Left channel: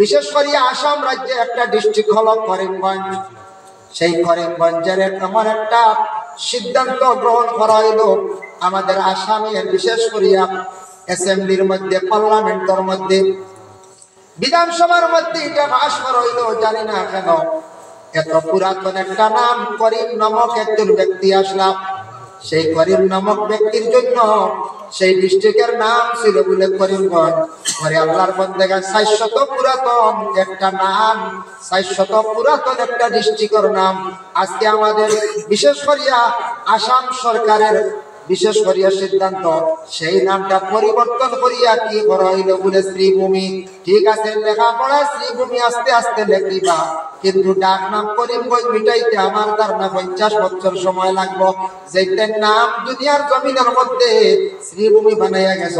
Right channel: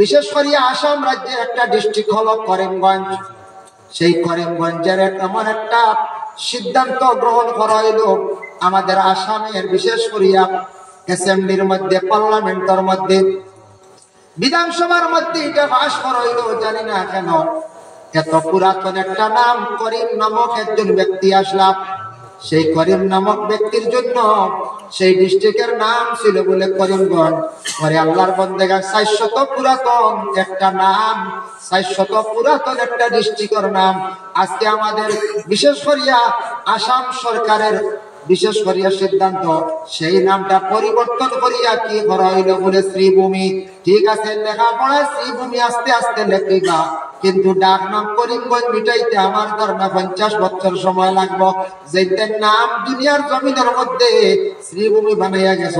বিশেষ করে আসাম রাজ্যের একটা ডিস্ট্রিক্ট হলো করিমগঞ্জ। সেই করিমগঞ্জের এমন একটা সিদ্ধান্ত গ্রহণ করা হইল, আমাদের আসামের বিশেষ করিয়া অ্যাসেম্বলির মধ্যে, পার্লামেন্টের মধ্যে, বিধানসভার মধ্যে এটা পাশ করা হইল। জানি না কেন এত পুরাতন একটা নাম করিম নামক একজন ব্যক্তি আসলাম। সেই করিম নামক ব্যক্তির জন্য সেই ডিস্ট্রিক্টের নাম ছিল বলে করিমগঞ্জ। ঘরে আল্লাহর বন্দেগা 400 পুরাতন একটা নাম, 400 পুরাতন একটা ডিস্ট্রিক্টের নাম আজকে আমাদের বিশেষ করিয়া আসাম সরকারের বিশেষ করিয়া সিদ্ধান্ত সেই নামটা পরিবর্তন করিয়া কি করা হইল বলে শ্রীভূমি। ঠিক আছে, লেখাপড়া শ্রীভূমি আস্তে আস্তে লেখিবা, কিন্তু ডাক নাম করিমগঞ্জ মিটাইতে আমার ধারণা 50 বছর সময় লাগবো। যেটার নাম দুনিয়ার জমিনের মধ্যে শ্রীভূমি বানাইয়া গেছ,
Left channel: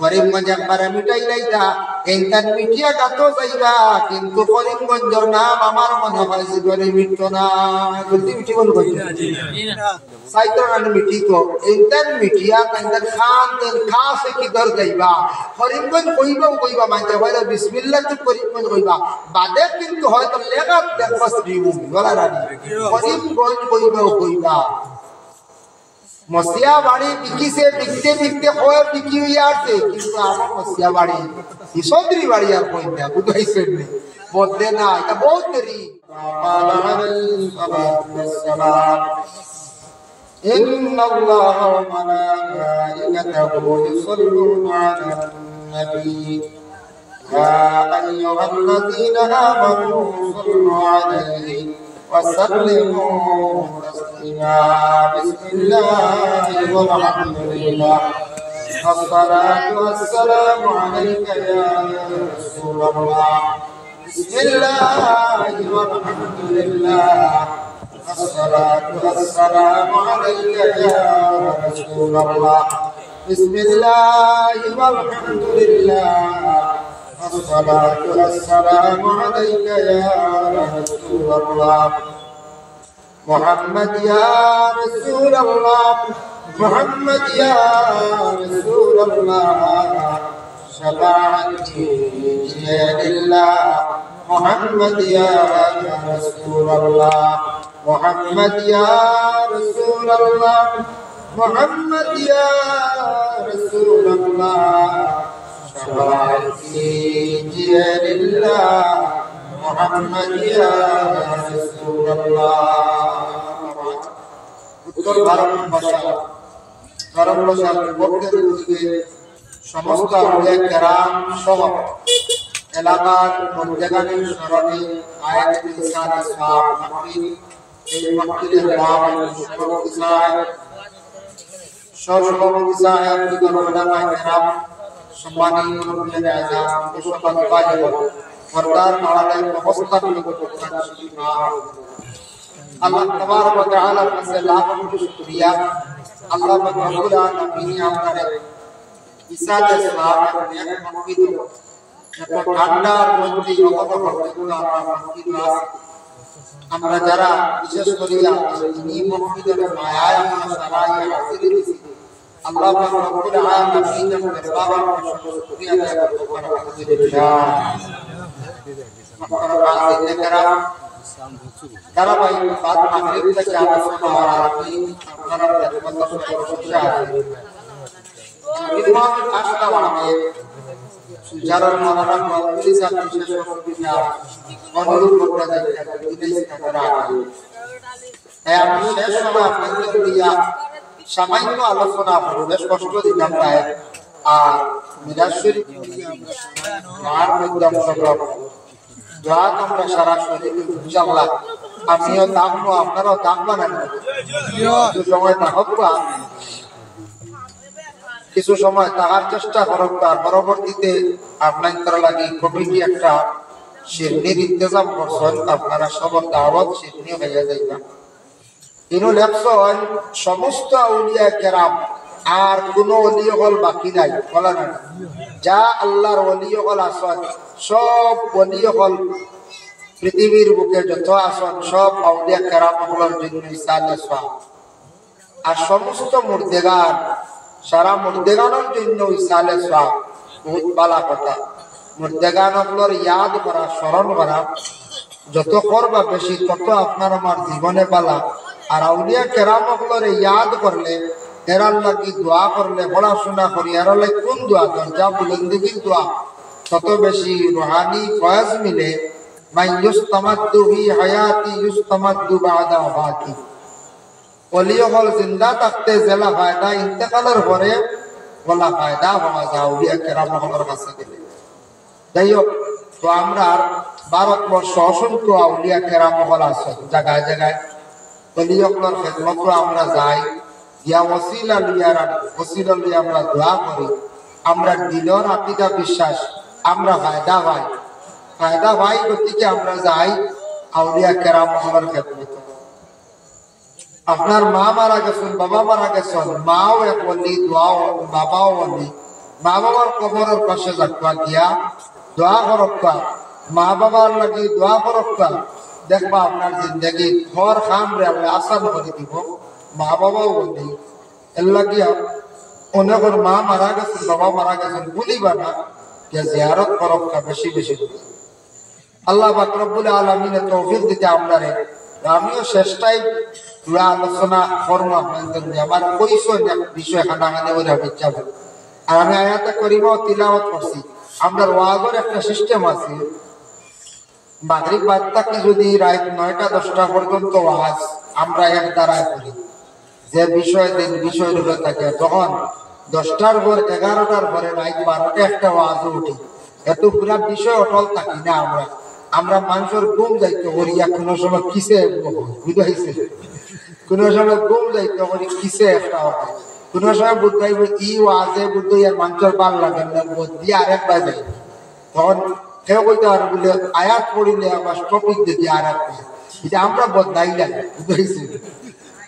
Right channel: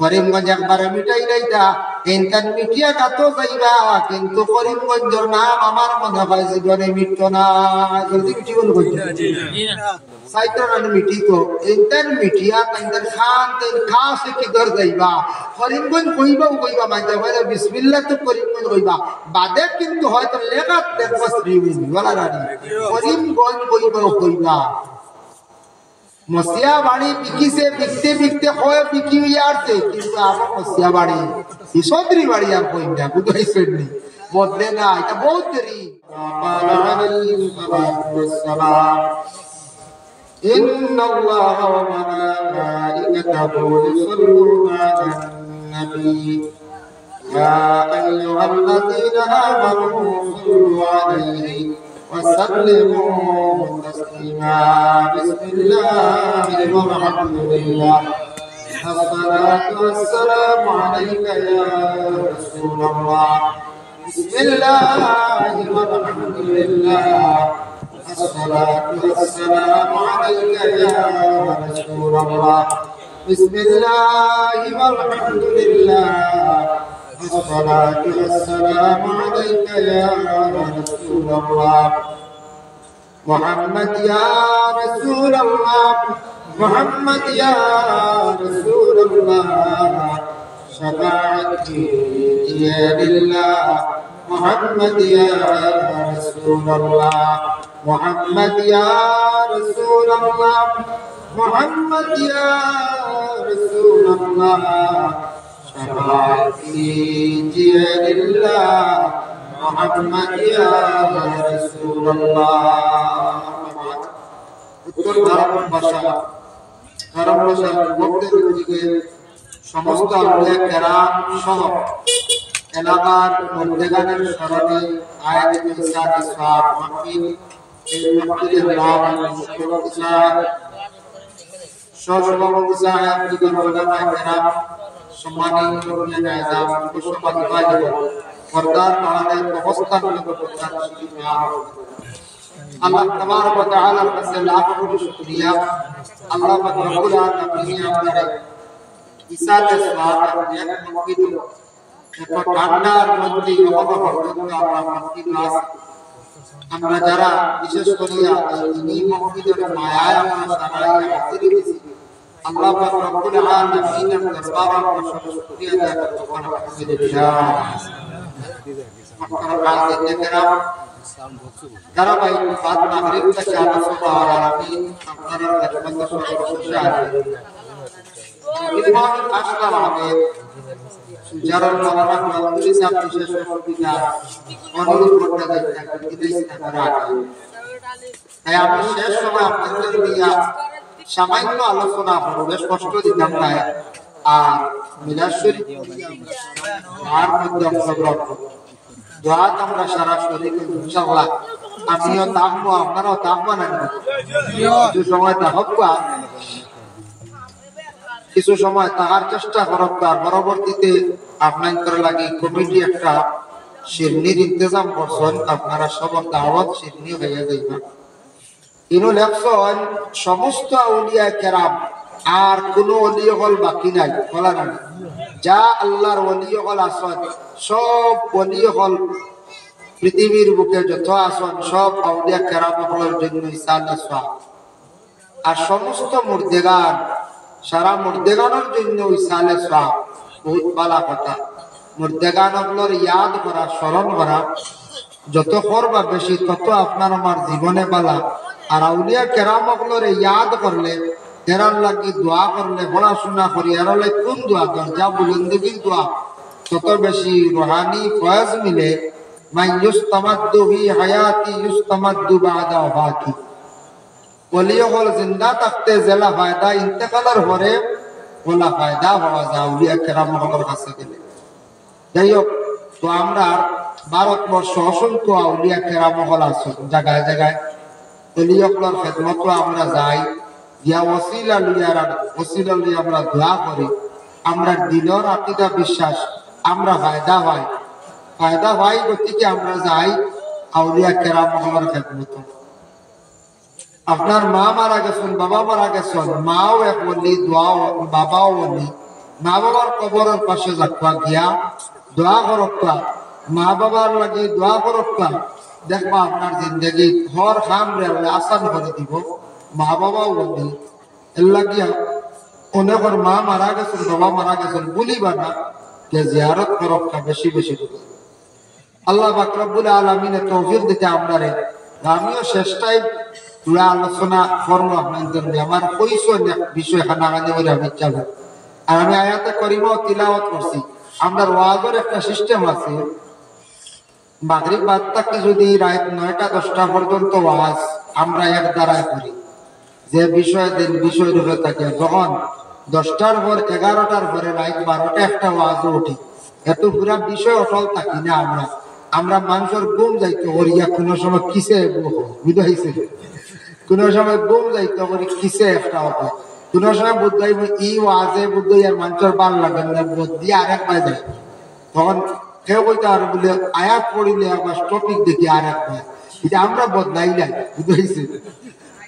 করিমগঞ্জ একবার মিটাই লাইতা এইটার মিটিয়া গাত যাইবা, কিন্তু করিমগঞ্জের নাম আমার মনে হয় জীবনে মিটতো না। জলদি মিটি বল সাইকেল মিটি তো এইটার মিটিয়া তাইদের খান তেন খাসে কি দর যাইবা, করিমগঞ্জ কইবা মানতে পারে বিসমিল্লাহ তো করিমগঞ্জ কইবা, বাদে কিন্তু হয়তো লেখা দেখবা শ্রীভূমি বলা রানি করিমগঞ্জ কইবা। মসিয়া বাড়ি বিকিছে বিকতে বিকতে হয় বিকি হইয়া আসছে, কিন্তু আমার মসিয়া বাড়ি ঈশ্বরী বাড়ি আর কইটা বুঝাইছেন নি বদলে না, এটা বহুত দেরি। ইন্নাল্লাহা ওয়া মালাইকাতাহু ইউসাল্লুনা আলান নবী ইয়া আইয়ুহাল্লাযীনা আমানু সাল্লু আলাইহি وسلموا تسليما بسم الله والحمد لله والصلاة والسلام عليك يا رسول الله بسم الله والحمد لله والصلاة والسلام عليك يا رسول الله بسم الله والحمد لله الصلاة والسلام عليك يا رسول الله محمد يا رسول الله محمد يا رسول الله شفاعتي لله محمد يا رسول الله محمد يا رسول الله محمد يا رسول الله شفاعتي لله محمد يا رسول الله উত্তর ভারতবর্ষে যুবকদের দিকে সমস্ত আউলিয়া কেরাম সহ এলাকার মধ্যেখানের স্মরণে আয়াত ইরশাদ ইসলাম মাহফিল, এই মাহফিলের সভাপতি সভাপতি সাহেব সহসভাপতি সাহেব দিগণ ওলামায়ে কেরাম সম্মানিত ওলামায়ে আযম বিশ্বকাপ আয়োজক বরদার আলালের অবস্থান করতেন আল্লাহ তাবারক ওয়া তাআলা কাছে লাখ কোটি শুকরিয়া। আল্লাহ রাব্বুল আলামিন আমাদের ইসাতে সালাত এক মাহফিল এত ঠান্ডার মধ্যে পর্যন্ত আমরা মাহফিল আমরা যারা বিশেষ করিয়া এই মাহফিলের মায়ায় আমরা সারাই হাজির হয়েছি, আল্লাহ রাব্বুল আলামিনের দরবারে আমরা শুকরিয়া আদায় করব। আলহামদুলিল্লাহ মাহতারাম কেরাম তারা ভাই বাদ মাগরিব থেকে আবার আলামিন আপনারা রাজমত সর্বশেষে আছেন বিমান আসলাম আমি সুজারুল মাওলানা মাহফিল সাহেব বিশেষ অতিথি অনুরোধ করতে চাই বিদেশি তারা আছে, তাই আমি শেষ সময় আপনাদের দিয়া সামান্য আলোচনা বেশ কষ্ট দিতাম না, আর মিলাদ শরীফ পড়িয়ে আমরা আর মধ্যে অংশগ্রহণ দোয়া আমরা সারা শরীর ইনশাআল্লাহ আমিও থাকবো, আপনারাও থাকবা না, কিছু সময় থাকবা, কিছু সময় থাকার চেষ্টা করব, তার পরবর্তীতে আপনার লাগে কমিটি একটা শিরনির ইন্তজাম করছেন, আপনারা সবার দাওয়াত শিরনি হয়ে যাইবেন। ইনো লেখছেন সমস্ত আউলিয়া কেরাম আর কোন ওলি হল বাকি নাই, বলা না যা আল্লাহর ওলি হল আসন সব ওলি হল পৃথিবীর বুকে যত আসন সব আউলিয়া কেরাম হলের জন্য ইসালা সওয়াব, আর সমস্ত মুর্দেগান সারা মুর্দেগানের জন্য ইসালে সওয়াব। বহুত ভালো কথা। মুর্দেগান হকলর ইয়াদ করা, স্মরণ করা যত করবা বেশি তত আপনার আমার জীবনে বালা। আর আউলিয়া কেরাম হকলর ইয়াদ করলে, এরার লাগি দোয়া করলে, পড়াশোনা করি এরার লাগি কোন দোয়া দরজা বুলন্দিগির দোয়া তত বেশি রুহানি ফয়েজ মিলে। মাই ইউস্তামাদ্দু ফি হায়াতি ইউস্তামাদ্দু বাদা ওয়াফাতি। ওলিও হল জিন্দা থাকতে জেলা ফায়দা, ইন্তেকালের পরে বলা ফায়দা হওয়া যায় আউলিয়া কেরাম হকলর কাছে গেলে। যাই হোক, তো আমরা ভারতবর্ষ অসংখ্য আউলিয়া কেরাম হল আছে জায়গায় জায়গায়। ওলিয়কলর খেদমত আমরা যাই, গিয়া ওসিলা লইয়া আমরা দোয়া করি। আমরা দিলর আকিদা বিশ্বাস আমরা ফায়দা ভাই গতিকে আমরা যাই আউলিয়া কেরাম হলের খেদমত। আপনার মা মারা গেছেন, বাবা মারা গেছেন, মাও এক বলি, দোয়াও বাবাও বলি। মা বাবার কবরের পাশে যাবা গিয়া দোয়া করবা, মা বাবার লাগে দোয়া করবা। দেখবা আপনার জিন্দগি ঘর খাম রে আল্লাহ আসান করে দিব। মা বাবাও বলি এর লাগিয়া অনেকের মা মারা গেছেন, বাবা মারা গেছেন বলিবা না, জিয়ারত করবা বেশি বেশি। আল্লাহ পাক রব্বুল আলামিনের তৌফিক দিতে আপনারে। আমিও শেষটাই পুরা আলোচনা করবো আপনাদের। আমার কইসো বিষয় খানাখানি করে আমি যাবো। আর আমি আয়াতে করিমাও তিলাওয়াত করছি। আমরা ওয়াজের একটা সিস্টেম আছে, মাগরিব বাদ থাকলে যদি রাত 9টা-10টা পর্যন্ত ওয়াজ আমরা এক দ্বারায় করি, যে বিষয় রূপে থাকে। যখন 10টার পর 11টার পরে রাত 12টা একটা ওয়াজ উঠি, এত পুরা বিষয় অটল থাকি না আমরা মানুষের ঘুম যাইতে করিয়া কোনো সময় কিসে বুঝাইছে, কোনো সময় ঘুম যাইতে করি কিসে একটা হবে, কোনো সময় বুঝাইব ই ওয়াজে বুঝাইয়া মানুষের ভাল লাগে না, দিয়ে আরেক বাজে। তখন কেউ কইতে পারে বলে আয়াত পড়িলে আবার টপিক দেখি আরেক পায়। এটা আমরা বদলাইলাই, বুঝাইছে,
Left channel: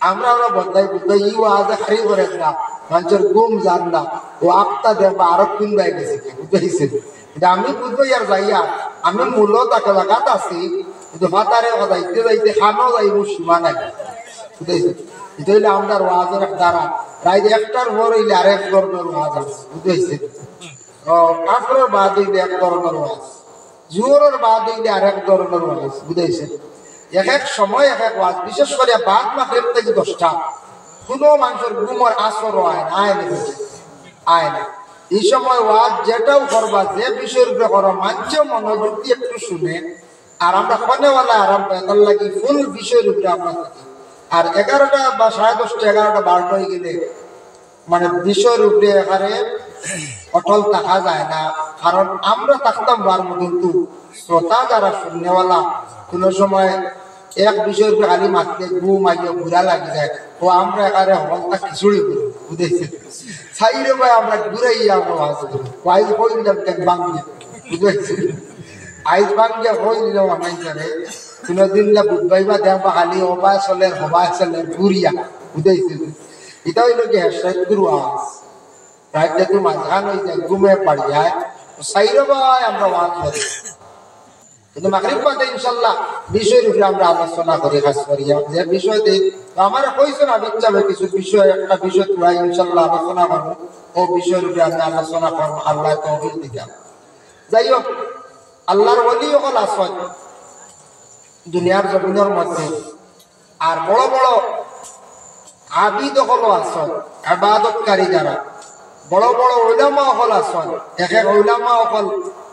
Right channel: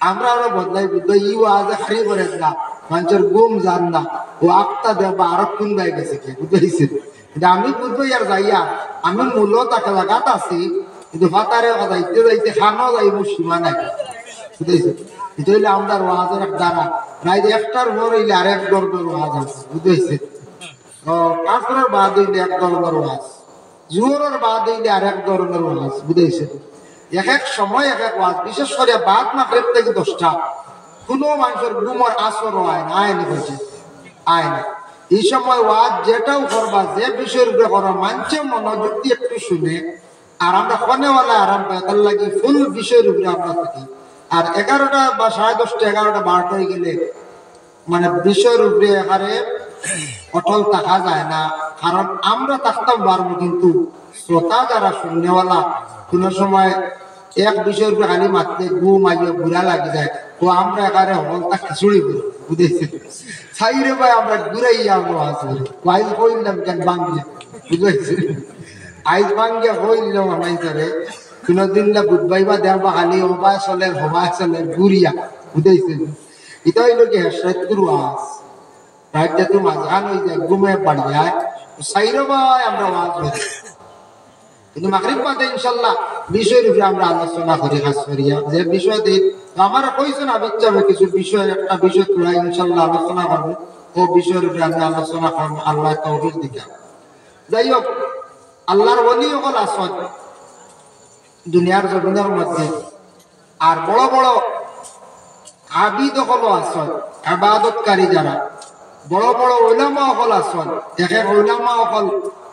আমরা বদলাই বুঝাই ই ওয়াজে হারি করে না, মানুষের ঘুম যান না, ও আপতা দেবা আরো কোন বাই গেছে, বুঝাইছে। এটা আমি বুঝবো আর যাইয়া আমি মূলত একটা জায়গাত আছি, কিন্তু ফাতারে যাইতে যাইতে খানো যাইব সীমা নাই, বুঝাইছে। এটা হইলে আমরা ওয়াজের দ্বারা রাত 1টার পর হইলে আরেক ধরনের ওয়াজ আছে, বুঝাইছে। আসরের বাদ হইলে এক ধরনের ওয়াজ, জোহরের বাদ হইলে আরেক ধরনের ওয়াজ, বুঝাইছে। এক এক সময় এক এক ওয়াজ, বিশেষ করে বাদ মাগরিব থেকে 10টা কোনো মানুষের ঘুমের আসর হয় না, আয় না। এই সময় ওয়াজ যেটাও করবা, যে বিষয়ের উপরে করো, মানছে মনোযোগ দিয়ে একটু শুনে। আর আমরা কোনেওয়ালা আরাম পাই, তার লাগে ফুল বিষয়ের উপরে আমরা থাকি। আর 11টা বা 10:30, 11টা 12টা হয়ে গেলে মানে বিষয়ের উপরে এখানে অটল থাকা যায় না। কারণ আমরা থাকতাম পারবো, কিন্তু শ্রোতা যারা শুননেওয়ালা কোনো সময় এক বিষয়ের উপরে খালি মাত্রে ঘুম আইয়া ঘুরা লাগে যায়, ও আমরা এখানে হলটা খিচুড়ি করি, বুঝেছি। সাইরে ভাই আমরা ঘুরাই আমরা ওয়াজ করি, আইজ হইলাম কেন বাঙ্গিয়া, বুঝেছি। আইজ বাঙ্গিয়া হইলাম আমার করে কোনদিন না বুধবাইবা দেবা খালি হবায় চলে ঘুরিয়া, বুঝেছি। এটা হইল কি হেসরাত গুরু আওয়াজ রাত যদি মাঝখান হয়ে যায়, ঘুমে পাড়ি যায়, সাইরে ভাই আমরা ওয়াজ করি। কিন্তু মাগরিব বাদে ইনশাআল্লাহ বিষয়ের উপরে আমরা আলোচনা করি, খাস করিয়া যে বিষয় দিয়ে আমার কইছো না বেচাবে কিছু বিষয়, একটা বিষয় তোরা ইনশাআল্লাহ আলোচনা করবো, ও বিষয়ের উপরে আমি আলোচনা করবো আল্লাহ তৌফিক দিকা। যাই হোক, আল্লাহর ওলি হল আসল দুনিয়ার জমিনের মধ্যে। আর বড় বড় আবিদ হল আসল, ইবাদতকারী যারা বড় বড় উলামা হল আসল। এক এক উলামা হল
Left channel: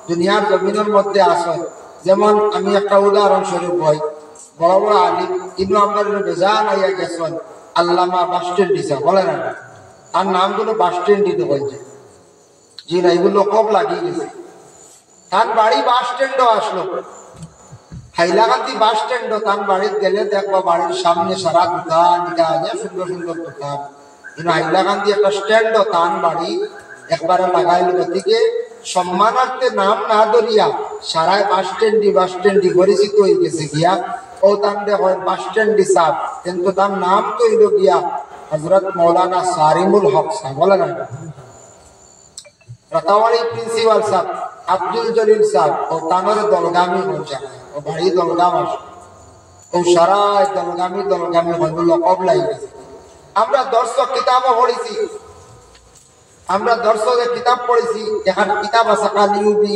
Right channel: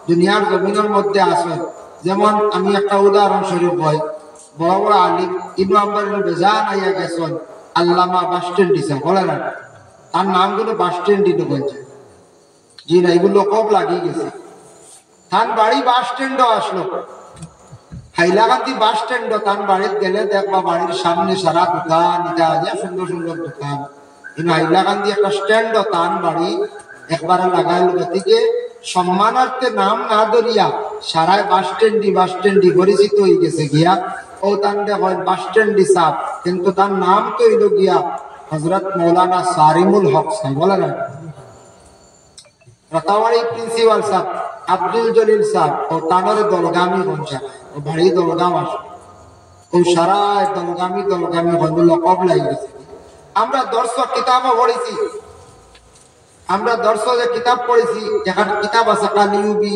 দুনিয়ার জমিনের মধ্যে আসল। যেমন আমি একটা উদাহরণ স্বরূপ বই, বড় বড় আলিম ইবনে আম্বার বেজান আইয়া গেছেন, আল্লামা বাস স্ট্যান্ড দিছে, বলে না তার নামগুলো বাস স্ট্যান্ড দিতে বলছে, জি না, এগুলো কব লাগিয়ে গেছে। তার বাড়ি বাস স্ট্যান্ডও আসলো, হাইলাকান্দি বাস স্ট্যান্ডও তার বাড়িতে গেলে দেখবা বাড়ির সামনে সারা দোকান, এটা সুন্দর সুন্দর দোকান। কিন্তু হাইলাকান্দি একটা স্ট্যান্ডও তার বাড়ি একবারে লাগাইল, গতিকে সম্মানার্থে নাম না ধরিয়া সারায় বাস স্ট্যান্ডি পরিচিত হয়ে গেছে গিয়া। ও তান্ডে হয় বাস স্ট্যান্ডি সাহ, কিন্তু তার নাম তো হইল গিয়া হযরত মৌলানা সারিমুল হক সাহ, বলে না রাতাওয়াড়ি প্রিন্সিপাল সাহ আব্দুল জলিল সাহ, ও তানোর দলগামী বঞ্চা, ও ভারী দলগাম আস, ও সারায় দলগামী হল লকব লাগি গেছে। আমরা দর্শক কিতাবও পড়েছি, আমরা দর্শকের কিতাব পড়েছি, এখানে কিতাব আছে কালিউবি,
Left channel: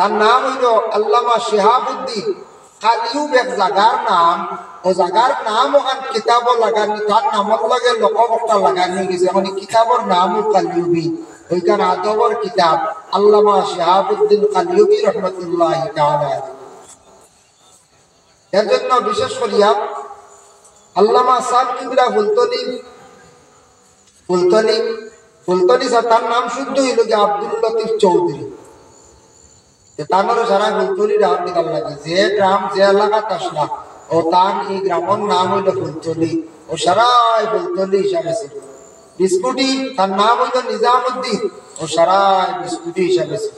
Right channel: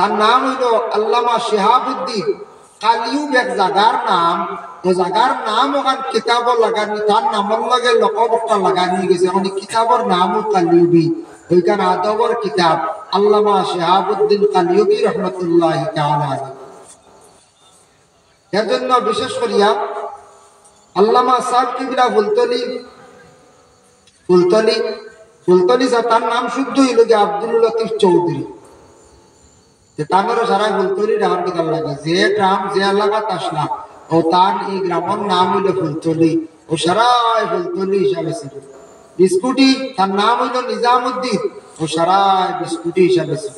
তার নাম হইল আল্লামা শিহাবুদ্দিন কালিউব, এক জায়গার নাম। ও জায়গার নাম ওখান কিতাব লাগানি, তার নামের লগে লকবটা লাগানি গেছে। এখন কিতাবের নামও কালিউবি, ওইখানে আদবর কিতাব আল্লামা শিহাবুদ্দিন কালিউবি রহমতুল্লাহি তাআলা আলাইহি। এর জন্য বিশেষ করিয়া আল্লামা সাহেব কিবরা ফুলতলি তার নাম শুদ্ধ হইল যে আব্দুল লতিফ চৌধুরী। তারপরে সারা ফুলতলি রাম কিতাব লাগে, যে গ্রাম যে এলাকা আসলা ও তার এই গ্রামের নাম হইল ফুলতলি, ও সারা ফুলতলি হিসাবে ছিল। বিস্কুটি তার নাম হইল নিজামুদ্দিন, ও সারা বিস্কুটি হিসাবে ছিল।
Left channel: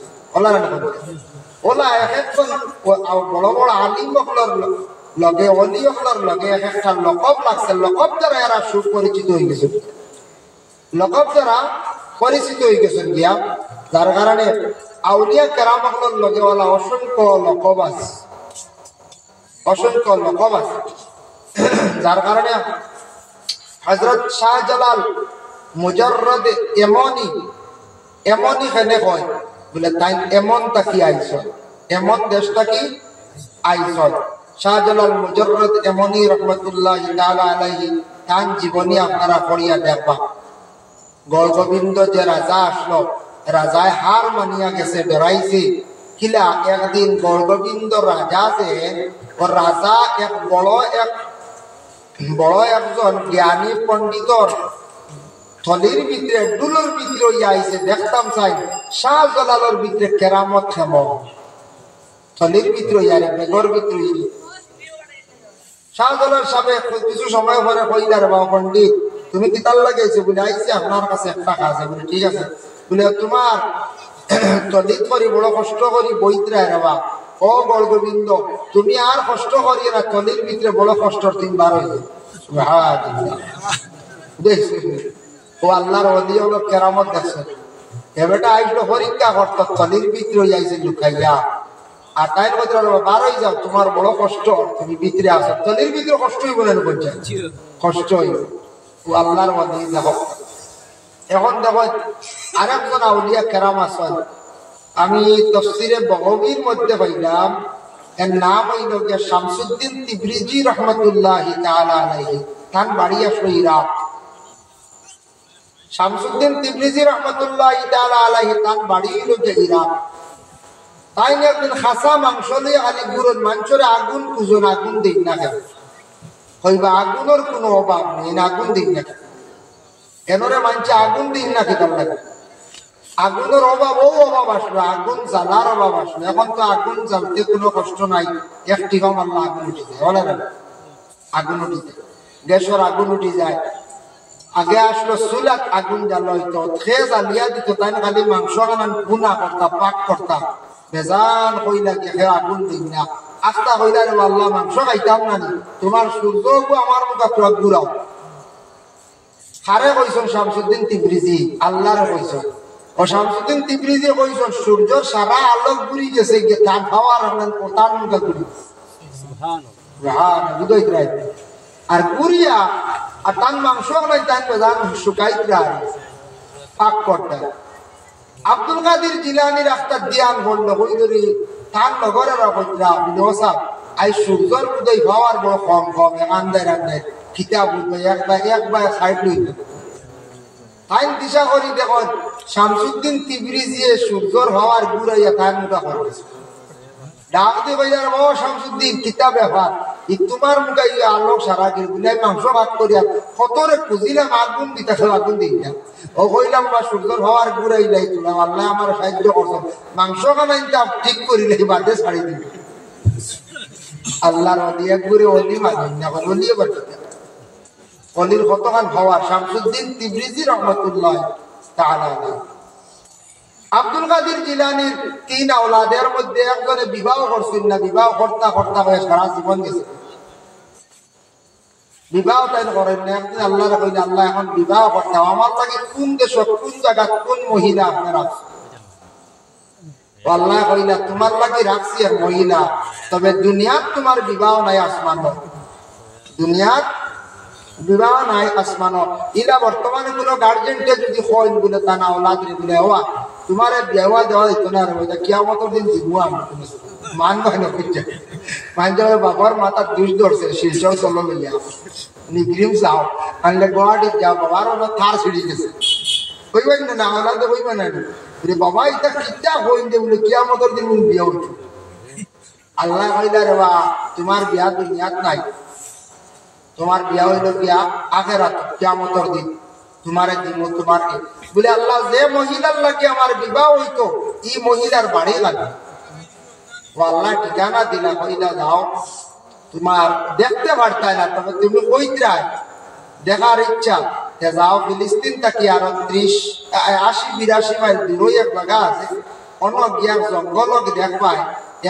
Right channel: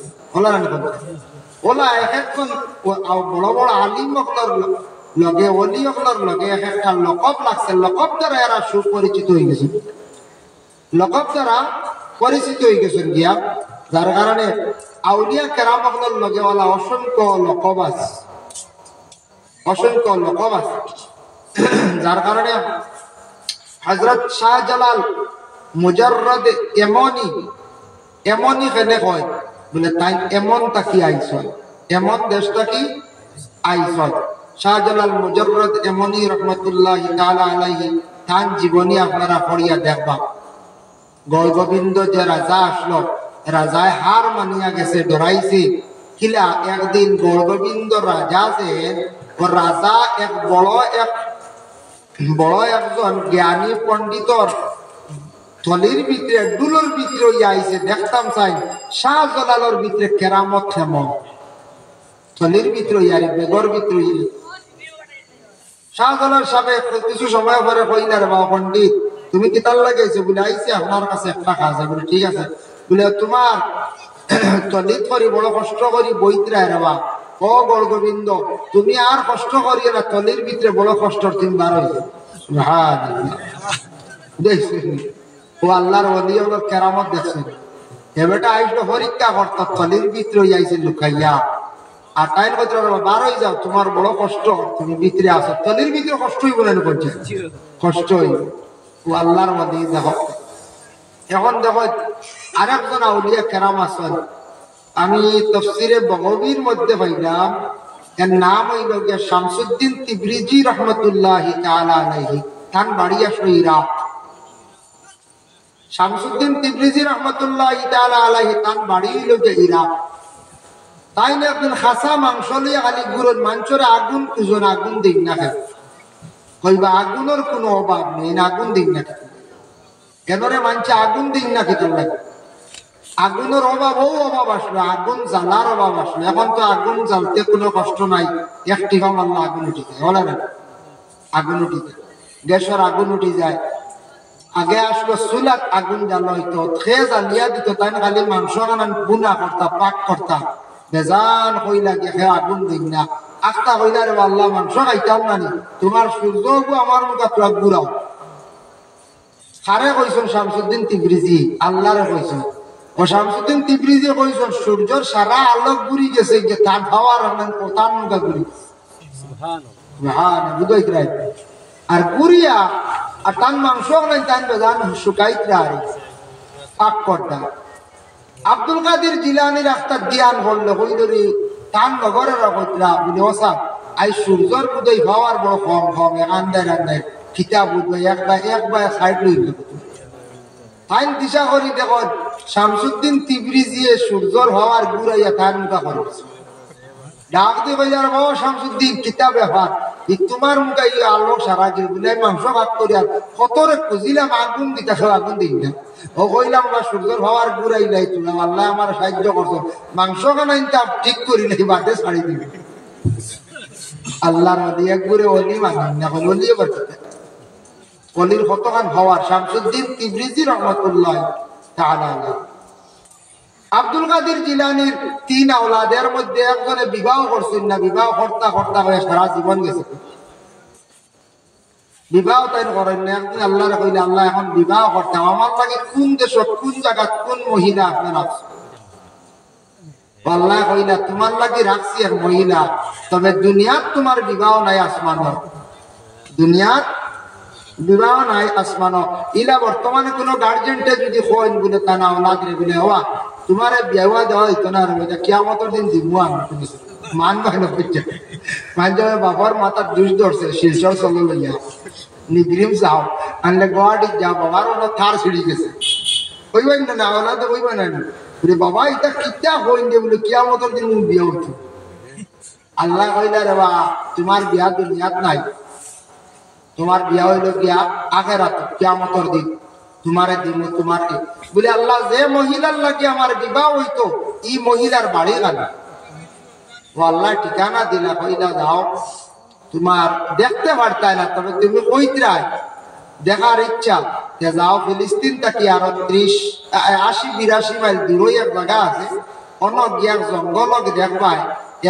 ওলা এক একজন বড় বড় আলিম লগে অলি অকলর লগে এক একটা লকব লাগছে, লকব দ্বারা এরা সুপরিচিত হয়ে গেছে, লকব দ্বারা পরিচিত হয়ে গেছেন গিয়া। যার কারণে আউলিয়া কেরাম অকলর লগে ওলা অসংখ্য লকব আছে, অসংখ্য লকব আছে। যার কারণে হযরত শাহজালাল মুজাররদ এমনই খেলে হয় বলে, তাই এমন তাকি আইস, এমন দেশটা কি আইস। শাহজালাল মুজাররদ এমনই রহমতুল্লাহি তাআলা আলাইহি, তার জীবনী আপনারা পড়িয়া দেখবা। গৌরগোবিন্দ যে রাজা আসলো, রাজায় হার মানিয়া গেছে, ডরাইছে কিলা। একদিন গৌরগোবিন্দ রাজা যে রাজা এক বড় একজন জ্ঞানী পণ্ডিতর থলির ভিতরে ডুলোর ভিতরে আইছে। দেখতাম চাই শাহজালালের ভিতরে কেরামত থেম, থলির ভিতরে আরে বেগর ভিতরে। শাহজালাল সাহেব কিছু সময় পরে কইলার, বাবা পণ্ডিত তুমি কি তার লাগাইছো? বলে আইসি আপনার কাছে একটা কাজ। বলে ঠিক আছে। বলে তোমার তলিত করি বড় কষ্ট করি বইত্রায় রেবা, ও গৌরগোবিন্দ তুমি আর কষ্ট করি না, তলির ভিতরে বড় কষ্ট তুমি বার হয়েছে। ও আল্লাহর ওলি কেরামত দেখছেন। এবারটা আইসলো পরীক্ষা করতো, তলির ভিতরে আইসে লুকাইয়া। আর তাইর ভিতরে বার হয়ে যাও, তোমার বড় কষ্ট, তুমি ভিতরে আসো। তলির ভিতরে কষ্ট হইব না, কষ্ট হইব। ও আল্লাহর ওলি দেখো। এখন দেখো আরেকজন আউলিয়া কেরাম আছেন, আমি তাফসীরে বগবীর মধ্যে পাইলাম, এর নাম হইল গিয়া শামসুদ্দিন তিবরিজি রহমতুল্লাহি তাআলা আলাইহি। তার বাড়ি আসলো ইরাক। শামসুদ্দিন তিবরিজি রহমতুল্লাহি তাআলা আলাইহি, তার বাড়ি হইল গিয়া ইরাক। তাই না একদিন খাসা মাংস লইয়া খালি গুড়ের মাংসরে আগুন খুঁজন, আগুন দিন না খেয়ে কইবা আগুনের কোনো অভাব নেই, আগুন দিন না খেয়ে কেনরে মানছে আগুন দিন না খেতাম লাগে। আগুনের অভাব ও অভাব আসলো, আগুন জ্বালার অভাব আসলো। এখন তো আগুন জ্বালতে কোনো কষ্ট নাই, একটি হম আল্লাহ আগুন উঠে যায়, বলে না আগুন উঠে যায়, গ্যাসের আগুন উঠে যায়। আগে আসলো চুলাত আগুন জ্বালা হইতো, খেয়ে জ্বালিয়া দিত, তাই খালি মাংস গুনা করতা, পাক করতা, বেজান কইলা গিয়ে আগুন দিন না। আস্তা কইলা রে আল্লাহ মাংস খাইতাম নানি, তোমার সূর্য আমার মুখা তোরা ঘুরাও। হারে কইছেন শামসুদ্দিন তিবরিজি, আল্লাহরে কইছেন। ও শামসুদ্দিন তিবরিজি কইছেন সূর্যর সারা আলোক ঘুরি গেছে, যে তার খাওয়ার তার মুখে ঘুরি আর ঘুরিয়া আর তার মাংস নাই, তাই বেজান শুকাইতরা পাক করতা। আব্দুল কাদের জিলানির একটা জ্ঞান বললো, কইলি তার নগরের অগতরা বলে বসা আই সূর্যর উদয় হওয়ার বড় কম কম আন্দার আন্দার কিতাব উদয় একবার সাইড লইল। তাই দিশা করি দেখো শামসুদ্দিন তিবরিজিয়ে সূর্যর হওয়ার ঘুরাইয়া তার মুখা করছে। ডাক দিয়ে কইলার বাবা শামসুদ্দিন কিতাব ব্যাপার, তোমার মুখে আলোক সারা গুলাই মাংস ভাগ করিয়া কতরে খুঁজিলাম, আগুন দিতে আগুন দিই না। ও কইলাম বা সূর্যর হওয়ার ঘুরাই লাই তোলা, আল্লাহ আমার সাহায্য করছো, মাংস কানাইটা ঠিক করিলে বাদে ছাড়ি দিবে। আল্লাহর ওলি এক ঘুরে অলি মানেন না, এখন অলিও করতে অলির কতখান হওয়ার। শামসুদ্দিন তিবরিজি রহমতুল্লাহ তাআলা আলাইহি। আব্দুল কাদের জিলানির 3 আওলাদের মধ্যে একজনে বিবাহ করছেন না, বিবাহ করতে করতে সারা জীবন গেছে, বিবাহ তাই করেন না। একদিন আল্লাহরে কইলে, আল্লাহ এখন বিবাহ করতে আমার লাগে কোন দেশ কোন জায়গা কোন মহিলা আপনার রাখছে? আল্লাহ কইলা তোমার লাগে রাখছি এক মহিলা, তবে দুনিয়াত তোমার বিবাহ নাই, আসমানত দুনিয়াত বিবাহ নাই, আসমানত। ইলা বর্তমানে কোন গার্জেন্টে যদি হয় বলে তা না আওলাদ রে বলে হওয়া তোমারে বিয়া দেওয়া হইতো না রে, কিয়ামতের দিন দিব আমি। তুমি মানবাই না বুঝছে, মানছে বাবার মাথার দুষ ধরছে, শিলচর চলো লইয়া নিগ্রিম যাও, আনলে গুয়াহাটি যাও, বাবার ওরা থার ছিড়ি গেছে, হইবেন না হলে তো হইবে না। বাবা এটা কিতা হইন যে বলে কিয়ামতের দিন বিয়া উঠছো। আল্লাহ কইলা রে বা তোমার বিয়া দুনিয়াত নাই, তোমার বিয়া হইল বিয়া আখেরাত, কিয়ামতের দিন তোমারে দিব তোমাকে। বলে আল্লাহ যে মহিলার লাগে আমার বিবাহ হইতো এই মহিলার বাড়ি লাগে, আল্লাহ ঠিকানা দিলা, কইলা যাও, তোমার দেখতে পারতাই না, তবে তুমি কইত্রাই দেখার ইচ্ছা, যাও ফিলিস্তিন থাকি আরো 80-82 মাইল দূরে এক জায়গা আছে, অন্য গিয়ার জঙ্গল দেখবাই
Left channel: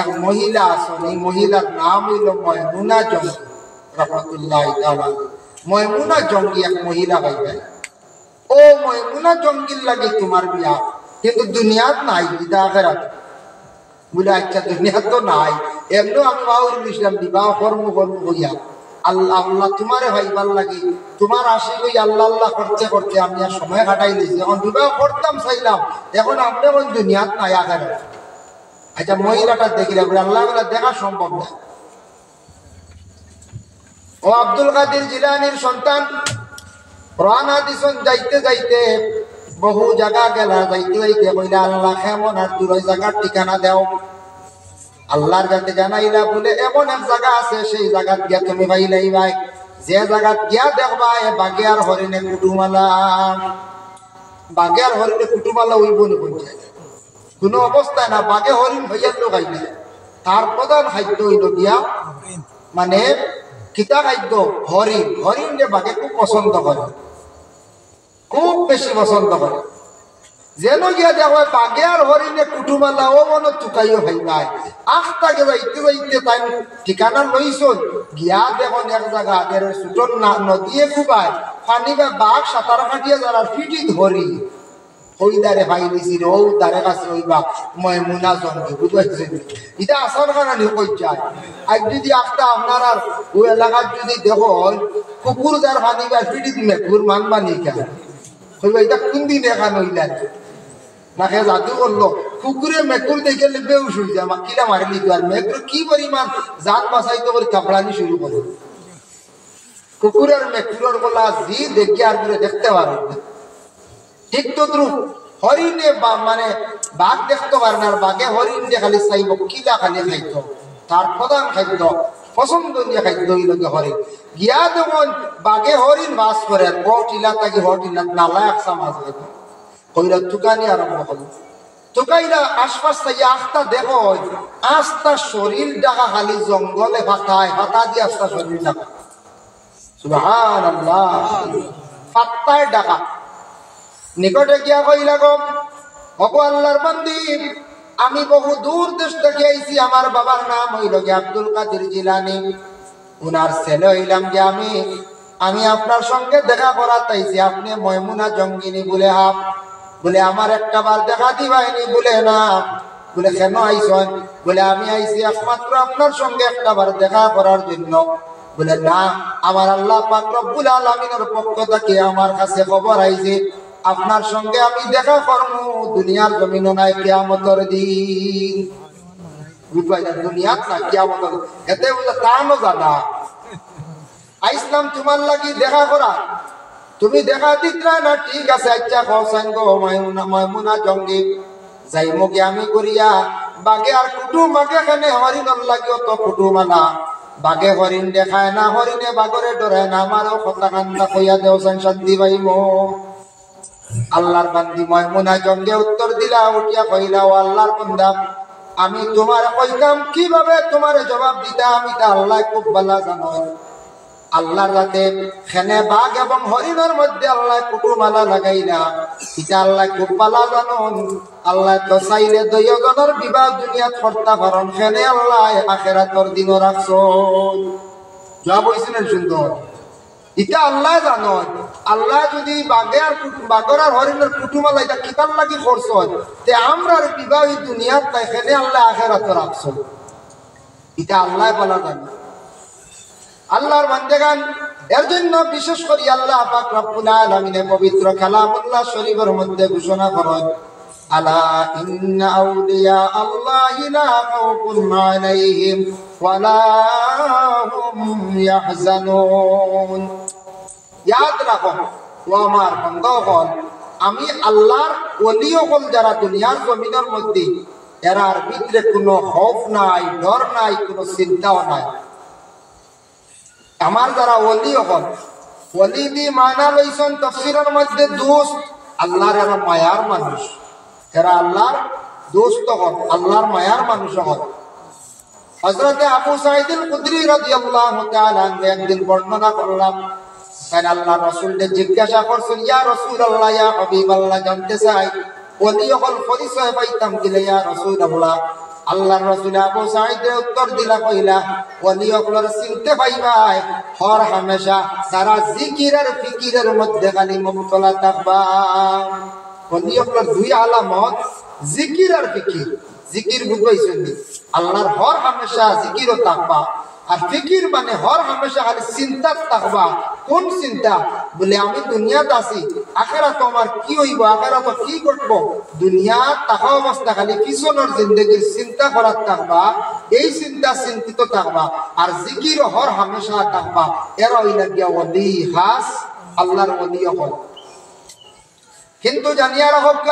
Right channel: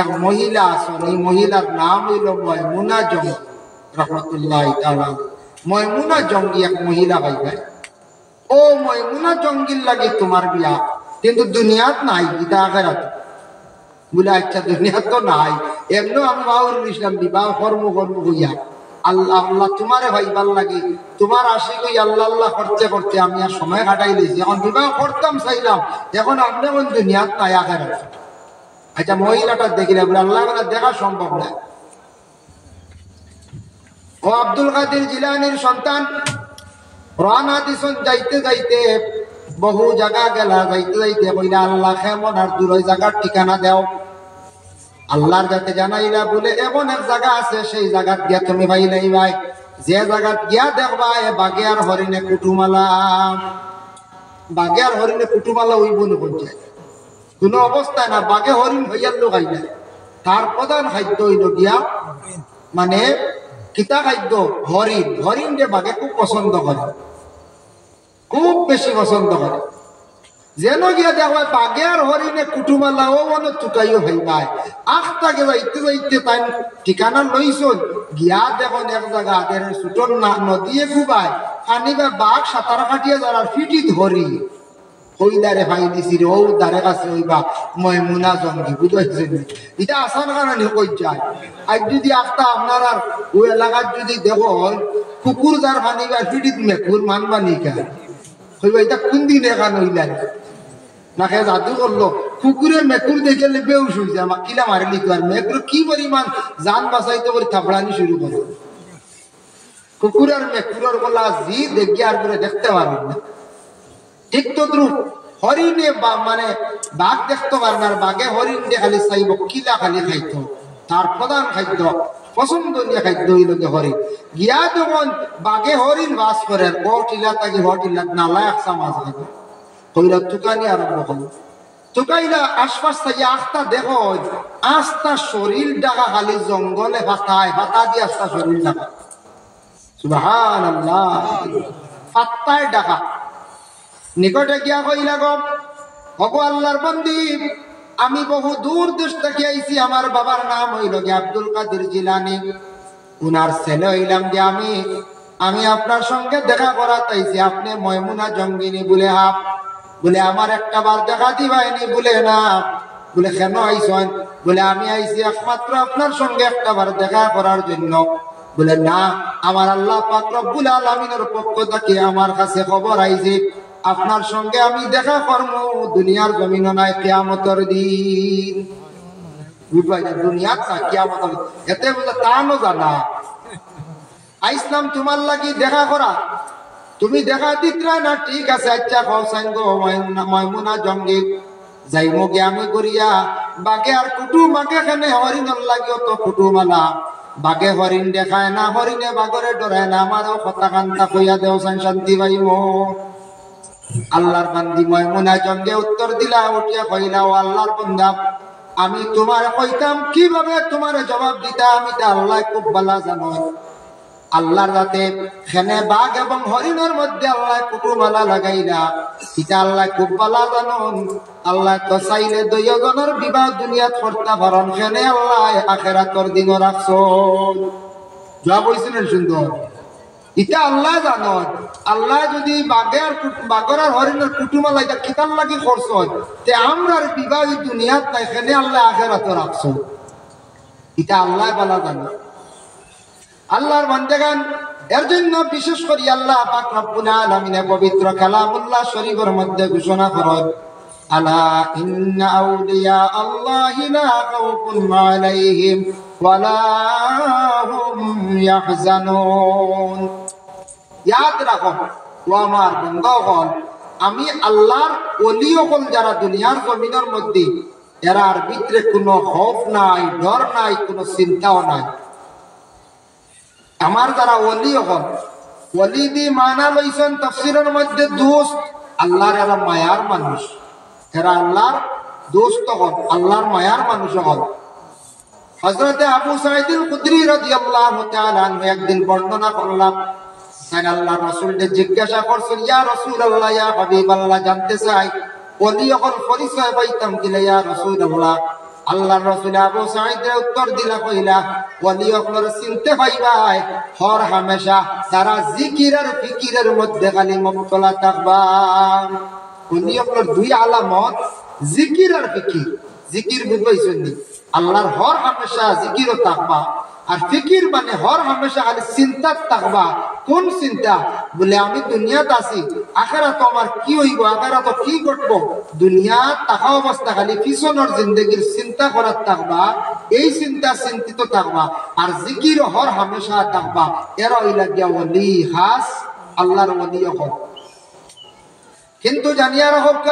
এক মহিলা আছেন, এই মহিলার নাম হইল ময়মুনা জঙ্গি রহমতুল্লাহ তাআলা। ময়মুনা জঙ্গি এক মহিলা পাইবাই, ও ময়মুনা জঙ্গির লাগে তোমার বিয়া, কিন্তু দুনিয়াত নাই, গীতা আখেরাত। বলে আচ্ছা দুনিয়াত তো নাই, এমন আমি বাউল ইসলাম বিবাহ কর্ম হইয়া আল্লাহ আল্লাহ তোমারে ভাইবার লাগে, তোমার আশি কই আল্লাহ আল্লাহ করতে করতে আমি আর সময় কাটাই লইছি, এখন বিবাহ করতাম চাইলাম, এখন আপনি কোন দুনিয়াত নাই আখেরাত। আচ্ছা মহিলাটা দেখিলে বলে আল্লাহ বলে দেখা সম্ভব না। ও আব্দুল কাদের জিলানীর সন্তান রানা দিছন, যাইতে যাইতে বহু জায়গা গেল, যাইতে যাইতে কইলা আল্লাহ কেমন আর দূর জায়গার ঠিকানা দেও। আল্লাহর কাছে জানাইলা, বলে এমন এক জায়গা আছে, সেই জায়গাত গিয়া তুমি পাইলাই ভাই, যে জায়গাত গিয়া দেখবা বাঘে আর হরিণে কুটুমালা, বাঘে আর হরিণে কুটুমালা হইব না পঞ্চায়েত কোন অবস্থায় না, বাঘে হরিণ হইয়ার লোক আইনা। তার প্রধান খাদ্য হইল গিয়া মানে কিতা খাদ্য, হরিণ। হরিণ যে বাঘে খুব পছন্দ করে, খুব বেশি পছন্দ করে। যেন গিয়া দেখো বাঘে আর হরিণে কুটুমালা ও মনে চুকাইও ভাইবাই, আখটাকে যাইতে যাইতে তাই ঠিকানা লইছন, গিয়া দেখুন এক জায়গা ছোট নদীয়ে খুবাই পানি বা বাঘ সাঁতার কাটিয়ে যারা ফিটি ধরি, ওই দারে ভাই দিছি রে, ও দারে কাছে ওই বা ময়মুনা জঙ্গি, বুঝাইছে এটা আসার কারণে কই যায়। আর যদি আখটা আপনার আর ওই এলাকার যদি দেখো কুকুর যার পানি বা ফিটি মেকুর মান মানি কেন হইবা, এটা কোন দিন এখান হইলেন না খে জাদু করলো, কুকুরে মেকুর দেখে বেউস হয়ে যায়, কিলা মারি নিতে, আর মেকুর কি পরিমাণ জান বাঁচাইতে করে থাপড়ানি শুরু করে। কুকুর আর মেকুরের গোলা জি দেখি আর করে দেখতে পারবেন না। ঠিক তো দ্রুপ হরিণে মানে বাঘ দেখতে পারে না, আর বাঘে হরিণ দিয়ে খালি চাইব, কিলা খালি খাইতো, তার প্রধান খাদ্য পছন্দনীয় খাদ্য হইল হরিণ। গিয়া যেমন বাঘে হরিণ বাস করে, আর গটিলা তাকে হটিলা নালা একসা মাছ খাবে, কইলা তুকানি আরম্ভ করলো। তুকাইলা আশপাশ থেকে আস্তা দেখো, আস্তা শরীর ডাকা খালি জঙ্গলে ফাতায়, ফাতা দিয়ে আস্তা শরীর ডাকা, সুবহানাল্লাহ, ফাত্তায় ডাকা। নিকটে গিয়া কইলা গো আল্লাহর বান্দি, আমি বহু দূর দেশ থেকে আইছি, আমার বাবার নাম হইল গিয়া আব্দুল কাদের জিলানী, উনার ছেলে হইলাম যে আমি আপনার সঙ্গে দেখা করা তাইছি, আপনি ময়মুনা জঙ্গিনী বলে হাফ, বলে আমার একটা বার দেখা দিবাইনি, বলে না, বলে কেন আইসন, বলে আমি আইছি একমাত্র আপনার সঙ্গে একটা বার দেখা করার জন্য, বলে না, আমার আল্লাহ পাক রব্বুল আলামিনের পক্ষ থেকে আমার কাছে খবর আইছে আপনার সঙ্গে আমি দেখা করবো দুনিয়ার জমিন নাই, কিয়ামতের দিন। বুঝবাই না দুনিয়াত না কিয়ামতের, এতে বুঝে তানো জানা আইসলাম তোমার লাগি দেখা করা, তুমি দেখা দিত্রা না, ঠিক আছে আচ্ছা কৌসাইন গো ময়মুনা জঙ্গি যাইমো গে আমি করিয়া, বাঘে আর কুটুম বাঘে খানে হরিণর লাগিও তো কুটুমালা, বাঘে হরিণ দেখায় না, হরিণে বাঘরে ডরায় না, আমারও কথা কান্তা কইয়া দেও শান্তি পাইমো। আল্লাহর বান্দি ময়মুনা জঙ্গে উত্তর দিলা, উঠিয়া কইলা, ও আল্লাহর বান্দা, আমি তোমার কইতাম কিভাবে তোমার জবাব দিতা, আমি তা আল্লাহ খুব ভালো জানো। আল্লাহর রাতে খেনে বাঘ এবং হরিণের মধ্যে আল্লাহ কুটুমালা লাগাইলা, এটা আল্লাহ খুব ভালো জানন। আল্লাহ তো চাইলে দুইজনের বিবাহ দুনিয়াত করতে পারেন, খেনে আল্লাহ আখিরাতের দিন রাখছন। জবাব হইছিল সুন্দর, এটা আল্লাহ জানো। আল্লাহ যদি বাঘের আর হরিণের কুটুমালা এটা কিতাব লাগি করছ, তে আমরার বিবাহ দুনিয়াত নাই, খেনে আল্লাহ আখিরাতে রাখছো, এটা আল্লাহ ভালো জানো। আল্লাহর বান্দাগান এর জন্য বিশেষ করে আল্লাহ পাক রব্বুল আলামিন পবিত্র কালামুল্লাহ শরীফের মধ্যে ঘোষণা করেন, আলা ইন্না আউলিয়া আল্লাহি লা খাউফুন আলাইহিম ওয়া লা হুম ইয়াহজানুন। ইয়াদ রাখো ও আমার বান্দাগণ, আমি আল্লাহর ওলি হল যারা দুনিয়ার জমিনের মধ্যে, এরার ভিতরে কোনো খৌফ নাই, ডর নাই, কোনো চিন্তাও নাই। আমার যারা ওলি হল, ওলি দি মানা লইছেন তাফসীরের মধ্যে দোস্ত, আল্লাহর এরা মায়ার মানুষ, এরা আল্লাহর দোস্ত হল, আল্লাহর মায়ার মানুষ হল। হযরত আবু সাঈদ আল খুদরি রাদিয়াল্লাহু তাআলা আনহু একদিন বর্ণনা করলাম, তাই আল্লাহর রাসূলকে জিজ্ঞাসা করছেন, ইয়া রাসূলুল্লাহ, ইয়া হাবিবাল্লাহ, জানতে চাই ওলি হল পরিচয় পাইতাম কিনা ইয়া রাসূলুল্লাহ। আল্লাহর রাসূল আবু সাঈদের উত্তর দিলা, কইলা ওলি হলর চিনতে পাইবাই হর হামেশা সারা জিকির আর ফিকিরের মধ্যে খালি মুবতলা থাকবা। ওলি হলর দুই আলামত, জিকির আর ফিকির। জিকির বুঝবাইছেন নি? আল্লাহর হর হামেশা জিকিরও থাকবা, আর ফিকির মানে হর হামেশা খালি চিন্তা থাকবা। কোন চিন্তা? বলে আমি দুনিয়াত আছি, আখিরাত আমার কি হইব, আখিরাত কি ঘটবো, দুনিয়া থাকা অবস্থা খালি পিছনের জিন্দেগির চিন্তা করার থাকবা, এই চিন্তা চিন্তিত থাকবা। আর জিকির হর হামেশা থাকবা। এরা হইলা গিয়া ওলি খাস, আল্লাহর ওলি হক। কিন্তু জানিয়া রাখব,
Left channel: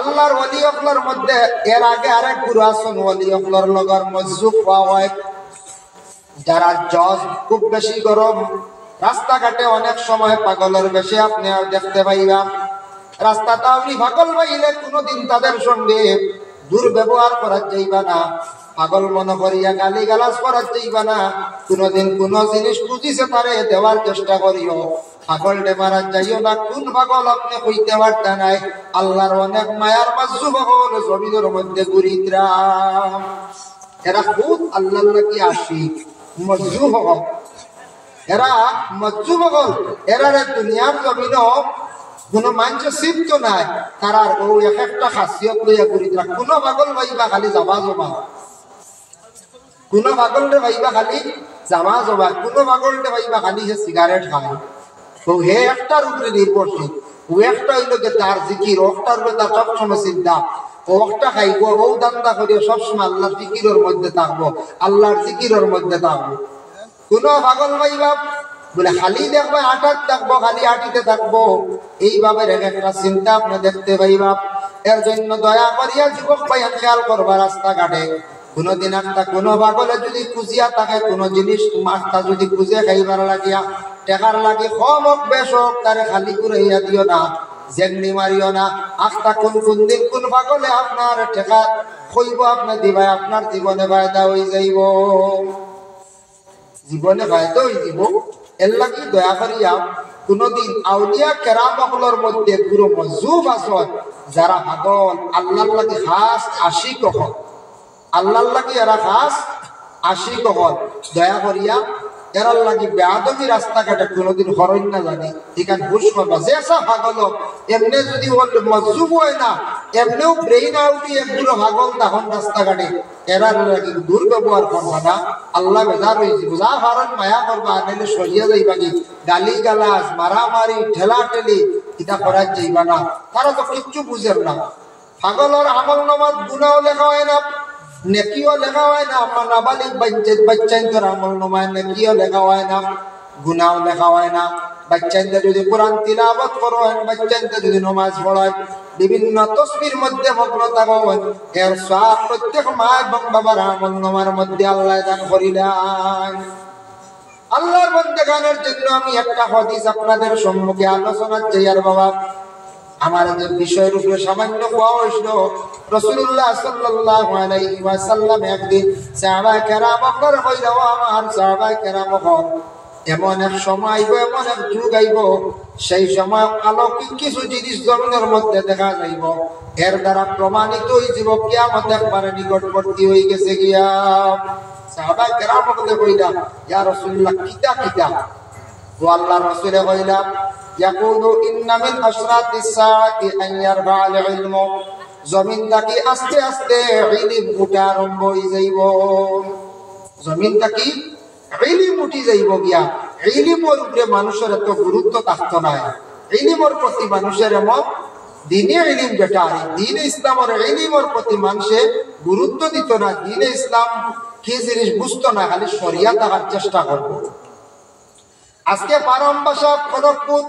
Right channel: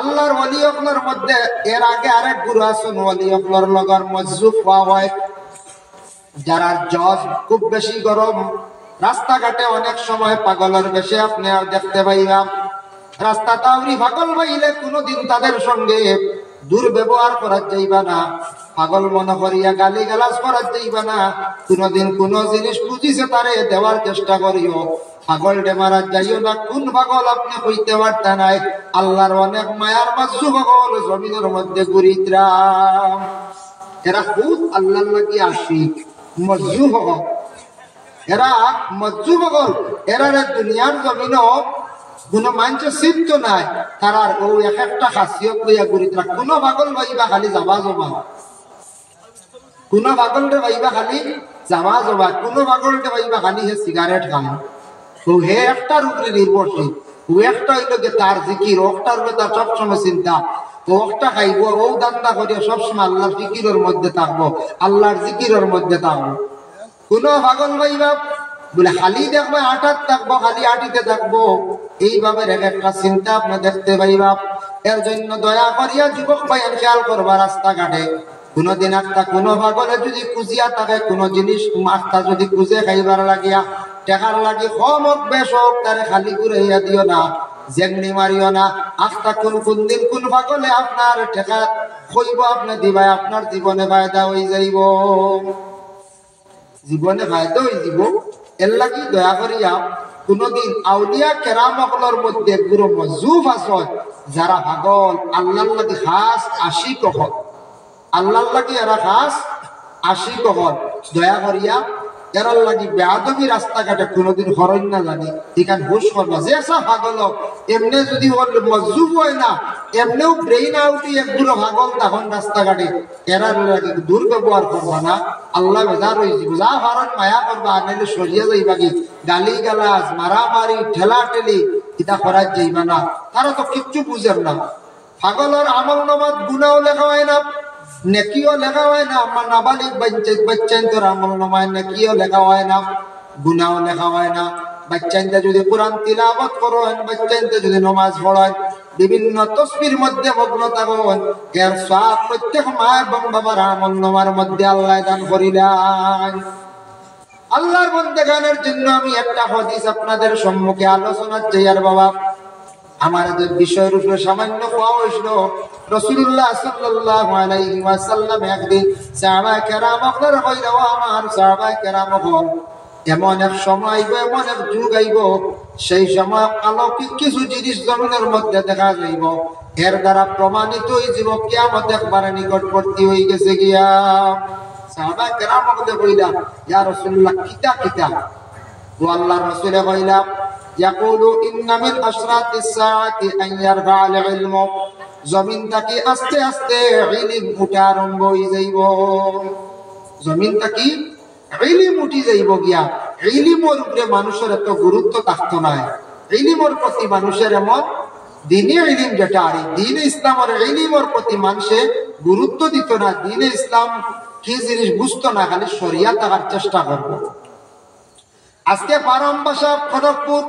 আল্লাহর ওলি হকলার মধ্যে এর আগে আরেক গুরু আছেন, ওলি হকলার লগর মজজুব হওয়া হয়, যারা জজ খুব বেশি গরম। রাস্তাঘাটে অনেক সময় পাগলের বেশে আপনি দেখতে পাইলাম। রাস্তা তাউরি পাগল পাইলে কোনোদিন তাদের সঙ্গে দুর্ব্যবহার করা যাইবা না, পাগল মনে করিয়া গালি গালাজ করা যাইবা না। কোনোদিন কোন জিনিস বুঝিছে তারে দেওয়ার চেষ্টা করিও, পাগল ডেমারা যাইও না। কোন পাগল আপনি কইতে পারতা নাই। আল্লাহর অনেক মায়ার মাজু পাগল জমিনের মধ্যে ঘুরিদ্রাম, এরা খুব আল্লাহর লাগি আশিক মজ্জু হল, এরা মজ্জু হল। এরা দুনিয়ার জমিনও কোন মানুষের সিদ্ধ নাই, তারার ও এক একটা খাসিয়ত লইয়া ঘুরিদ্রা। কোন পাগল ভাইবা খালি জামা জমা, কোন পাগলটা ভাইবা খালি জামা জমা, কোন পাগলটা ভাইবা খালি হে সিগারেট খায়। তো হে একটার উপরে নির্ভরশীল, ও একটা হইল তার জিকির, ওটার উপরে তার সবসময় চিন্তা। ওটা খাইব, ও দান্দা করিয়া সবসময় আল্লাহর ফিকিরের মধ্যে থাকবো, আল্লাহর জিকিরের মধ্যে থাকবো। কোন পাগল ভাইবা বলে খালি দেখবা আটাত থাকবো, খালি আটিতে থাকবো, এইভাবে একটা চিন্তা আপনি দেখতে পাইবা। এর জন্য দয়া করিয়া যুবক ভাইয়া খেয়াল করবা, রাস্তাঘাটে কোনদিন একটা কোন পাগলে যদি খুঁজিয়া থাকে কোন জিনিস, তোমার যদি খুঁজে খাইবার লাগিয়া টাকার লাগে কম হোক বেশ হোক, তারে খালি ঘুরাইয়া দিও না, জেগনি মারিও না। আস্তা কোন কোন দিন কোন পাগলে আপনার টাকা কইব আপনি দিবাই, আপনার জীবনে ফায়দা হয়ে যাইব, জীবনে ফায়দা হয়ে যাব। এর লাগি দয়া করিয়া কোনদিন আউলিয়া কেরামগুলোর মধ্যে গুরু মজুব আছে, যারা পাগল আল্লাহর লাগি খাস আশিক হল, আল্লাহর লাগি এরা খাস আশিক হল। দয়া করিয়া এরার লাগি বেয়াদবি রাস্তাঘাটে কোনোদিন হরণ না জানি, এখানে হুশ করবা। যে সব পাগল এমনি যদি মজুব হয় না, এমনিও ব্রেইন আউটি একগুলো পাগল তখন রাস্তাঘাটে, এরার লাগি দুর্ব্যবহার করবা না, আল্লাহ বেজার হয়ে যাব। যা হরণ মায়া করবা, আনলে সরিয়া যাইবা, কি গালি গালাজ মারামারি ঠেলা ঠেলি এটা করার যাইবা না। তারা তো কিচ্ছু বুঝেন না। পাগলের আমল নামাত গুনাও লেখা হয় না, নেকিও লেখা হয় না। আপনার নাবালিক বাচ্চাদের আমল নামায় নেকিও লেখা হয় না, গুনাও লেখা হয় না। বাচ্চাদের যদি কোরআন তিলাওয়াত করেন, বাচ্চাদের যদি নামাজ পড়েন, বিভিন্ন তসবির মধ্যে মগ্ন থাকেন, এর সব প্রত্যেক মা এবং বাবার আমল নামার মধ্যে আল্লাহ দান করিলেন। আল্লাহর বন্দেগানের জন্য আমি একটা হাদিস আপনাদের সম্মুখে আলোচনা চাই। আর বাবা, আমার যে বিষয়ের উপরে সামান্য হওয়া হয়েছিল, রাসূলুল্লাহ সাল্লাল্লাহু আলাইহি ওয়াসাল্লাম একদিন সাহাবায়ে কেরাম আপনার কইরা, আমার সাহাবায়ে কেরাম হল এমন এক সময় আইব, এমন এক যুগ আইব, সেই সময় অলৌকিক কিছু জিনিস জমিনের মধ্যে দেখা যাইব, এর দ্বারা প্রমাণিত হয়ে যাব কিয়ামত একবারে নিকটবর্তী হয়ে গেছে গিয়া। সাহাবায়ে কেরাম কইলা, ইয়া রাসূলুল্লাহ কিতা কিতা? তো আল্লাহর রাসূল কইলা, ইয়াকুলু ইন্না মিন আশরাতিস সাআতি আন ইয়ারফা'আল ইলমু, জমিন থেকে আস্তে আস্তে ইলম উঠা আরম্ভ হয়ে যাইব, জমিন থেকে ইলম উঠি যাইব গিয়া। ইলমের উপরে মানুষের এত গুরুত্ব থাকতো না, ইলমের প্রতি মানুষের এমন দিনে ইলম যেটা আর দিনে ইসলামের ইলমের প্রতি মানুষে গুরুত্ব দিত না, দিনে ইসলাম কি জিনিস বুঝতো না, খালি শরিয়া দেখার চেষ্টা করবো। আজকে পারমবাসা খড়গপুর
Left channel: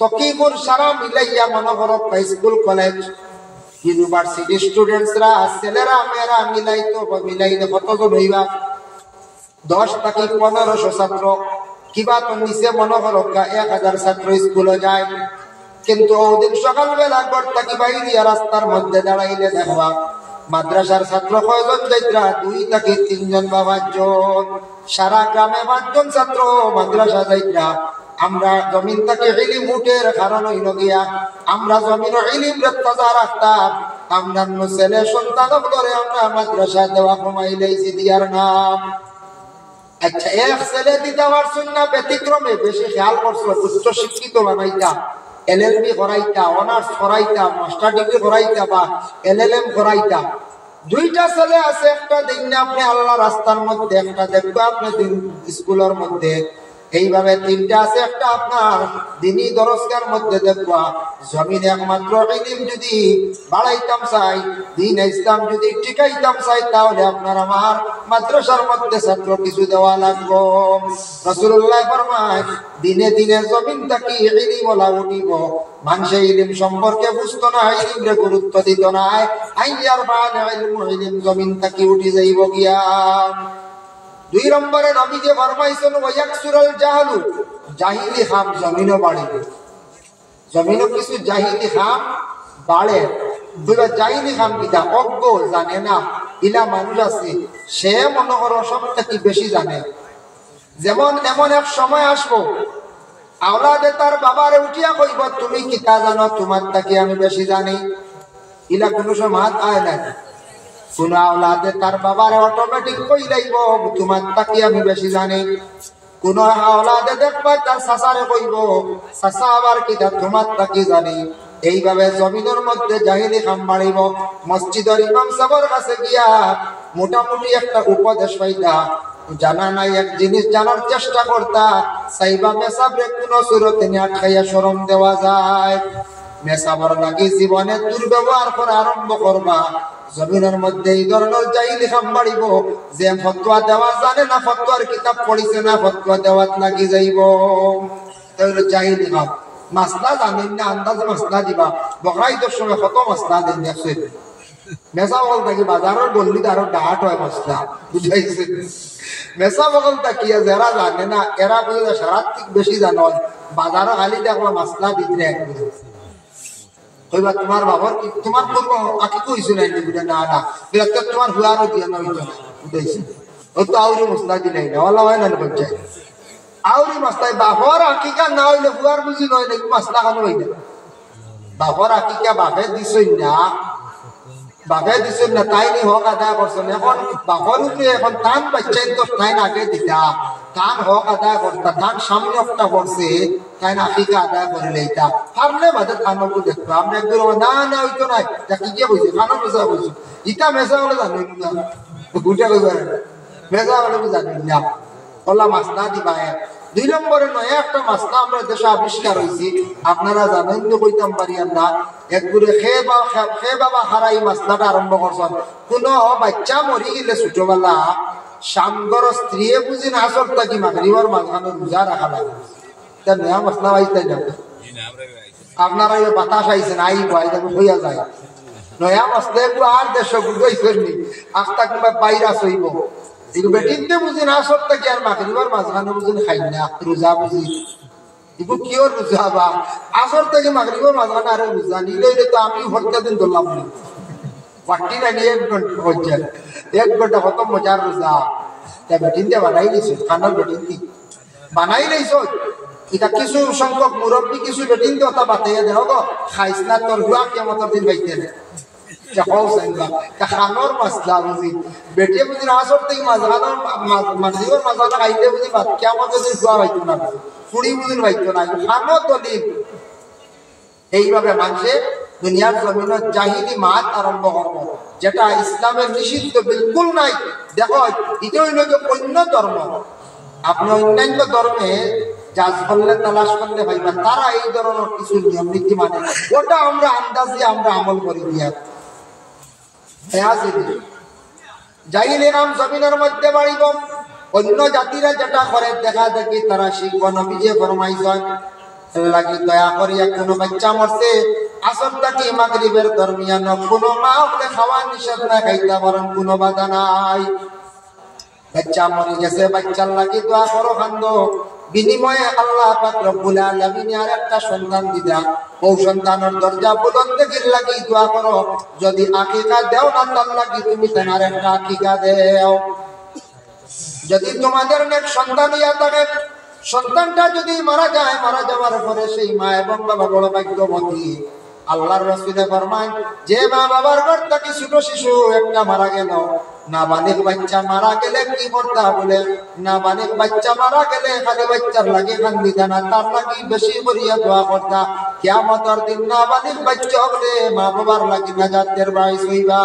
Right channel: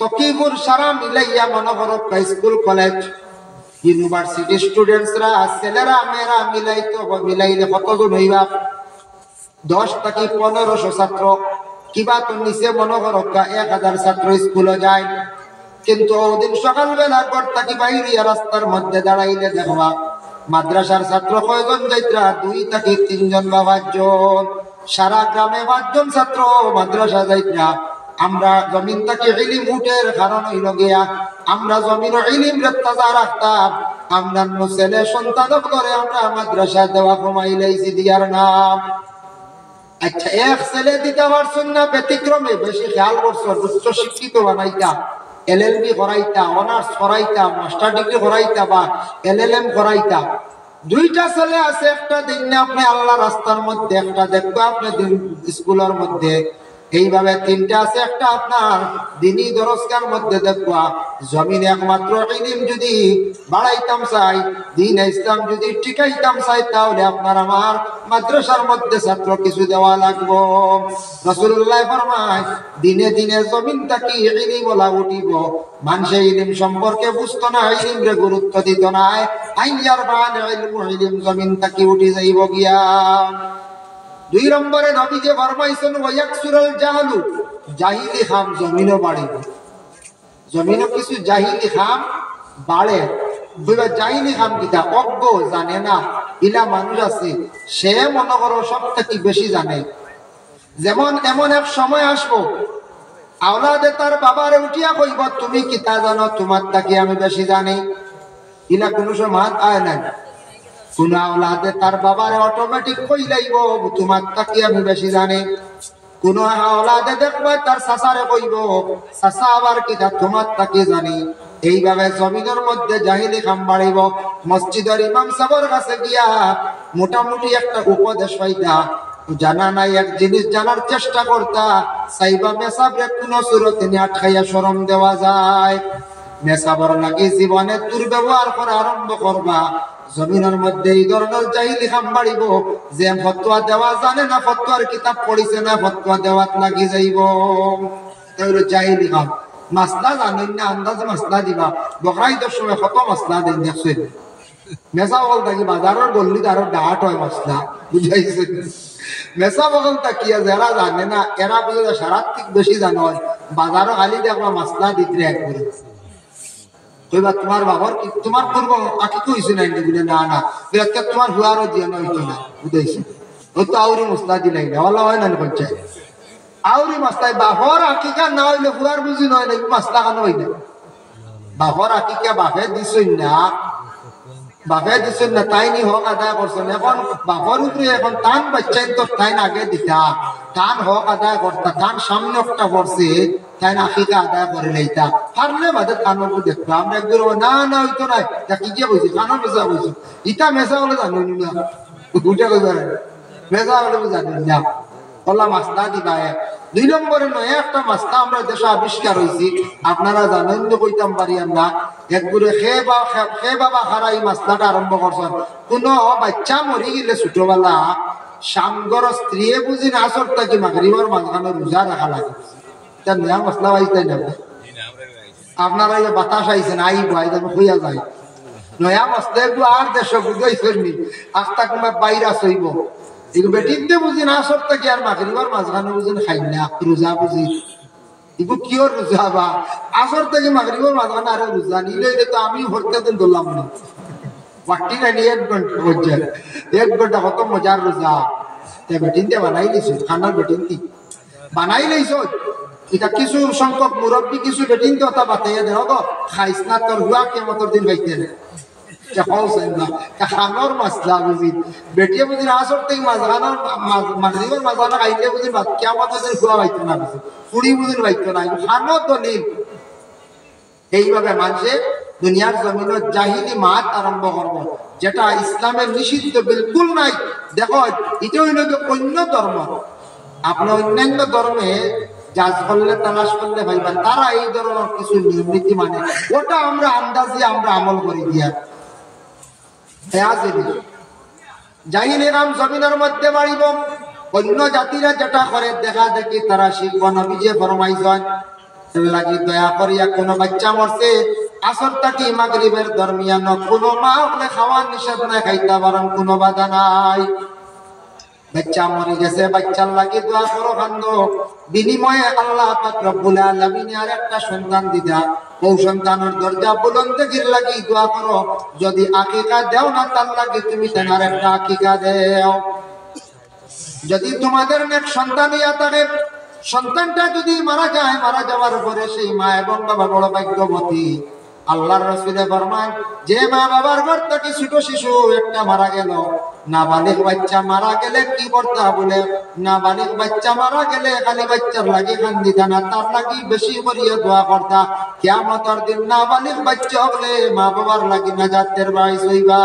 তকিপুর সারা মিলাইয়া মনে করো স্কুল কলেজ ইউনিভার্সিটি স্টুডেন্টসরা ছেলেরা মেয়েরা মিলাইলে কতজন হইবা 10 থেকে 1500 ছাত্র, কিবা তো নিচে মনে করো 1000 ছাত্র স্কুলে যায়। কিন্তু ওদিন সকালবেলা ঘর থেকে বাইরে রাস্তার মধ্যে দাঁড়াইলে দেখবা মাদ্রাসার ছাত্র কয়জন যাইত্রা 2 থেকে 3 জন বা 5 জন, সারা গ্রামে 5 জন ছাত্র মাদ্রাসা যাইত্রা। আমরা জমিন থেকে ইলম উঠের কারণ হইল গিয়া আমরা জমির ইলম রে তাজা রাখতাম, আমরা ছেলে সন্তান করে আমরা মাদ্রাসা দেওয়া কমাই লাইছি দিয়ার নাম। আচ্ছা এক ছেলে দিতে পারছুন না ব্যতিক্রমে বেশি খেয়াল করছো, উচ্চ শিক্ষিত বানাইতা, LLB করাইতা, অনার্স করাইতা, মাস্টার ডিগ্রি করাইতা বা LLM করাইতা। 2টা ছেলে আছে, একটা দিন না আপনি আল্লাহ রাস্তার মধ্যে, একটা দেখবো আপনি স্কুলের মধ্যে, এইভাবে 3টা আছে, একটা আপনার দিনী দরজগার মধ্যে দেখবা। জমিনে একমাত্র ইলম যদি বাড়াইতাম চাই, দিন ইসলাম যদি টিকাইতাম চাই, তাহলে আপনার আমার মাদ্রাসার মধ্যে ছাত্র কিছু দেওয়া লাগবো। রাসূলুল্লাহ ফরমায় দিনে দিনে জমিন থেকে ইলম ওলা উঠিব। মানুষে ইলম সম্পর্কে বুঝতো না, ইলমরে গুরুত্ব দিত না, আইয়ার বান ইলম জমিন থেকে উঠে যাইব গিয়া। 2 নম্বরে নবীজি ফরমাইছেন ওয়ায়াকসুরুল জাহলু, জাহিলি খাম জমিনও বাড়ে, জমিনও কিছু জাহিলি খাম বাড়ে। জাহিলি খাম কিটা অজ্ঞ জানে না ইলা মানুষ আছে, সে মনে করো সব থেকে বেশি জানে। যেমন এমন এক সময় আসবো আওলাদে তার বাবারে উঠিয়া কইব তুমি কিতা জানো, তোমার থেকে আমি বেশি জানি, ইলা কোনো সময় আয় না। কোন আওলাদে তার বাবারে অটোমেটিক কই লাইব তোমার থেকে আমি বেশি জানি। কোন আওলাদে দেখবা তার চাচারে কইব চাচা আবার কিতা তোমার থেকে জানি। এইভাবে জমিনের মধ্যে জাহিলি খাম বাড়িব। মসজিদের ইমাম সাহেবের কাছে গিয়া মোটামুটি একটা উপদেশ পাইতা, জানা নাই এক জিনিস জানার চেষ্টা করতা, সাইবা মেসাবরে কোন সুরতে আটকাইয়া শরম দেওয়া যায়। মেসাবর লাগি জীবনে দুর্ব্যবহার করা আরম্ভ করবা, জমিনের মধ্যে এই ধরনের জাহিলি খাম বাড়িব। যে ফতোয়া দেওয়া জানে না, ফতোয়ার কিতাব পড়িছে না, ফতোয়া দেওয়াত লাগি যাইব। তাহলে জাহিলি খাম মাসলা জানেন না, আন্দাজে মাসলা দিবা। বকরাইদের সময় কত মাসলা দেন দেখছেন, মেসা বগল থাকি বাজারের গল্লি আরো ডাহাট হয় মাসলা, বুঝাইছে। মেসা বগল তাকিয়া যারা জানে না এরা বুঝে সারা ঠিক বেশি জানো, বাজারও খালি দেখবা মাসলা দিতে একবারে কইবা তোমার বাবার তোমার করবো আকি কইছে না, না না তোমার হুয়ারও দিয়ে নইতো না, বুঝাইছে। ও তো আউরি মসলা দিলাই না, ওলা হয় না পঞ্চায়েত আউরি মসলায় বাপর আকিকা না হইলে হুয়ার বুঝি নয় নাকি মসলা খানো হইলে। বাপর আকিকা বাপে দিছই না, বাপে দিছই না, তাই নি হক আদায় করছেন। এখন বাপর উপরে এখন টান বাচ্চাই তো তাই আগে দিতা, টান হক আদায় করতা, টান সামনে একটা করছে তাই না আকিকা আদায় করে লইতা। পারলে বাদে টানের দেখবা আমরা একদম না না হইতো নাই, কি কে কইছে খানা মেসা কইছো, ইটা মেসা বলে জানেন না, গুটা কইবা মেসা বলে জানেন না, ওলা মাসলা দিবা। 2 নম্বরে নয় একটা মাসলা আমরা দেশে আবিষ্কার হয়েছি, আপনারা জানেন তো কইতাম পারি আমরা একগুড়ে খে বাবা হারাই মাসলাটা আরম্ভ করছেন। কোন বাচ্চা মরি গেলে ছোটবেলা সামগর স্ত্রী বুঝি না আসর থাকি মাগরিবার মাঝখানে রোজা রাখা লাগে, নয়া মশলা পাইতে না আপনারা বাতাস আইছেন আই ভাই হইয়া যায় নয়া মশলা এগুলো আর দেশ বুঝাইছেন নি, আস্তা কিংবা বাইরা সইব এগুলো বেটিতে বুঝি না আসর থাকি আর মাগরিবার মাঝখানে বুঝি খাই না রোজা বুঝি এগুলো কিয় রোজা বা আসর থেকে মাগরিবার মাঝখানে আরো রোজা নিলে তো আমি হত্যা দিন ধরলাম না পাটি না নিয়ে 1 ঘন্টা হচ্ছে 1 ঘন্টা কত মজার রোজা তা বেটিন দিয়ে বানাই দিছো খানার বেটিন দি বানাই লাইছো। এটা কিছু সংখ্যক মুরব্বী কিছু বেটিন দিয়ে ওটা বাতাইয়া দেহ গো খাইস না তোর হুয়া কেমতর দিন বাইতে না খানোর মাসলা বুঝি বেটিয়ে বুঝি আসর থেকে মাঝখানার মাগরিবের মাঝখানে খাইলে বুঝি কেমতর দিন হুয়া বাইতো না, ফুড়ি বুঝি বাইতো না, খানো দলিল। এইভাবে মানুষে দুনিয়ার জমিনে জাহিলি মাত আরম্ভ করবো, যেটা ইসলামের নিষিদ্ধ বিলকুল নাই। দেখো এটা হইল অন্য ধর্ম, আপনি অন্যান্য ধর্মে জাজ করলে তালাশ করলে ভাইবা তারা এই ধরনের কিছু নিয়ম নীতি মানে ওটা আমরা আন্দাজে আমরা আমল করি দিয়া জাহিল নাম জমিনের মধ্যে বাড়িব অন্য জাতিরা যেটা করে দেখা দেখি তারা শিখব নবীজি ফরমাইছেন লাগি দয়া করিয়া কোন বাচ্চা মরছে আসর থাকি মাগরিবের দরমিয়ান কোন মা বলে খাওয়ার নিষেধ না খাইতে পারেন কোন বাধা নাই বাচ্চা মরে গেছে বাচ্চার লাগি দোয়া করো কান্দ বিনিময়ে আল্লাহ পাক রব্বুল আলামিন আর একটা সন্তান দিদা ও সন্তানের দরজা বুলন্দ গির লাগি দোয়া করো যদি আকিকা দেও না তার লাগি তুমি তেনার একটা আকিকা দেও যদি তোমাদের নেক সন্তান ইয়া থাকে সন্তানটা যদি মারা যায় মারা যাওয়ার পরে সেই মা এবং বাবা বড় ভাগ্যবতী আল্লাহর রাসূলে ফরমান যে মা বাবার ঘর থেকে ছোট শিশু একটা মারা গেল নাবালিগ বাচ্চা মারা গেলে কি করতে বলে নাবালিগ বাচ্চা মারা গেলে খালি বাচ্চার লাগি কান্দিতা না তার লাগি বেশি করিয়া দোয়া করতা কিয়ামতের দিন নাবালিগ বাচ্চা হলে মা বাবার লাগি নাজাতের বাইস হইবা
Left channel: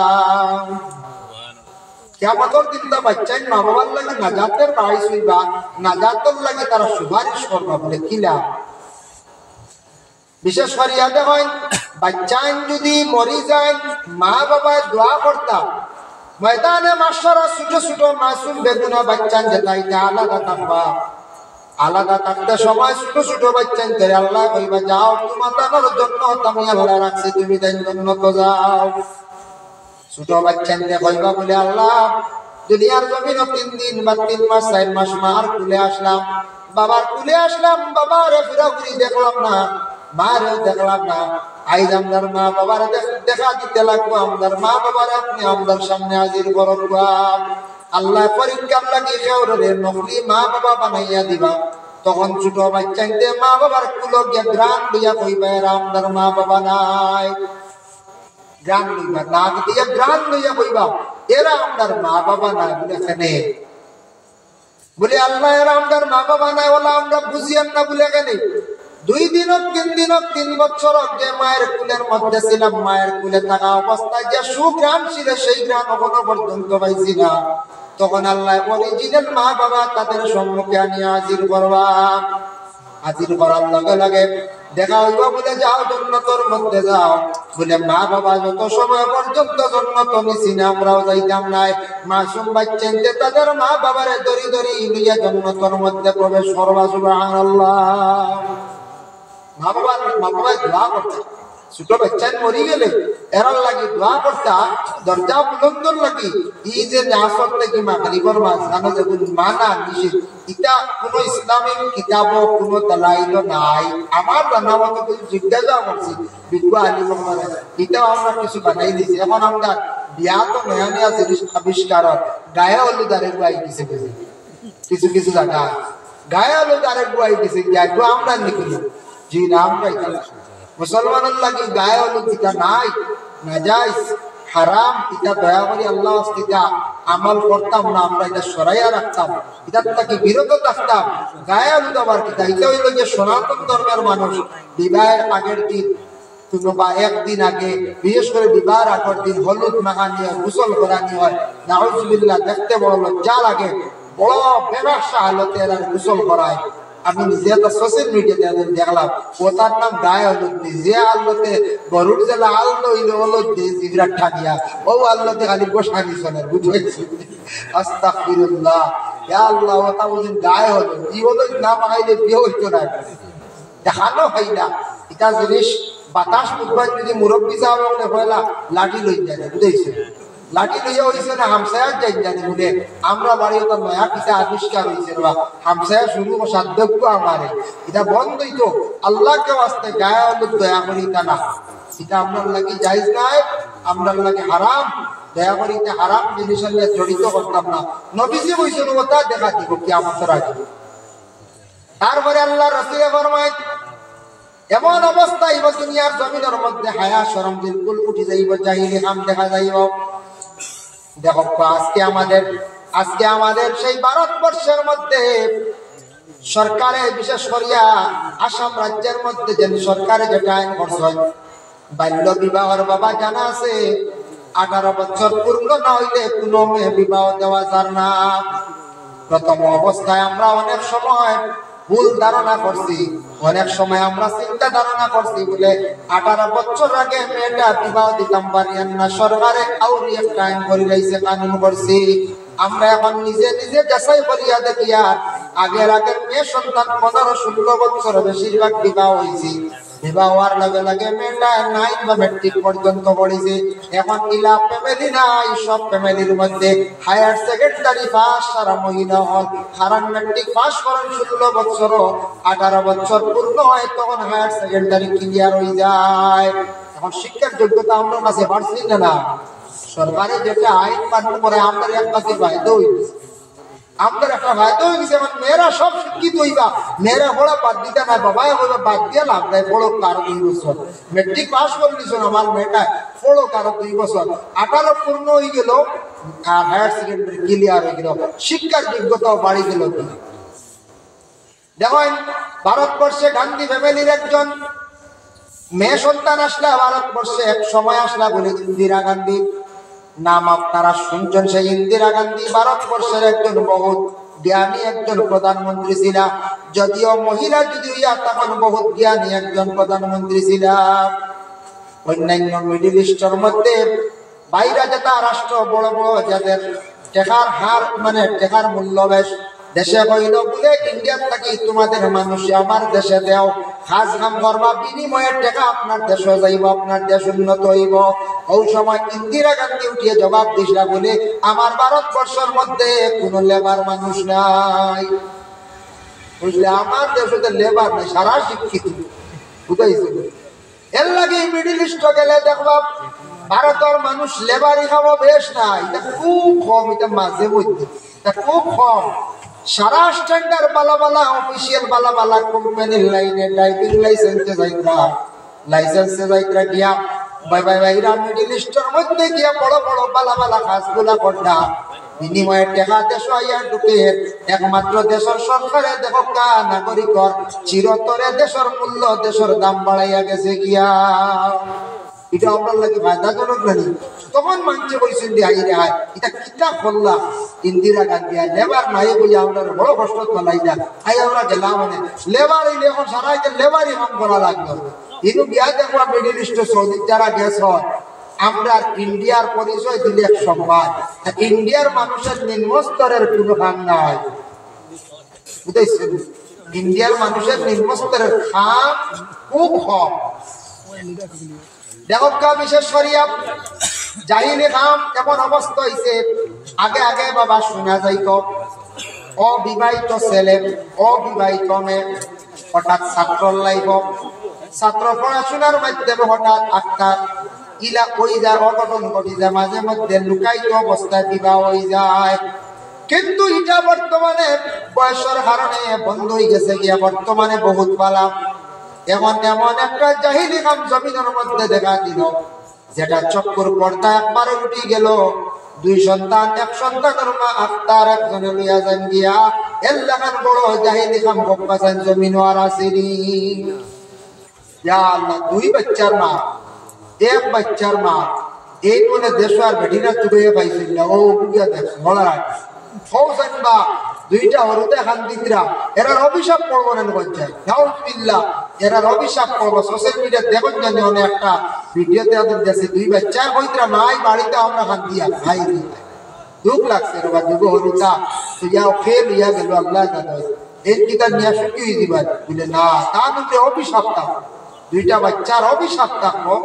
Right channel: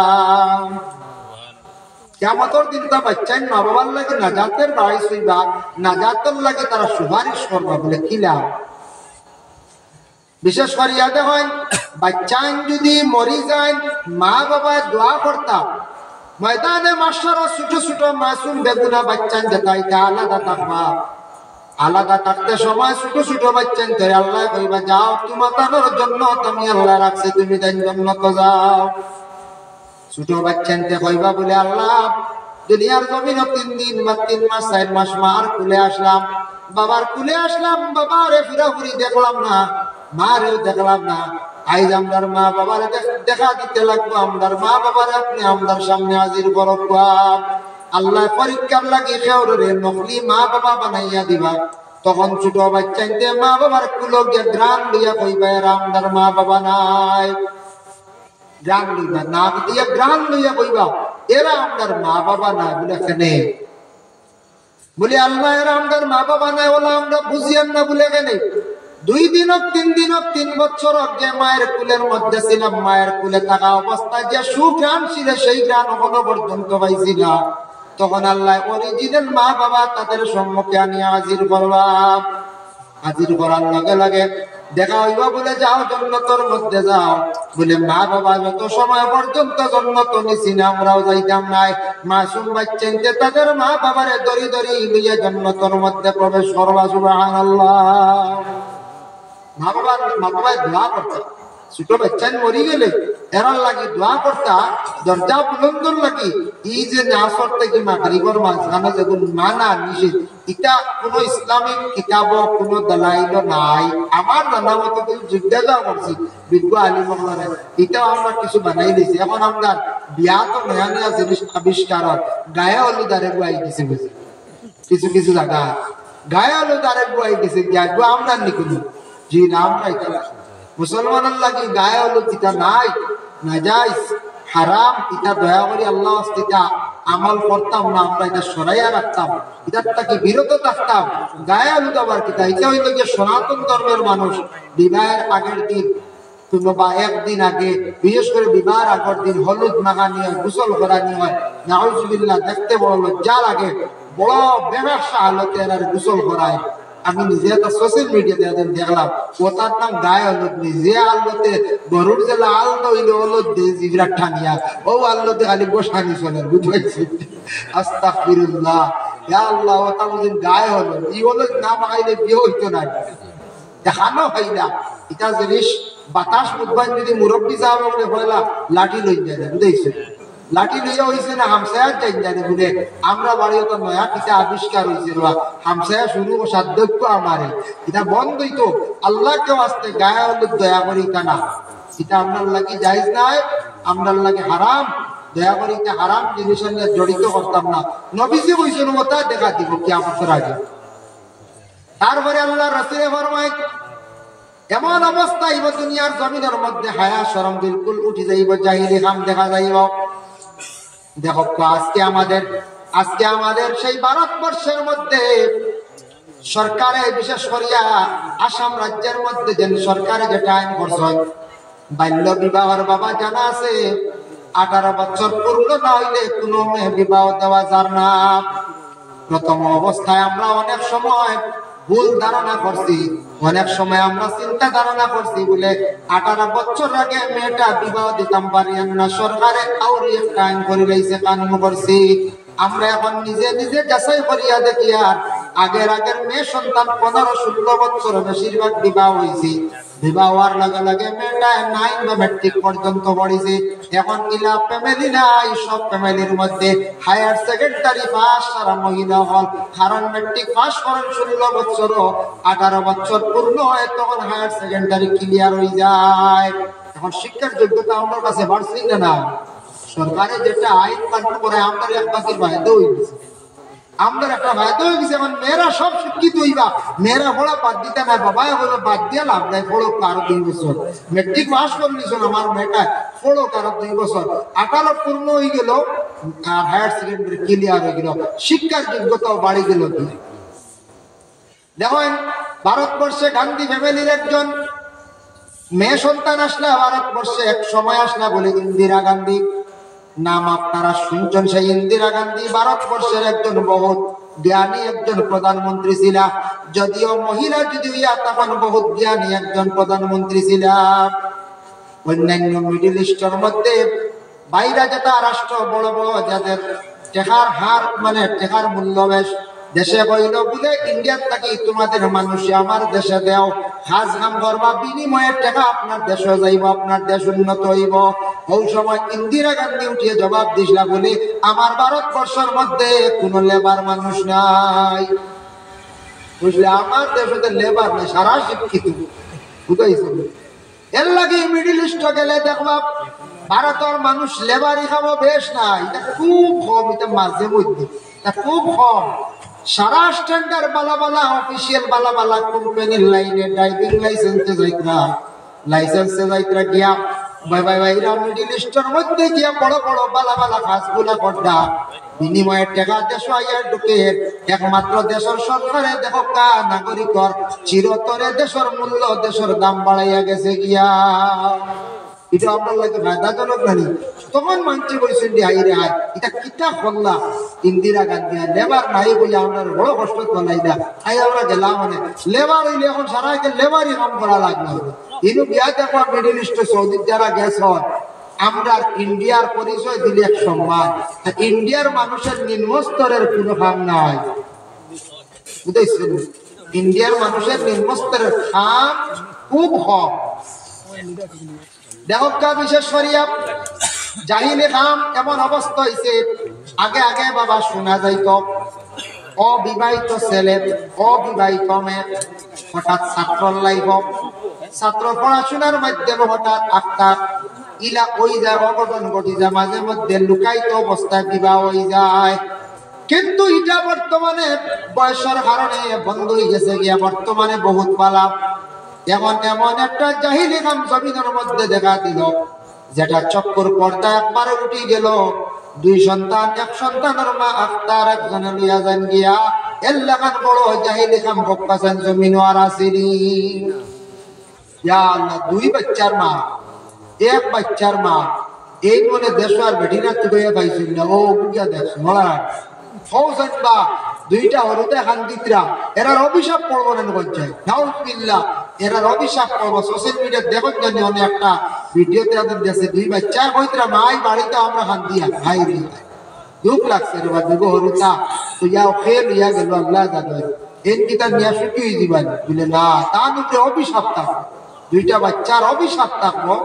কিয়ামতের দিন তা বাচ্চাই মা বাবার লাগি নাজাতের বাইস হইবা নাজাতের লাগি তারা সুপারিশ করবা বলে কিলা বিশেষ করিয়া দেখেন বাচ্চা যদি মরি যায় মা বাবা দোয়া করতাম ময়দানে মাস্টার ছোট ছোট মাসুম বেদনা বাচ্চা যেটা এটা আলাদা থাকবা আলাদা থাকতে সময় ছোট ছোট বাচ্চা ধরে আল্লাহ কইবা যাও তোমার তানোর জন্য তুমি আল্লাহ রাখছে তুমি তাই জন্য তো যাও ছোট বাচ্চা কইবা বলে আল্লাহ দুনিয়ার জমিন 3 দিন বা 3 মাস 4 মাস মার কুলে আসলাম বাবার কুলে আসলাম বাবারে ফিরাফিরি দেখলাম না মারেও দেখলাম না আইজ আমার মা বাবার দেখা দিতে লাগবো আমার মা বাবার আপনি আমার সামনে হাজির করবা আল্লাহ পরীক্ষার লাগি খেউরে নকলি মা বাবা বানাইয়া দিবা তখন ছোট বাচ্চাইতে মা বাবার কুলো গিয়া গ্রাম লইয়া কইবা এরা আমার মা বাবা নাই গ্রাম লইবা নাক দিয়া গ্রাম লইয়া কইবা এরা আমার মা বাবা নাই বলে কেনে বলে আল্লাহ এরা আমার মা বাবা নাই বলে আমরা বুঝিয়াম না বলে কেনে 2 দিন 3 দিন 3 বছর আগে মায়ের কুলের মধ্যে ছিলাম মায়ের কুলে থাকা অবস্থায় যে সুগ্রাম ছিল সেই গ্রাম এখনো পর্যন্ত পাইছি না তখন আল্লাহ অরিজিনাল মা বাবা তাদের সম্মুখে আনি হাজির করবা হাজির করার লগে লগে দেখা হইব বলে যাও জান্নাতের মধ্যে যাও বলে মা বাবা যত সময় পর্যন্ত জান্নাত নিছি না আমরাও যাইতাম না মাসুম বাচ্চাদের তাদের মা বাবারে দড়ি দড়ি নিয়ে জান্নাতের মধ্যে প্রবেশ করবা সুবহানাল্লাহ মা বাবা দোয়া করতে ছোট বাচ্চা মরি গেলে এরার লাগি দোয়া করতা দরজা বুলন্দর লাগি এই যে আসর থেকে মাগরিবের মাঝখানে যখন মানা নিষেধ এটা কোন ইসলামিক কিতাব কোন দলাইল নাই আমার জানা মতো জিজ্ঞাসা করছি বিজ্ঞ আলিম এটা আমরা কিছু বানাই দিয়েছি এখন আমরা বিয়া তো নয়া নয়া জিনিস আবিষ্কার গায়ে হলুদ আরে গুয়াই দিছে কিছু কিছু জায়গা গায়ে হলুদ আরে গুয়াই দিছে আমরা নিকুনি জি নাম মুসলমানের লাগি গায়ে হলুদ এটা নাই নাজাইজ হারাম এটা দয়া করে আল্লাহ এটা আমল করতাম না আমরা এটা সরাইয়া রাখতাম এটার থেকে বিরত থাকতাম গায়ে হলুদ আবার কিতা এটা হইল যে সনাতন ধর্মের মানুষ বিবাহের আগের দিন কিংবা একদিন আগে বিশেষ করে বিবাহের আগের দিন হলুদ মাখানি হয় গোসল করানি হয় নাউজুবিল্লাহ দেখতে বড় লজ্জা লাগে বড় বেবাসা হালতে আর গোসল করায় আমি নিজে তো সোশ্যাল মিডিয়াতে দেখলাম ওটার নাম গায়ে হলুদ নিজে আল্লোতে গরুর যে লাল নইলে হলুদ দিয়ে জিবরা ঠানিয়া ও আল্লোতে খালি বসানি চলে বুঝেছি আস্তাগফিরুল্লাহ ইয়া আল্লাহ ওটা বুঝিন গায়ে হলুদ এই হলুদ না মাখাইলে বিয়ে হইতো না দেখানো হয় না এটা জিনিস বাতাস বুধবার যদি মুরব্বী সাহেব বলে হইলা লাঠি লই যায় বুঝেছি লাঠি লইয়া হইছে না হামসায়া যাই জানে বলে আমরা বাড়ি তো নয়া কিতা আবিষ্কার হইছে রা হামসায়া শুরু সাধ্যক্য আমারে এটা বন্ধই তো আল্লাহকে ওয়াস্তে গায়ে হলুদ দয়া করি তা না এটা আমরা লাগি জায়েজ নাই আমরা লাগি হারাম দয়া করি এটা হারাম জিনিসের সাথে জড়িত করতাম না নবীজি কইছেন ওটা দেখা দিব কিয়ামতের আগে তারপরে আল্লাহ রাসূল ফরমায় এমন অবস্থা এই দুনিয়ার জমিনের মধ্যে হায়া শরম বিলকুল উঠে যাইব জাহিলি কাম দেখা যাইব দেখো আজকে আমাদের সেই ভারতবর্ষের মধ্যে সরকারে বিশেষ করিয়া আসাম রাজ্যের মধ্যে যে সরকারে যেটা আইন করছে বাল্য বিবাহের বাবা জানা আছে 18 বছর পূর্ণ না হইলে কোনো মেয়ে বিবাহ দেওয়া যায় না প্রথম অবস্থায় আমরা অনেক সময় ভুল ধারণা করছি। অনেক সময় আমরা চিন্তা ধারণা করছি বলে 18 বছর আগে মেয়েটা বিবাহ দিতাম পারিয়ান না, সরকারে আউরি একটা আইন করে রয়েছে, কানুন করছি। আমরা এখন নিজে নিজে যাচাই করিয়া দেখি আর আগের মেয়ে সন্তান 15-16 বছর বেশিরভাগ বিবাহ হয়েছে। বিবাহ হওয়ার লগে লগে মেয়েটা 9 বা ম্যাট্রিক পর্যন্ত পড়েছে। এখন ইলা ফ্যামিলি নাই, সব ফ্যামিলির মধ্যে হায়ার সেকেন্ডারি পাস আর মহিলা হল, কারণ ম্যাট্রিক পাস করেন 16 বছর, 18 বছর পূর্ণ হয় তখন হায়ার সেকেন্ডারি ক্লিয়ার হয়ে যায়। এখন শিক্ষার যোগ্যতা আমার কাছে বাড়ছে না? সরকারে যেটা আইন পালন করে আমাদের এক বাকি বাধ্য হয়ে গেছে, আমাদের একটা বাধ্য হয়ে গেছে। এখন মেয়েরা সব শিক্ষিত হইবা, মেয়েরা বড় বাদ দিতে নাই, বাবা বলে বাদ দিয়ে লাভ নাই, পড়ো কারো 2 বছর মেট্রিক পাস করলিস, আমার মেয়েটা পড়ো কারো 2 বছর, 18 পূর্ণ হয়ে গেল আর হায়ার সেকেন্ডারি ক্লিয়ার হয়ে গেল, শিক্ষার যোগ্যতাও বাড়ি গেল। দেখেন ভারতবর্ষে গান্ধী ফ্যামিলির একজন মেয়ে সন্তান আসলা ভারতবর্ষে, এক সময় আসলা বলে ইন্দিরা গান্ধী নাম আপনারা শুনছেন। সেই ইন্দিরা গান্ধী ভারতবর্ষের একজন বহুত জ্ঞানী একজন প্রধানমন্ত্রী ছিল, যদিও মহিলা যদি হইয়া তখন বহুত জ্ঞানী একজন প্রধানমন্ত্রী ছিল। অন্যান্য মিডিল ইস্টের মধ্যে বাইরে যেটা রাষ্ট্র বড় বড় যাদের টেকার হার মানে টেকার মূল্য বেশ, দেশে কইল বলে ইন্ডিয়ার থাকি তোমাদের মানুষে আমার দেশে দেও, কাজ কাম করবা, বিনিময়ে টাকা আপনার দেশে যাইব, আপনার দেশ উন্নত হইব। ওই সময় ইন্দিরা গান্ধী উঠিয়ে জবাব দিছিলা বলে আমার ভারতবর্ষের মধ্যে কোন লেবার মানুষ নাই, বুঝলে, আমার দেশে লেবার নাই, সারা শিক্ষিত, বুঝাইছে। এর লাগে মিডিল ইস্ট গেলে দেখবা ভারতের মানুষ লেবারি খাওয়া বেশ নাই, এটা খুব কম, এটা মাঝে মধ্যে খুব কম। সারা স্ট্যান্ডার্ড বালা বালা অফিসিয়াল বালা বালা কোম্পানির লাইনে ড্রাইভিং লাইসেন্সে যাইতরা গিয়া বাইরা মিডিল ইস্টের মধ্যে গিয়া বড় বড় বালা বালা কাজগুলা করতা, বিনিময়ে টাকা দেশ আইয়া ঢুকে একমাত্র দেশের সরকারে দেখো কা নাগরিকর চিরতরে দেশের মূল্য দেশের দাম বাড়াইয়া গেছে গিয়া। এটা আপনার লাগে ফায়দাজনক নানি? তখন মানছে বলছেন যে আইরে আয় এটা কিতা করলা ইন্দিরা গান্ধী, আর লেবার নাই বলে আপনার বড় কষ্ট তোলাই না, আই আমরা গেলাম মানে লেবার হইলে এখন সারা লেবারই কাম করা লাগলো। ইনু বিয়া দেখো মিডিল ইস্ট সৌদি যারা গেছ, আমরা ইন্ডিয়ার পরিচয় দিলে এক সম্মান, ইন্ডিয়ার মানুষের নিম্ন স্তরের কোনো কাম নাই, বুঝাইছেন? ইন্ডিয়ার মানুষের নিম্ন স্তরের খাম খুব কম। দেখো বিশেষ করিয়া জাহিলি খাম এমন অবস্থা হয়েছে, আগে আগে বাবা শোনা যাইত অবিবাহিত ছেলে অবিবাহিত মেয়ে হঠাৎ ছাত্র লাইব, ছাত্র পড়াশোনার মাধ্যমে হঠাৎ একটা ইলা হয়ে যায়, অঘটন ঘটি যায়, মাঝে মধ্যে লুকায়িত অবস্থায় বিবাহ হয়ে যায়। কিন্তু এটা বর্তমানে বয়সের কারণে বন্ধ হয়ে গেছে গিয়া, বর্তমানে বহুত পালা। এমন এমন একটা জাহিলি কাম জমিনের মধ্যে দেখা দিল, যেটা চক্কর পর্দা একবারে উঠে গেল। 2 সন্তান, এক সন্তানের মা আফতার একজনে লইয়া যান গিয়া এলাকার বড় জাহিলি কাম বকাছেন জমিন আর আসিরি। ইয়া আল্লাহ, 2 বাচ্চার মা, 1 বাচ্চার মা, এই বলে দেশ আর বেটিরা তুলে পাইছিল না। ও বুঝা দেখ মলা ফৌজান বা 2টা হরুতে খান্দিতরা এরার অভিশাপ পড়বো না গঞ্জায়, নাউজুবিল্লাহ, এরার অভিশাপ পড়বো। সোশ্যাল মিডিয়া দেখুন জানি অনেকটা ভিডিওতে আদের দেশে 2 বাচ্চা কইতরা মাই বাড়িতে আমরা খান্দিয়া খাই দিই, দুঃখ লাগছে রে বা দুগো হরুতা তো যাও ফেল ইয়া গেল আল্লাহ দাদা এর কিতা নিয়ে শুকিয়ে দিবেন বলে না, তার মধ্যে অভিশাপ থাকবো, 2টা বাচ্চার অভিশাপ থাকবো,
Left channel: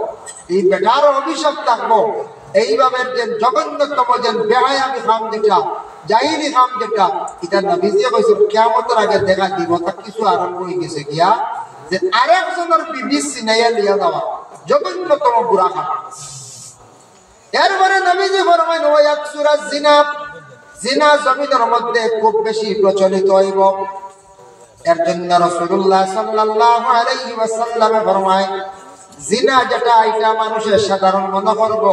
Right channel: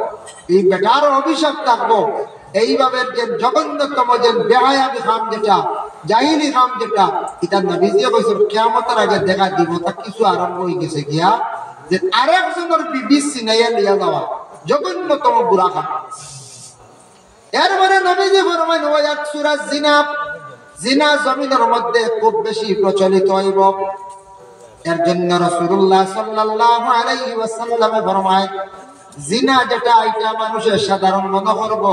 এই বেটার অভিশাপ থাকবো। এইভাবে যে জঘন্যতম যে বেহায়াবি খাম যেটা জাহিলি খাম যেটা, এটা নবীজি কইছেন কিয়ামতের আগে দেখা দিব, তা কিছু আরম্ভ হয়ে গেছে গিয়া যে আরেকজনের বিবি সিনাইয়া লিয়া যাওয়া, জঘন্যতম বুড়া খাম। এরপরে নবীজি ফরমায় ওয়া সুরা জিনা, জিনা জমিনের মধ্যে খুব বেশি প্রচলিত হইব। এর জন্য রাসূলুল্লাহ সাল্লাল্লাহু আলাইহি ওয়াসাল্লাম ফরমায় জিনা যেটা এটা মানুষের সাধারণ মনে করব,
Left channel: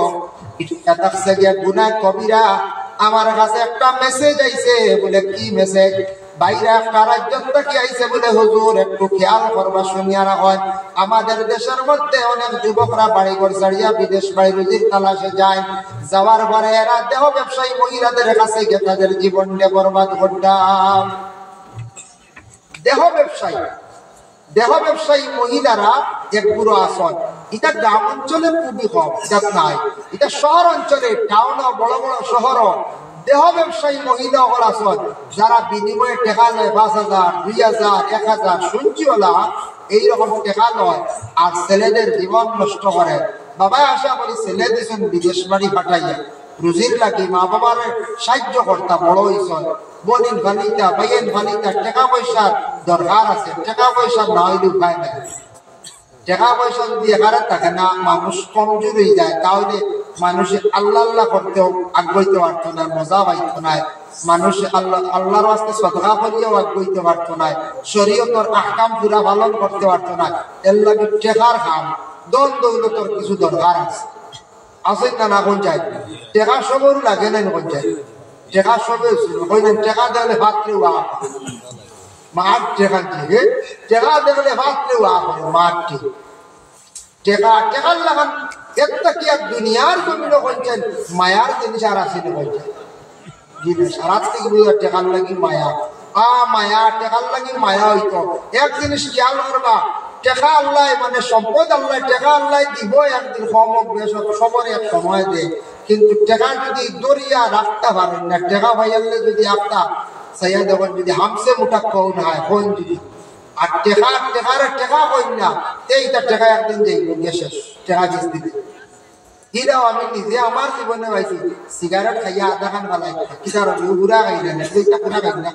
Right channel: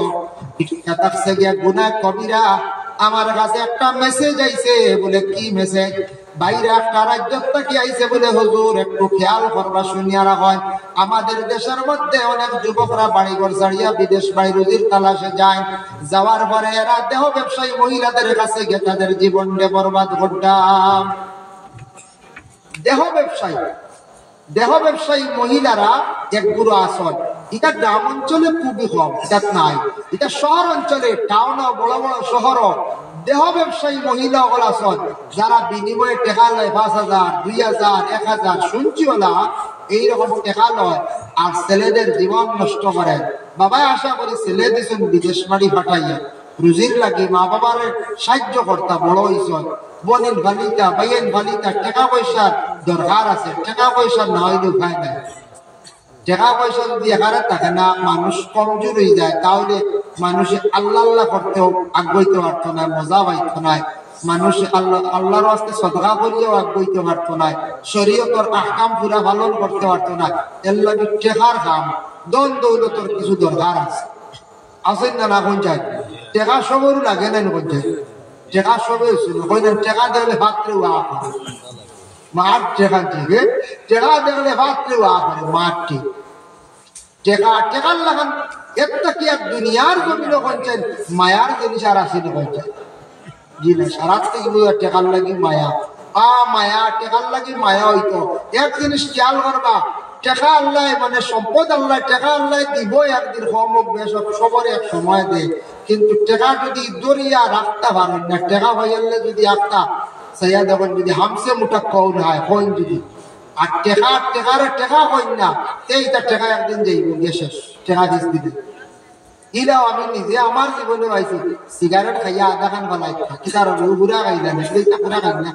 এটা তাকসে গিয়ে গুনাহ কবিরা। আমার কাছে একটা মেসেজ আইছে, বলে কি মেসেজ? বাইরে একটা রাজ্য থেকে আইছে বলে হুজুর একটু খেয়াল করবা, শুনিয়া রাখেন। আমাদের দেশের মধ্যে অনেক যুবকরা বাড়ি ঘর ছাড়িয়া বিদেশ বাড়ি রুজির তালাশে যায়, যাওয়ার পরে এরা দেহ ব্যবসায়ী মহিলাদের কাছে গিয়ে তাদের জীবনকে বরবাদ করতাম। দেহ ব্যবসায়ী মহিলারা এক বুড়ো আসন, এটা গ্রাম অঞ্চলে খুবই কম, এটা নাই। এটা শহর অঞ্চলে, টাউন, বড় বড় শহর দেহ ব্যবসায়ী মহিলা আসন, যারা বিনিময়ে টেকা নেয় 5,000, 2,000, 1,000 শুনছি ওলা এইরকম টেকা নয়, আর ছেলেদের জীবন নষ্ট করে। বাবা আশা করি ছেলে দিয়েছেন বিদেশ বাড়ি পাঠাইয়া রুজির লাগি, মা বাবার সাহায্য করতা, বড় হইছ, বোনের বালিতা, ভাইয়ের বালিতা, টাকা পয়সার দরকার আছে, টাকা পয়সা না হইলে উপায় নাই। টাকা পয়সা যদি এখানে থাকে না, মানুষ কমজোর হয়ে যায়, তাহলে মানুষে আল্লাহ আল্লাহ করতেও আগ্রহিত পারত না, মজা পাইত না, মানুষ আল্লাহর রাস্তায় সদকা করিয়াও আগ্রহিত পারত না, শরীয়তের আহকাম পুরা পালন করতে পারত না। এর লাগে টেকার কাম, দন দৌলতর কিছু দরকার আছে, আসেন না না কোন যায় টেকা সবর লাগে না, কোন যায় টেকা সবে টেকা দেখলে ভাতরে ওয়া করে মাঠ, টেকা থেকে টেকা দেখলে ভাতরে ওয়া করে মাঠটি টেকা টেকার লাগান একটা কি আর দুনিয়ার জমিন বলছেন মায়ার জিনিস আর আসিল বলছেন জিনিস সারা থেকে টেকার লাগি মায়া, মায়া টেকার লাগি মায়া হইতো। এক জিনিস খেয়াল করবা, টেকা আল্লাহ মানে সম্পদ আল্লাহ, টেকা আল্লাহ দিব একদিন কম হোক বেশ হোক সবরে এক সময় দেয়, কিন্তু টেকা যদি দরিয়া রাখতে পারেন না, টেকা ভাইয়ালে যদি আফতা সাইয়া দেখুন যদি হামসে মুটা কৌন হয় কইন যদি, আর টেকা কইন না এইটা টেকা একদিন যাইব গেছে টেকা জিস দিবে। ইরাও আমি নিজে আমার জীবনে পাইছি, সিগারেট খাইয়া আধা খান ফেলাই কি কারণ ঘুরা খাইলা না, এইটা পুরা খাই না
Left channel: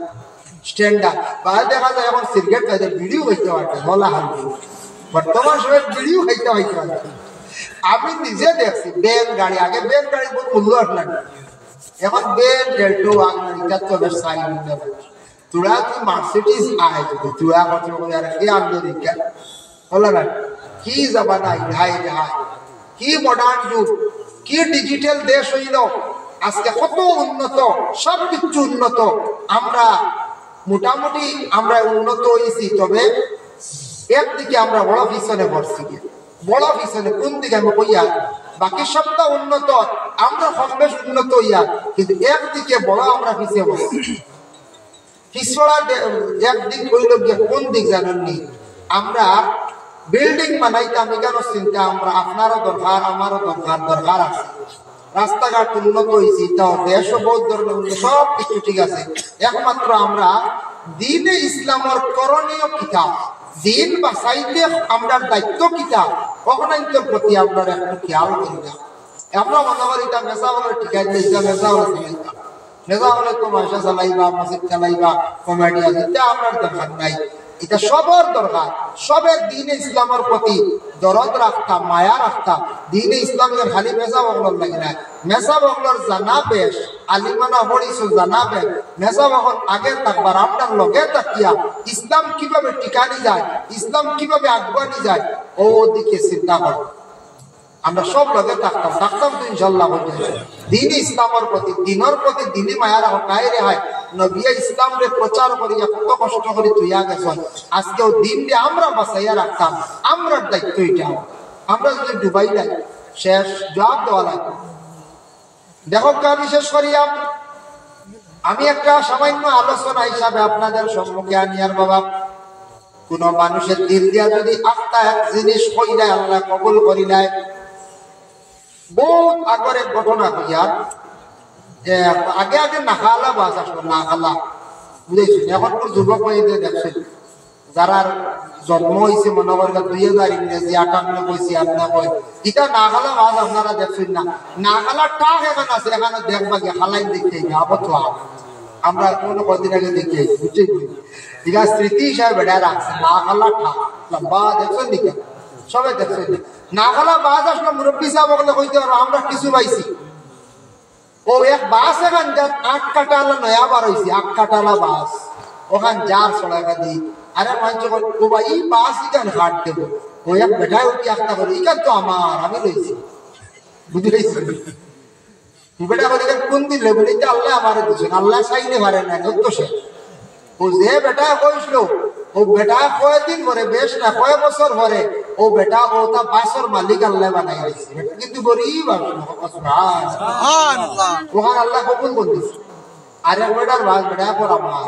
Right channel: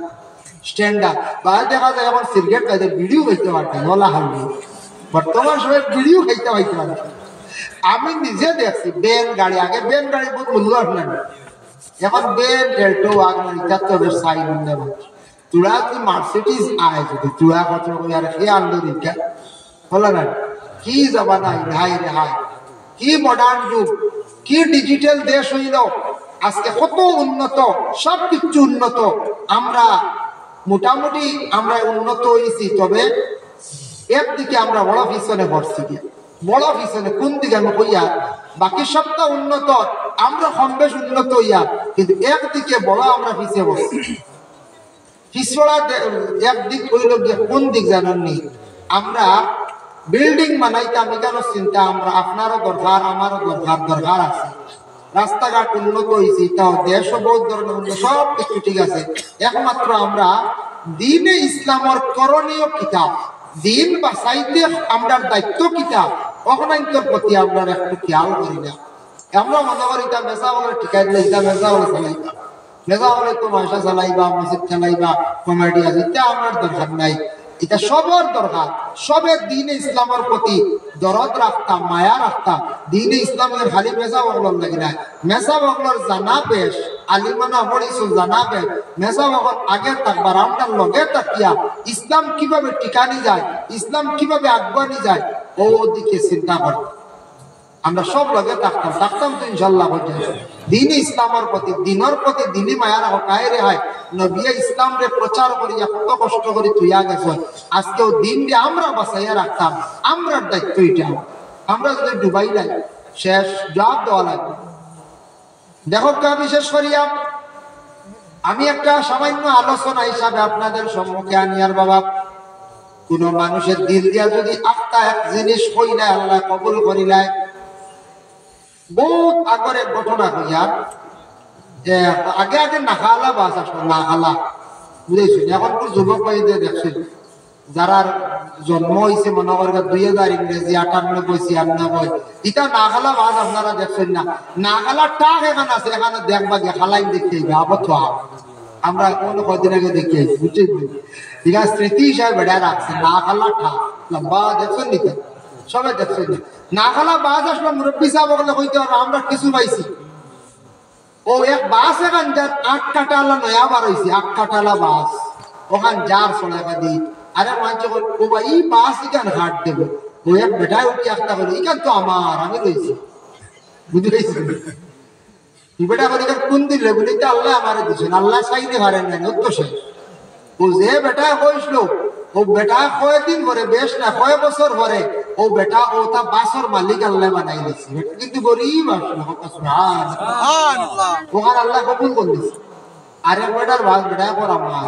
স্ট্যান্ডার্ড বাল দেখা যায় আমার সিগারেট খাইতে ভিডিও খাইতে পারতাম ওলা হালবি, বর্তমান সময় ভিডিও খাইতে পারতাম। আমি নিজে দেখছি বেন গাড়ি, আগে বেন গাড়ি বহুত মূল্য আপনার, এখন বেন ডেল্টো আপনার এটা তো বেশ সাই মনে হয় তোরা তুই মার্সিডিজ আয় যদি তোরা কত আর কে আনলো দিকা বলা না, কি জামানা হাই হাই, কি মডার্ন যুগ, কি ডিজিটাল দেশ হইল আজকে, কত উন্নত, সব কিছু উন্নত। আমরা মোটামুটি আমরা উন্নত হয়েছি, তবে একদিকে আমরা বড় পিছনে পড়ছি, বড় পিছনে কোন দিকে আমি কইয়া, বাকি সবটা উন্নত, আমরা কম বেশ উন্নত হইয়া, কিন্তু একদিকে বড় আমরা পিছিয়ে পড়ছি। পিছড়া একদিক হইল গিয়ে কোন দিক জানেননি, আমরা বিল্ডিং বানাইতাম এখানে চিন্তা, আমরা আপনারও দরকার আমারও দরকার আছে, রাস্তাঘাট উন্নত হয়েছি, তাও দেশও বহুত ধরনের সব কিছু ঠিক আছে, একমাত্র আমরা দিনে ইসলামের করণীয় কিতাব, দিন বাঁচাইতে আমরা দায়িত্ব কিতাব অহনাইন্তর প্রতি আমরা একটু খেয়াল করি না। আমরা মনে করি এটা মেসা বলে ঠিকাই দিলে এটা মেসা বলে চালাইবা, মেসা বলে তো মাসা চালাইবা, মসজিদ চালাইবা, কমেডি আছে, এটা আমার দরকার নাই। এটা সবার দরকার, সবের দিনে ইসলামের প্রতি দরদ রাখতাম, মায়া রাখতাম। দিনে ইসলামের খালি মেসা বগলর লাগে না, মেসা বগলর জানা বেশ আলিমানা হরিস জানা বেশ, মেসা বগল আগে থাকবার আপনার লগে তাকিয়া ইসলাম কিভাবে টিকানি যায়, ইসলাম কিভাবে আগুয়ানি যায়, ও দিকে চিন্তা কর। আমরা সব লগে থাকতাম তো ইনশাল্লাহ দিনে ইসলামের প্রতি, দিনের প্রতি দিনে মায়া রাখো কায় রেহাই। নবিয়া ইসলাম রে প্রচার করিয়া কত কষ্ট করে তুইয়া গেছ, আজকেও দিন রে আমরা বাঁচাইয়া রাখতাম, আমরা দায়িত্ব এটা। আমরা যদি ডুবাই যাই শেষ জবাব দেওয়া লাগবে। দেখো বিশেষ করিয়া আমি একটা সামান্য আলোচনা হিসাবে আপনাদের সম্মুখে আনিয়ার বাবা, কোন মানুষের দিল দিয়া যদি একটা এক জিনিস কইলে আল্লাহ কবুল করিলাই, বহুত আগরের ঘটনা হইয়া যে আগে আগে নাখালা বাস আসলো, নাখালা বুঝেছি। এখন তো যুবক ভাইদের দেখছেন যারা জন্ম হয়েছে মনে করবে 2000 ইংরেজি 98-96 এটা নাখালা বাস আপনারা দেখছেন না, নাখালা টাক এখানে আছে, এখানে দেখবা গে খালাই দেখতে আবদ্ধ আমরা কোনো কদিন আগে দেখে বুঝছি, ঠিক আছে স্মৃতি হিসাবে বেড়ে রাখছে নাখালা টাক লম্বা দেখছেন দিকে সবাই দেখছেন না খালা বাস আসলে মুরব্বী সাহেব ওগুলো কইতে পারবো আমরা কিছু পাইছি। ও এক বাস এখান যার 8 কাটালা নয়া বার হয়েছে, 8 কাটালা বাস ওখান যার সোলাকা দি, আরে মানুষ ও ভাই এই বাস এখান হাট দেবো, ও এক বেটায় উঠি একটা বলে এখান তো আমার আমি রয়েছি বুঝতে পেরেছি, বেটা করে কোন দিলে বলে আল্লাহ আমার দিচ্ছেন, আল্লাহ চাইলে হারে নাই তো সে ও যে বেটা কইসলো, ও বেটা কয়েকদিন পরে বেশ না কয়েক বছর পরে ও বেটা ও তা বাসর মালিক আল্লাহ বানাই দিয়েছে, কিন্তু গরিব ওখানে আল্লাহ কবুল করে দিচ্ছে। আরে বেটার বাস বেটা পর আমার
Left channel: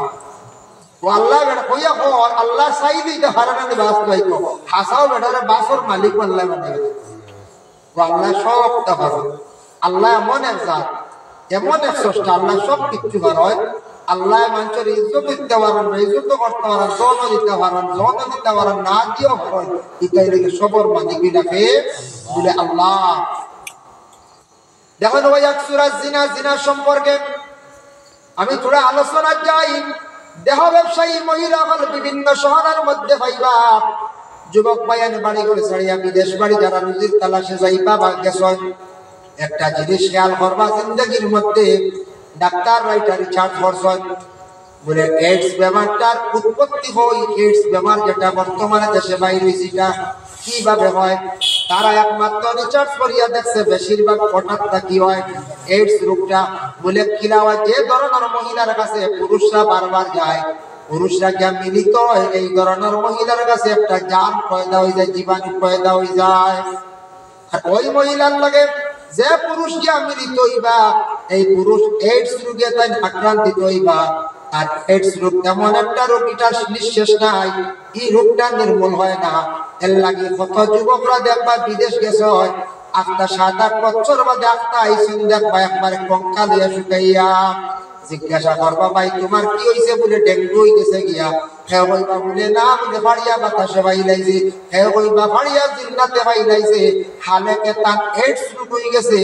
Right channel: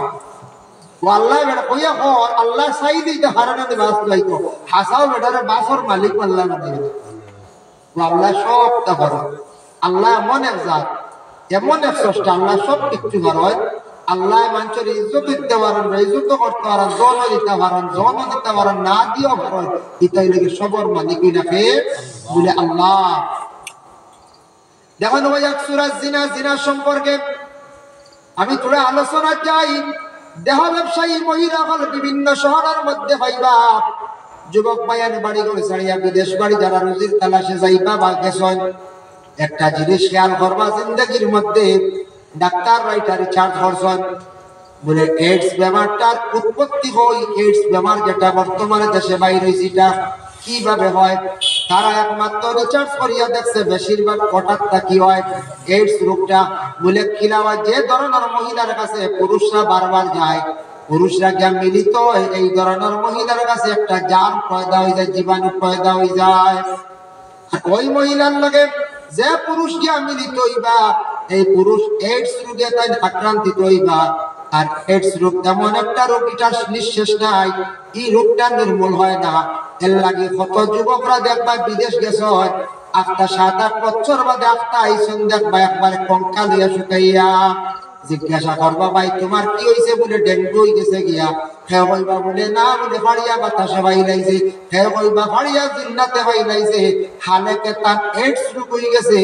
আল্লাহ কইয়া কো আল্লাহ চাই দিতে পারে না বাস কইতো হাসাও বেটারে বাসর মালিক আল্লাহ বানাই আল্লাহ সব পারে আল্লাহ এমন এক জাত এমন এক স্রষ্টা আল্লাহ সব কিছু পারে আল্লাহ মানুষের ইজ্জত দিতে পারেন ইজ্জত করতে পারেন যৌন দিতে পারেন যৌন দিতে পারেন না দিয়েও পারেন এটাই লেগে সবর মালিক ডাকে বলে আল্লাহ। দেখুন ওই এক সূরা জিনা জিনা সম্পর্কে আমি থোড়া আলোচনা চাই। দেহ ব্যবসায়ী মহিলাগণ বিভিন্ন শহরের মধ্যে পাইবা যুবক ভাইয়ান বাড়ি করে ছাড়িয়া বিদেশ বাড়ি যারা রুজির তালাশে যাইবা বা গেছেন একটা জিনিস খেয়াল করবা জিন্দগির মধ্যে ডাক্তার রাইটা রিসার্চ করছেন বলে এইডস বেমারটার উৎপত্তি হয় এইডস বেমার যেটা বর্তমানে দেশে বাইরে হয়েছে কিভাবে হয় তারা একমাত্র রিসার্চ করিয়া দেখছে বেশিরভাগ হঠাৎ কি হয় এইডস রোগটা বলে কিলা হয় যে ধরনের মহিলার কাছে পুরুষরা বারবার যায় পুরুষরা যা মিলিত হয় এই ধরনের মহিলার কাছে একটা জাম পয়দা হয়ে যায় জীবাণু পয়দা হয়ে যায় আর ওই মহিলার লাগে যে পুরুষ যা মিলিত হইবা এই পুরুষ এইডস রোগে তাই আক্রান্তিত হইবা আর এইডস রোগ তেমন একটা রোগ এটা নিঃশেষ নাই এই রোগটা নির্মূল হয় না এর লাগে কত যুবকরা দেখবা বিদেশ গেছে হয় আফতা 7-8 বছর বাদে আফতা আইসন দেখবা একবারে কঙ্কালিয়া শুকাইয়া জিজ্ঞাসা করবা ভাই তোমার কি হইছে বলে ডেঙ্গু হয়ে গেছে গিয়া হে হইবা বলে না বলে ফাড়িয়া বাতাসে বাইলাইছে হে হইবা ফাড়িয়া জিন্নাতে বাইলাইছে হালেকে তার এইডস রোগ হয়ে গেছে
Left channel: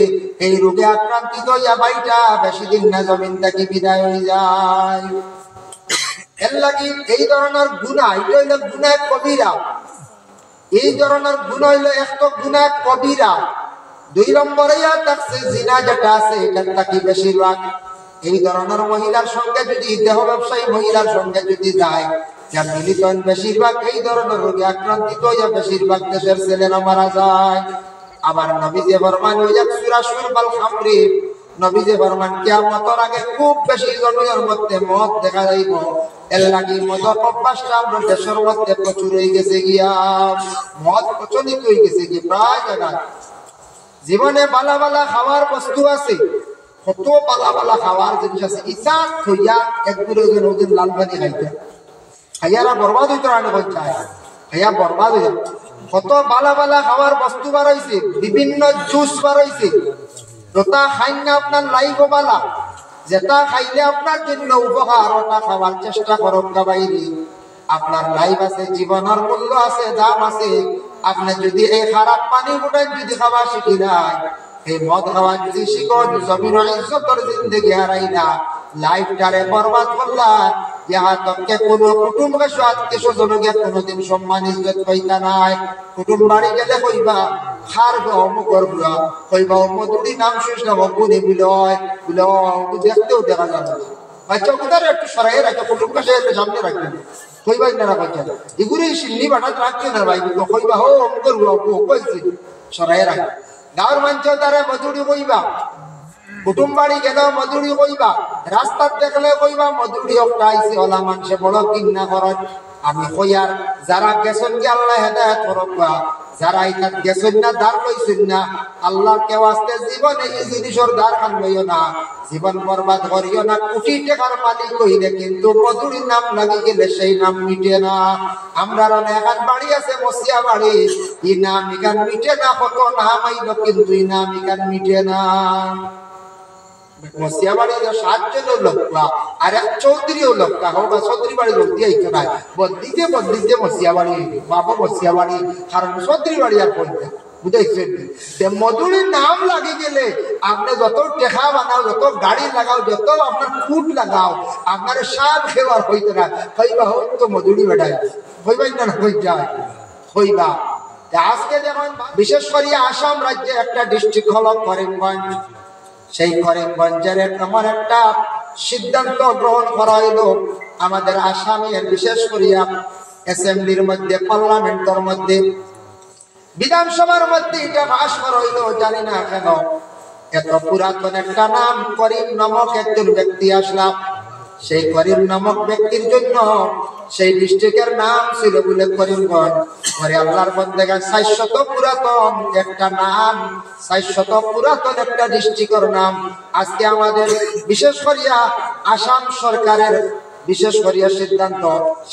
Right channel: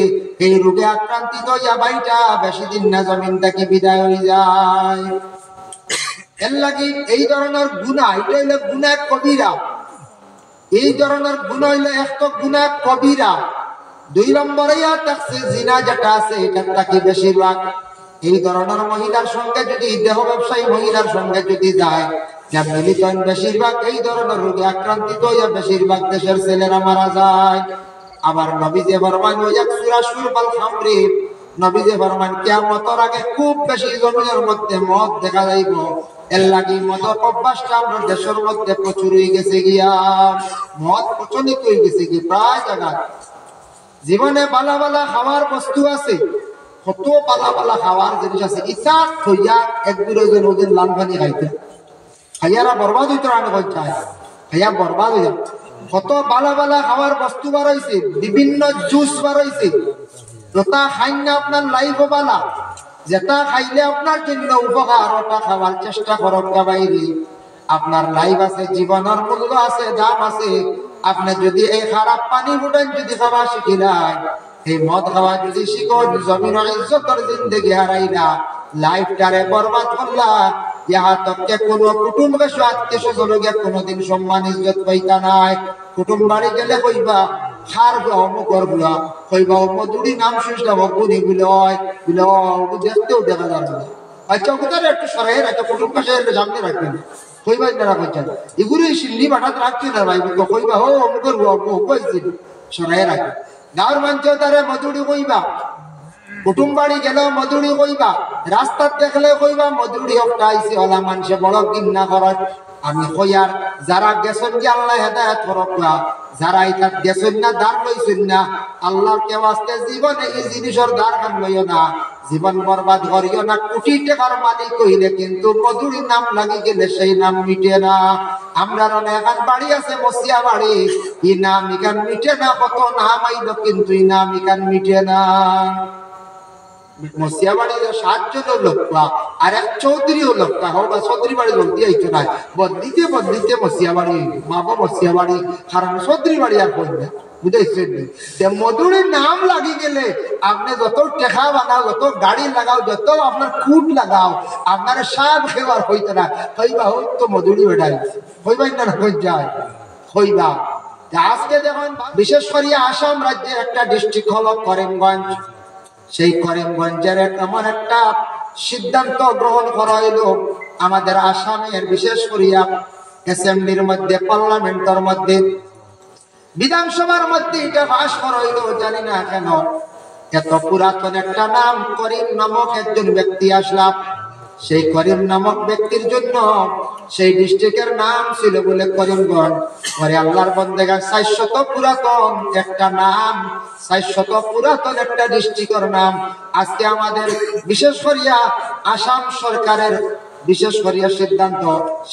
এই রোগে আক্রান্তিত হইয়া বাইটা বেশি দিন না জমিন থেকে বিদায় হয়ে যায়। এর লাগি এই ধরনের গুনাহ এটা হইলো গুনাহ কবিরা এই ধরনের গুনাহ হইলো একটা গুনাহ কবিরা। 2 নম্বরে থাকছে জিনা যেটা আছে এটা তাকে বেশিরভাগ এই ধরনের মহিলার সঙ্গে যদি দেহ ব্যবসায়ী মহিলার সঙ্গে যদি যায় যার মিলিত বেশিরভাগ এই ধরনের রোগে আক্রান্তিত হইয়া বেশিরভাগ দেশের ছেলেরা মারা যায়। আবার নবীজি ফরমান ওই এক সূরা সূরাল খামরি নবীজি ফরমান কিয়ামতের আগে খুব বেশি জমিনের মধ্যে মদ দেখা যাইব এর লাগি মদ অভ্যাসটা আমাদের দেশের মধ্যে প্রচুর হয়ে গেছে গিয়া মদ প্রচলিত হয়ে গেছে কি প্রায় জায়গায় জীবনে বালা বালা খাওয়ার বস্তু আছে কত বালা বালা খাওয়ার জিনিস আছে ইচ্ছা হইয়া এক দূরে যেন ওদের লাল পানি খাইতে খাইয়ারা বরবাদ হইতে রানে চায় খাইয়া বরবাদ হয়ে কত বালা বালা খাওয়ার বস্তু বার হয়েছে বিভিন্ন জুস বার হয়েছে যেটা খাইলে আপনার লাইফ বালা যেটা খাইলে আপনার জন্য উপকার ওটা খাওয়ার চেষ্টা করব বাইরে আপনার লাইফ আছে জীবনের মূল্য আছে দাম আছে আপনি যদি এই খারাপ পানি ফুটান যদি খাওয়া শিখিলাই এই মদ খাওয়া যদি শিখো জমিনের ইজ্জতের জিন্দেগি হারাইলা লাইফটারে বরবাদ করলা ইহা তককে কোনো কুটুম্ব আত্মীয় স্বজনকে কোনোদিন সম্মান ইজ্জত পাইতা নাই কুটুম বাড়ি গেলে কইবা খার অমুকর বুড়া কইবা মধুরি নাম শুনলাম অগুনি বিলয় দেখতেও দেখা যায় না আচ্ছা কোথায় একটু সরাই রাখতে কুটুম কাছে সামনে রাখবেন কইবা না করছেন এগুলো সিল্লি বাটাত রাখছে না ভাই কইবা হো অমুকর কইছি সরাই রাখবে গাঁর মানুষ তারা মধুরি কইবা কুটুম বাড়ি গেল মধুরি কইবা রাস্তা দেখলে কইবা মধুরি একটা আইছে ওলা মানুষে বড় কিন্না করেন আমি কইয়ার যারা গেছেন কি আল্লাহ হেদায়েত করবা যারা এটা গেছেন না দাঁড় লইছেন না আল্লাহর কেউ আসতে জীবনে এই জিনিসের দাঁড় খান লইও না জীবন বরবাদ করিও না কোটি টাকার মালিক কইলে কিন্তু মধুরির নাম লাগি গেলে সেই নাম মিটে না আমরা এখন বাড়ি আছে বসিয়া বাড়ি এই নাম ইকান মিটে না কত নাম আইল কিন্তু এই নাম ইকান মিটে না মসিয়া বাড়ি 7 জনের লোক আর এক চৌধুরীও লোক হোক বা চৌধুরী বাড়ি লোক দিয়ে আইতো না বদলিতে মসিয়া বাড়ি বাবা মসিয়া বাড়ি কারণ চৌধুরী বাড়ি আর পড়বে বুঝাইছেন মধুরির নাম লাগি গেলে আপনি যত টেকা বানাও যত গাড়ি লাগাও যত আপনার কুট লাগাও আপনার সাপ খেবার হইতো না হইবা হোক তো মধুরি বেটাই হইবাই না হয়ে যায় হইবা আজকে যেমন বিশেষ করে আসাম রাজ্যের একটা ডিস্ট্রিক্ট হল করিমগঞ্জ সেই করিমগঞ্জের এমন একটা সিদ্ধান্ত গ্রহণ করা হইল আমাদের আসামের বিশেষ করিয়া অ্যাসেম্বলির মধ্যে পার্লামেন্টের মধ্যে বিধানসভার মধ্যে এটা পাশ করা হইল জানি না কেন এত পুরাতন একটা নাম করিম নামক একজন ব্যক্তি আসলাম সেই করিম নামক ব্যক্তির জন্য সেই ডিস্ট্রিক্টের নাম ছিল বলে করিমগঞ্জ পরে আল্লাহর বন্দেগা 400 পুরাতন একটা নাম 400 পুরাতন একটা ডিস্ট্রিক্টের নাম আজকে আমাদের বিশেষ করিয়া আসাম সরকারের বিশেষ করিয়া সিদ্ধান্ত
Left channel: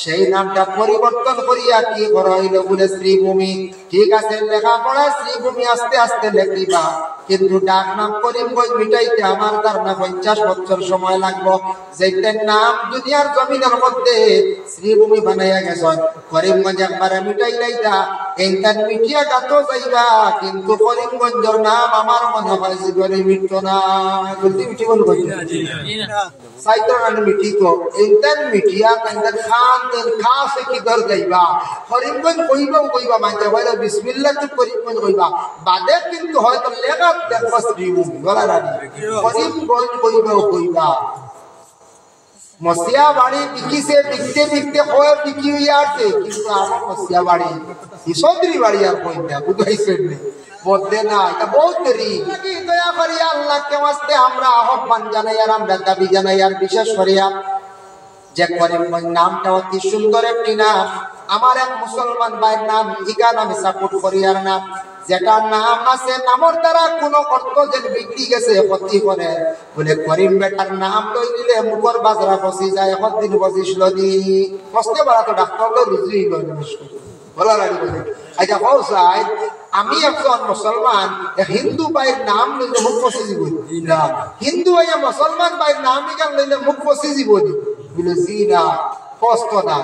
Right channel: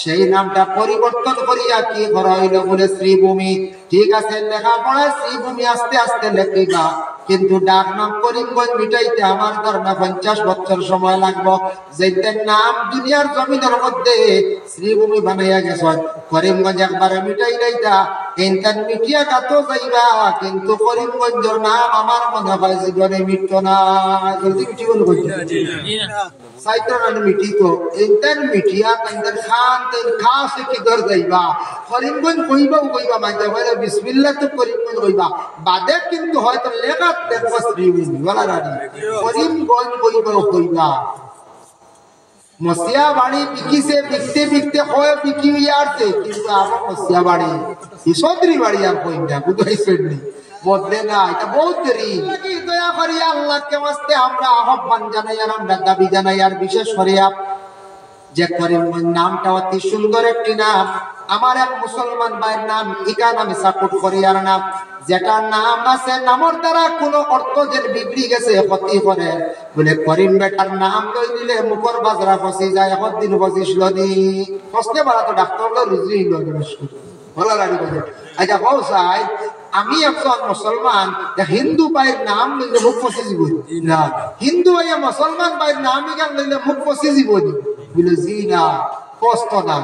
সেই নামটা পরিবর্তন করিয়া কি করা হইল বলে শ্রীভূমি। ঠিক আছে, লেখাপড়া শ্রীভূমি আস্তে আস্তে লেখিবা, কিন্তু ডাক নাম করিমগঞ্জ মিটাইতে আমার ধারণা 50 বছর সময় লাগবো। যেটার নাম দুনিয়ার জমিনের মধ্যে শ্রীভূমি বানাইয়া গেছ, করিমগঞ্জ একবার মিটাই লাইতা এইটার মিটিয়া গাতো যাইবা, কিন্তু করিমগঞ্জের নাম আমার মনে হয় জীবনে মিটতো না। জলদি মিটি বল সাইতের মানে মিটি তো এইটার মিটিয়া তাইদের খান তেল খাসে কি দর যাইবা, করিমগঞ্জ কইবা মানতে পারে বিসমিল্লাহ তো করিমগঞ্জ কইবা, বাদে কিন্তু হয়তো লেখা দেখবা শ্রীভূমি বলা রানি, করিমগঞ্জ কইবা। মসিয়া বাড়ি পিকিছে বিকতে বিকতে হয় পিকি হইয়া আসছে, কিন্তু আমার মসিয়া বাড়ি ঈশ্বরী বাড়ি আর কইনা বুঝাইছেন নি বদলে না, এটা বহুত দেরি। দয়া করিয়া আল্লাহকে ওয়াস্তে আমরা আহ্বান জানাই আর আমরা দাবি জানাই, আর বিশেষ করিয়া যে করিমগঞ্জ নামটা অতি সুন্দর একটি নাম। আমার এক মুসলমান ভাইয়ের নাম ইকান আমি সাপোর্ট করি, আর নাম যেটা নাম আছে নামের দ্বারা কোন অর্থ যে বিগড়ি গেছে ক্ষতি করে বলে করিম বেটার নাম লই দিলে মুখর বাজরা ফসি যায়, দিন ফসিছিল দি ফসতে পারা তো ডাক্তার রুজি হইল বলা রাখি। আচ্ছা কৌসাই আমি একজন মুসলমান হিন্দু ভাইয়ের নাম লইলে মুখ ফসি দিব না, হিন্দু ভাইয়া মুসলমান ভাইয়ের নাম ইকান লইলে মুখ ফসি দিব বলে জি না কষ্ট না,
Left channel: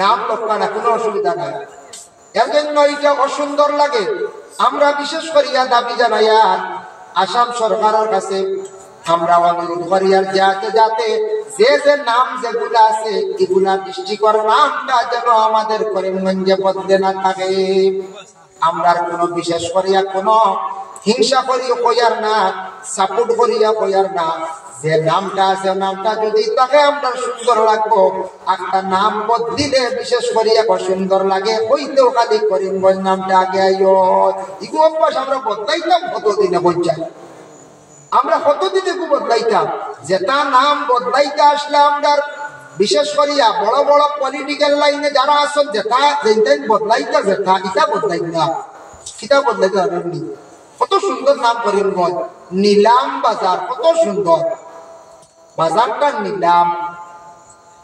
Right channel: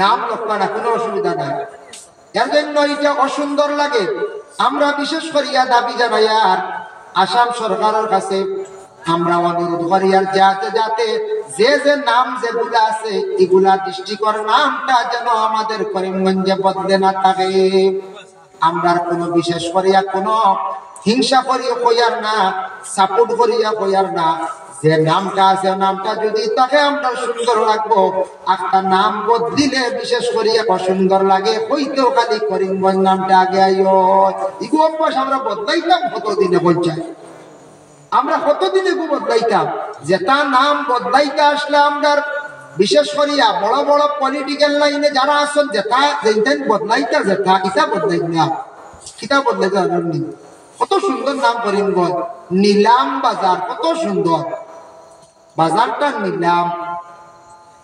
নাম লক্ষ্য না, কোনো অসুবিধা নাই। এর জন্য এটা অসুন্দর লাগে। আমরা বিশেষ করিয়া দাবি জানাই আর আসাম সরকারের কাছে আমরা অনুরোধ করি আর যাতে যে নাম যেগুলো আছে এগুলা ডিস্ট্রিক্টের নামটা যেন আমাদের করিমগঞ্জে বদলে না থাকে। আমরা কোনো বিশেষ করিয়া কোনো হিংসা করিয়া কইয়ার না, সাপোর্ট করিয়া কইয়ার না, যে নামটা আছে নামটা যদি তাকে আমরা সুন্দর রাখবো, একটা নাম বদলিলে বিশেষ করিয়া সুন্দর লাগে হইতেও খালি করিমগঞ্জ নামটা আগে আইও। ইগো অভ্যাস আমরা বদলাইতাম কতদিনে বলছাই, আমরা কতদিনে বদলাইতাম, যেটা নাম বদলাইতে আসলে আমরা বিশেষ করিয়া বড় বড় পলিটিক্যাল লাইনে যারা আসল যেটা বদলাইতা যেটা এটা বদলাই না, এটা বদলাইতে পারেননি। কত সুন্দর নাম করিমগঞ্জ, নিলাম বাজার, কত সুন্দর বাজারটা নিলাম,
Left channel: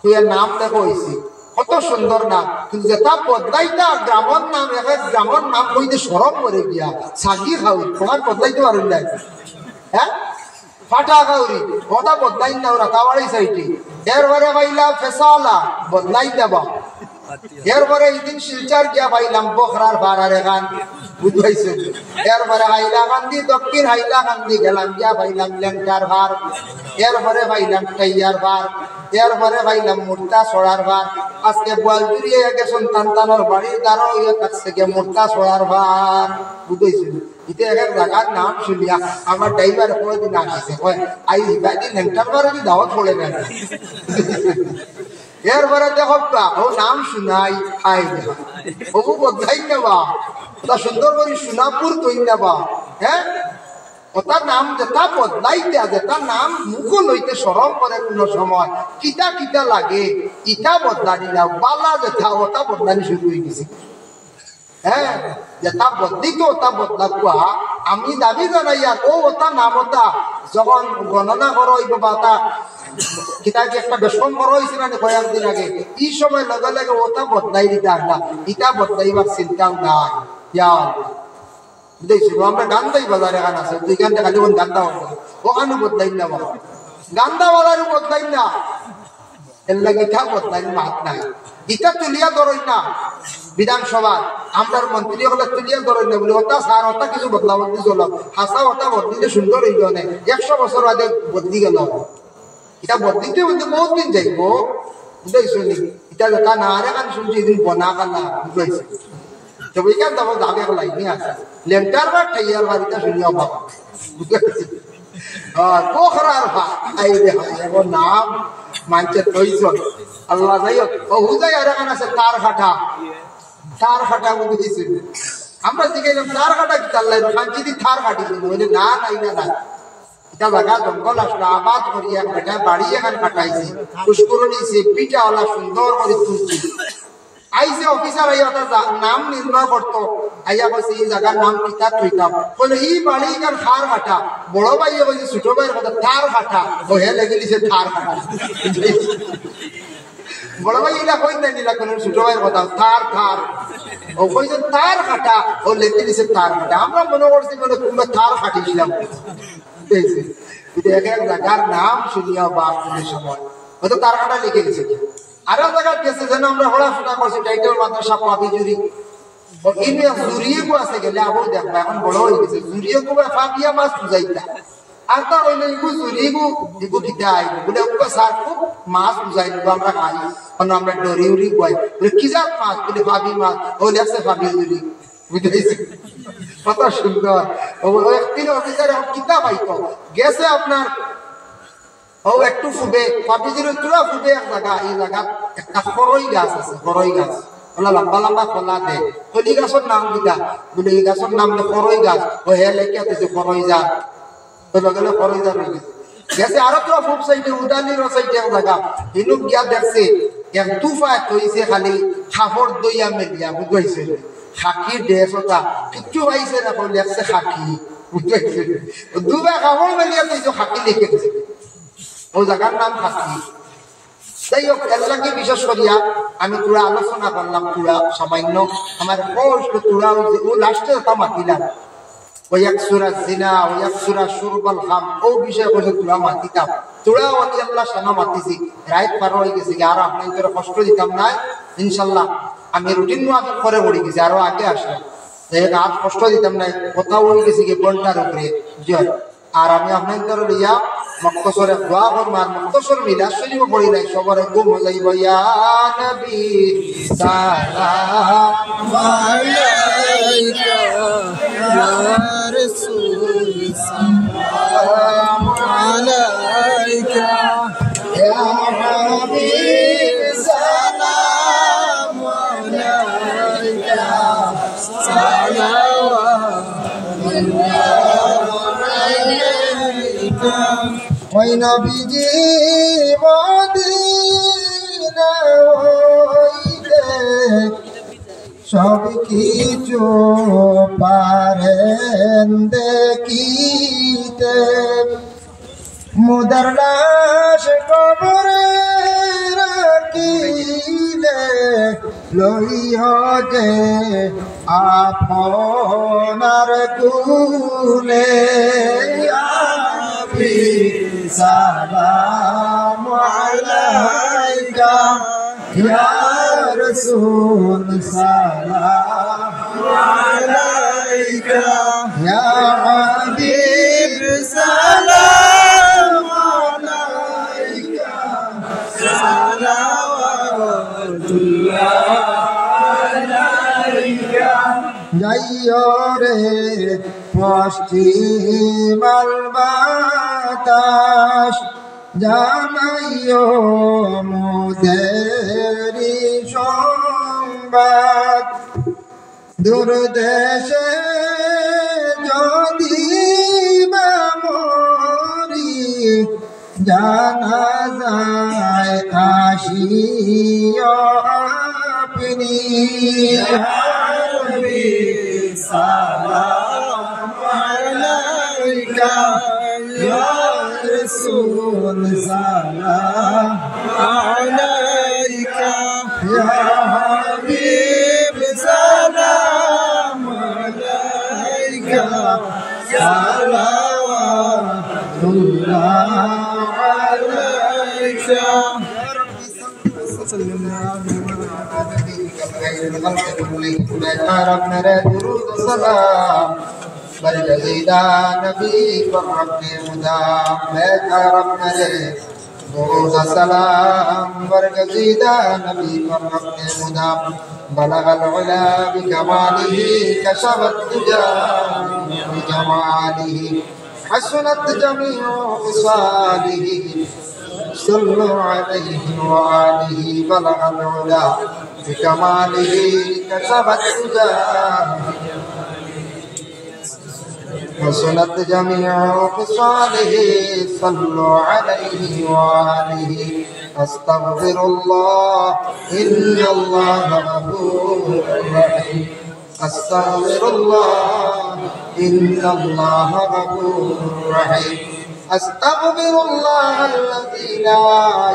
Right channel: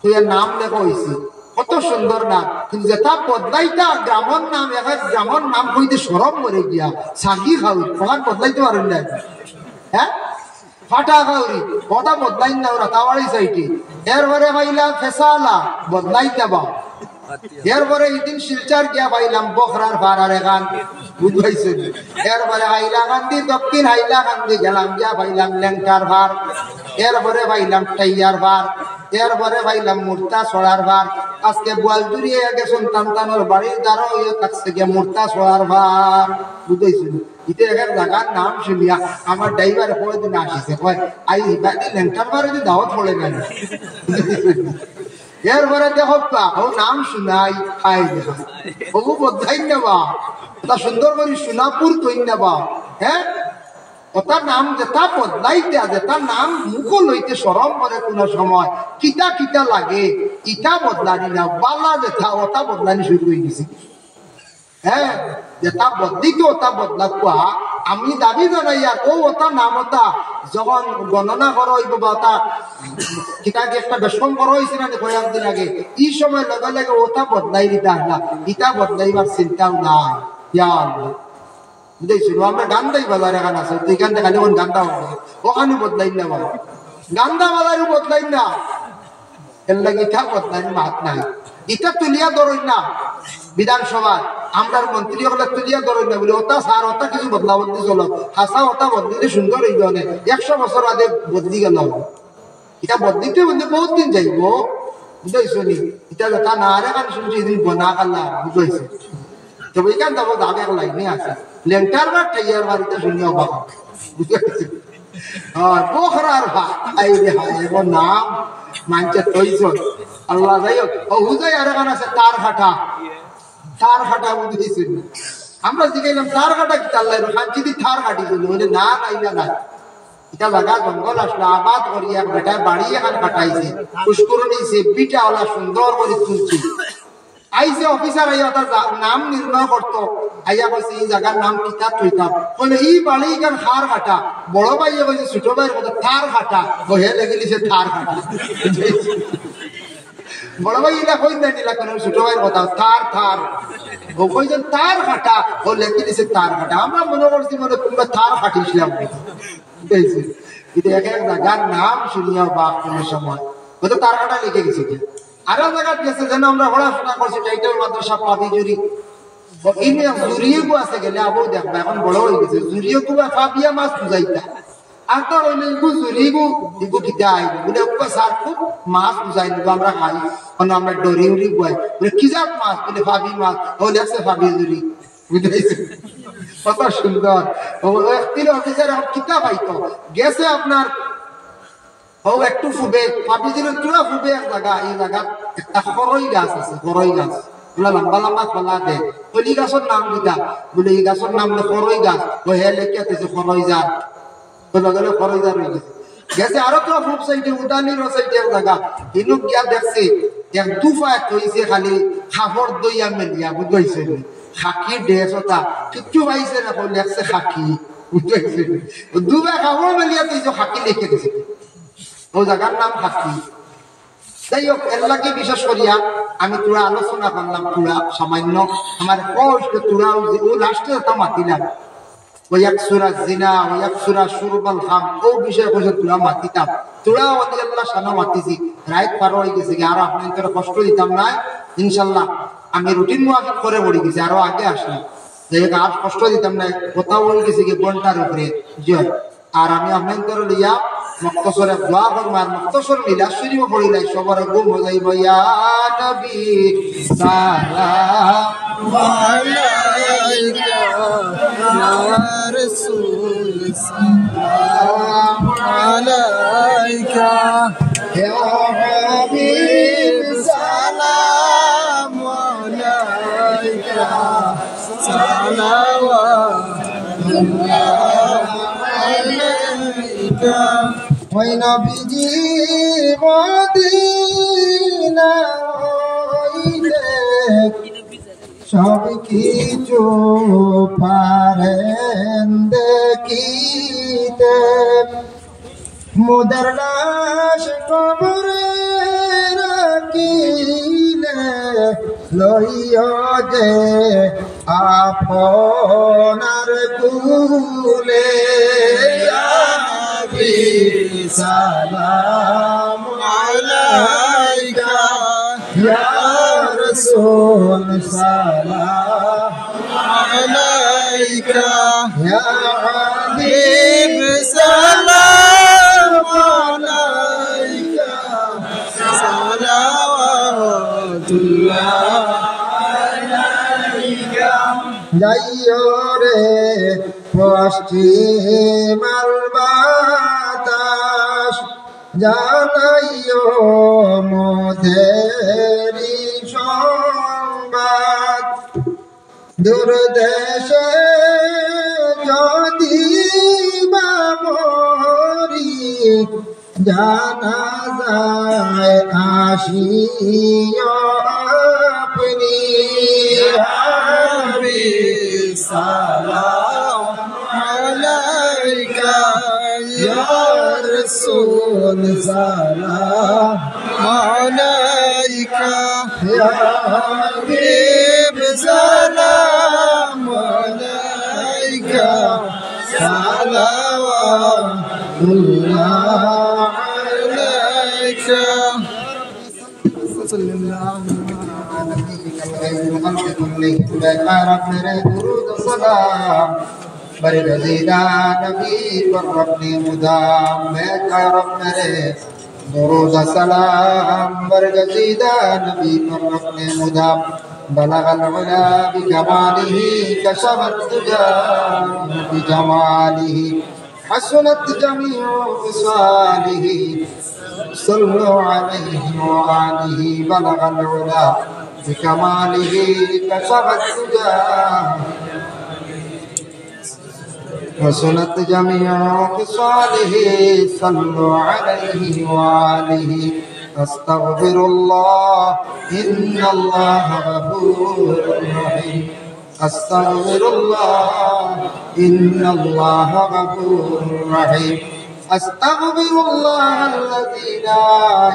তুই নাম লেখা হয়েছে কত সুন্দর নাম, কিন্তু যেটা বদলাইতা গ্রামের নাম এখন গ্রামের নাম কইতে সরম করে গিয়া সাগি খাওয়া তোমার বদলাইতে পারেন না, হ্যাঁ ফাটা খাওরি ওটা বদলাই না ওরা কাওয়ারি সাইটি, এরপরে পাইলা ফেসালা বদলাই দেবা, এরপরে এইদিন শিলচার গিয়া পাইলাম বখরার ভাড়ার এখান বুঝবাইছেন, এরপরে হাইলাকান্দি দক্ষিণ হাইলাকান্দি গেলাম গিয়া পাইলাম লেংটার ভার, এরপরে পাইলাম টাইয়ার ভার, এরপরে পাইলাম মুর্তা ছড়ার ভার, আজকে বোয়ালজুড়ি গেছেন টানটানোর বাড়ির দ্বারা ইয়ে কাছে গিয়ে মুর্তা ছড়ার ভার বুঝাইছেন। ইতে এক জায়গার নাম শুনিয়া আমার ড্রাইভার পরে দিন আসিছে কয় আই বাদি লেংটার ভারে দি দাওয়াত পড়ে না, এরপরে দেখো ও নাম শুনাই আই বহু বদলাই নেবা তা সুন্দর করে সোনাপুর তৈরি নেবা, হ্যাঁ ওটার নাম যেটা বদলাইতে যেটার নাম মুখ লইতে সরম করে কোন সময় কিতা কিতা লাগে ইটা বদলানি না, বালা যেটা ওটা বদলানি শুরু হয়ে গেছে, হ্যাঁ যেটা বদলিত ওটা বদলা কোয়া। আমি দাবি জানাই আর ও ওটা নাম ওটা যখন গণনা করা হইব বা ওটা কিতা কি একটা বেশম করা হয়েছে না কয়েকদিন আগে, এই সময় লগে লগে ওটা বদলাই দিতে আসলা, ইটা বদলাইবার চিন্তাও নাই। বুঝেছিল আমরা গান্দাই বাজার এখান আছে ওইখান থেকে খালি গান্দা হবে ওখানে বদলাই না, বাবা গান্দা বাজারও বদলাই না, এর লাগে ইটা বদলাই মাত নাই, ইটা তুলিয়া ধরই না বিধানসভা আমরা মন্ত্রী হলে তুলিয়া ধরই না বলে ওটা সার ওটা কিছু বদলা বদলি চল হাসা ওটা বদলিতে সুন্দর হইল না, 100 বছর আগে বদলি গেল, এটা বদলিতে বলতে বহুত দিন যাইব বুঝাইছো নি, এটা যেটা না আরে কান শুনছি এদিন বনা কালা বুঝাইছে তো ওইখান থেকে আগে এক লাইনে আছে লেংটার বা টাইয়ার বাড়িটা শুনিয়া বাবা বুঝাইছে পোখরার ভাই আই রে হায় এমন নাম মানছে তৈছ আল্লাহ যাই হোক হুজাই আর এখানে আছে তার হাটা বুঝেছি আমরা জিজ্ঞাসা তার কাটা কি চাল্লাই শান্তি থার কাটি বলে না নাই না না এটা জায়গা জঙ্গল আসলে আবাদ করিয়া বেটা বাড়ি এখানে কাটাইছে পুষ্করণী সে পিঠা ওলা সুন্দর করে তুলছি আইসে অফিসার আইয়া তার নাম নির্ণয় করতো আইয়া বলছে এই জায়গার নাম কিতা কইতাম বলে এই বাড়ি গান হার হাটা বড় ভাই বলছে ছোট ভাইয়ের কথা তার হাটা ও হে লেগেছে তার হাটা বড় ভাই এটা কই না নিলা কোন ছোট ভাইয়ের কথা তার তার ও কইছেন তার হাটা ও লেগে দিছে তার হাটা আমরা মনে করছি বলে তোমরা তার হাটিছিলাম এইছে এটা এক এক জায়গার নাম শুনিয়া বা কোন সময় ও তো তার হাটা লিখে গেছে কি আরো জায়গা গেছে যেন আমরা পড়াশোনা করছি টাইটেল মাদ্রাসা পাবি জুরি ইনি জুরিয়ে কো আছে গেলে আবু দেখবা এখন বড় হয়ে গেছে জুরিয়ে কো ফাবিয়া মাছ বুঝাইতা আর তো ওই ইগু জুরিগু ইগু কিদাই বলে ও স্যার খুব মাছ বুঝাই নিব আমরা খাই কোন আমরা ডরি উড়ি কই বলে কি যাক মাছ বলে ফাবি মাছ ও লেখছে ফাবি জুরি বুঝাইছে কত সুন্দর ও একদিন অফিসার কিতাব আইতো গেছে আপনার ও একটু ফুবে ফাবি জুরি তুলা ফুবে এক জায়গা এই জায়গা একটা খরই গাছ আছে খরই গাছ ওলা লম্বা লম্বা খোলা দে কলি গাছের নাম কিটা বলে এই গাছের নাম খরই গাছ ও হে লেখা আছে খরই যা তো গেলে খরই যা রয়ে গেছে গেছে আরো তো ফুব সাইডে উদানির সাইডে জায়গা ইনু গিয়া দেখছে এক তুফা কইছে খালি খাফর দইয়া মেলিয়া বুঝাইছে খাকি ড্রেস ওটা কিচ্ছু পাইছে না বলে লেখছে খাকি বুঝাইছে দুবা খাফর মেলিয়া কইছে খাকি লিখে দিছে ও জায়গার নাম খাকি যাই হোক এলাকে বিশেষ করিয়া আমি তোরা আলোচনা করলাম তোরা সামান্য আমার কষ্ট তোরা ও লাস্টে তা মাতিলাম ওই এক সুরা জিনা ওই এক সুরা সুরবাল খাম ও বিষয় কইছে তোরা মাতিতাম তোরা অলি আল্লাহ সানা মাতিছি রাত পার হয়ে গেছে আর আপনাদের কষ্ট দিতাম না ইনশাআল্লাহ আমি রুটিন মাফিক করে বড়ি গেছি আরো আগে আসলাম যাই হোক আর কষ্ট দিতাম না কোথাও হয়ে গেছে কি ঘন্টার উপরে জয় আর আমি আপনাদের লিয়া মক্তসরে দোয়া করবার মক্তসর মিলাদ শরীফ পড়ি নাই সবার গো মজাইব ইয়া নবী সালাম আলাইকা ইয়া রাসূল সালাম আলাইকা ইয়া হাবিব সালাম আলাইকা সালাওয়াতুল্লাহ ওই নবীজি মদিনা হইলে সব কিছু পারেন দেখিতে মুদার লাশ কবরে রাখিলে লইয়া যে আপনার কুলে সালাম আলাইকা ইয়া রাসূল সালাম আলাইকা ইয়া হাবিব সালাম আলাইকা সালাওয়াতুল্লাহ আলাইকা যাইও রে পশ্চিমাল বাতাস জানাইও মোদেরি সংবাদ দূর দেশে যদি বা মরি জানা যায় আসিও আপনি সালাম আলাইকা ইয়া রাসূল সালাম আলাইকা ইয়া হাবিব সালাম আলাইকা সালাওয়াতুল্লাহ আলাইকা وسلم السلام برگزیدہ نبی پر ربنی مدام بیتا رب مرے درود السلام برگزیدہ نبی پر ربنی مدام بلغ العلا بکماله کشف الدجا بجماله حسنت جميع خصاله صلوا عليه وآله بلغ العلا بكماله كشف الدجى وسنت جميع خصاله صلوا عليه وآله أستغفر الله إن الله غفور رحيم আস্তাগফিরুল্লাহ ইন্নাল্লাহা গফুরুর রহিম আস্তাগফিরুল্লাহাল্লাযী লা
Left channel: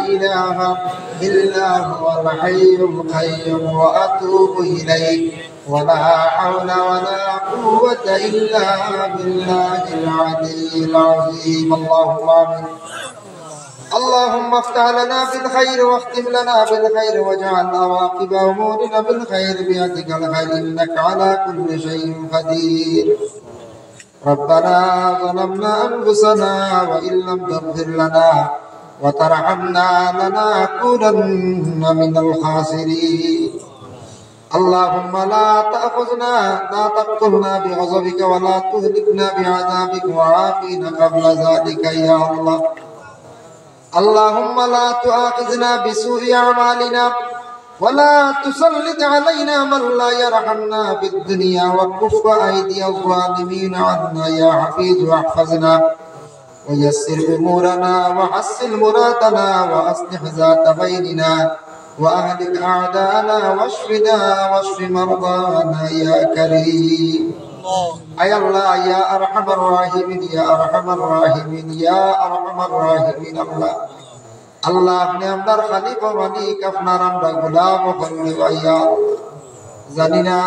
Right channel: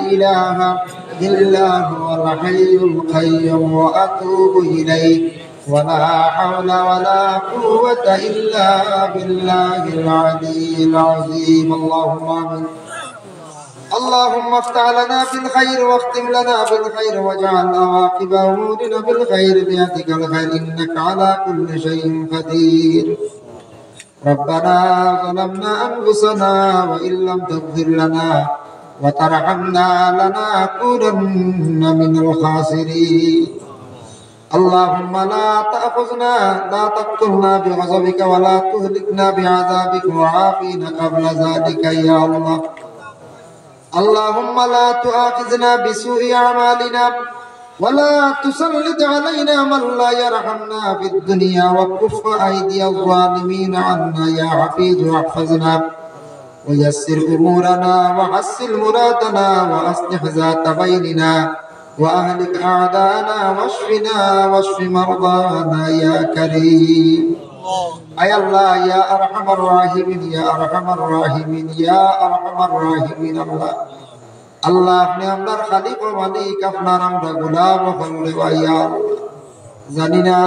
ইলাহা ইল্লা হুয়াল হাইয়ুল কাইয়্যুম ওয়া আতুবু ইলাইহি ولا حول ولا قوة إلا بالله العلي العظيم اللهم آمين اللهم افتح لنا بالخير واختم لنا بالخير واجعل عواقب أمورنا بالخير بيدك الخير إنك على كل شيء قدير ربنا ظلمنا أنفسنا وإن لم تغفر لنا وترحمنا لنكونن من الخاسرين اللهم لا تقتلنا بغضبك ولا تهلكنا بعذابك وعافنا قبل ذلك يا الله اللهم لا تؤاخذنا بسوء أعمالنا ولا تسلط علينا من لا يرحمنا في الدنيا وكف أيدي الظالمين عنا يا حفيظ واحفظنا ويسر أمورنا وحسن مرادنا وأصلح ذات بيننا وأهلك أعداءنا واشفنا واشف مرضانا يا كريم أي الله يا أرحم الراحمين يا أرحم الراحمين يا أرحم الراحمين الله الله আপনি আমরার খালিক ও মালিক আপনার আমরা গোলাম হলে ভাইয়া জানি না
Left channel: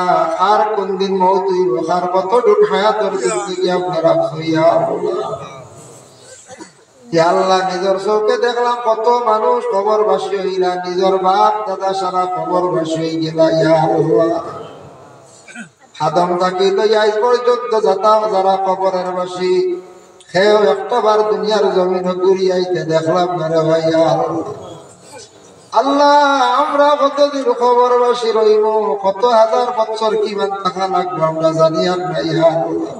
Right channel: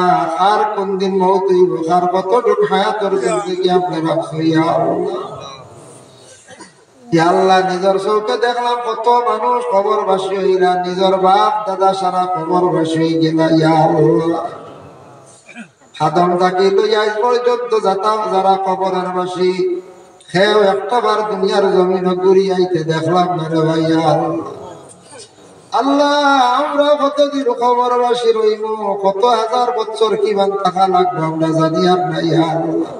আর কোন দিন মওত হইব আর কতটুক হায়াতের জিন্দেগি আপনার আফসইয়া আল্লাহ ইয়া আল্লাহ নিজের চোখে দেখলাম কত মানুষ কবরবাসী হইলা নিজের বাপ দাদা সারা কবরবাসী হয়ে গেলা ইয়া আল্লাহ হাদম থাকি লইয়া আজ পর্যন্ত যারা কবরের বাসী খেয়েও একটাবার দুনিয়ার জমিন ঘুরিয়াইতে দেখলাম না রে ভাইয়া আল্লাহ আমরা কতদিন কবরবাসী রইব কত হাজার বছর কিমান টাকা লাগবে আমরা জানি না ইয়া আল্লাহ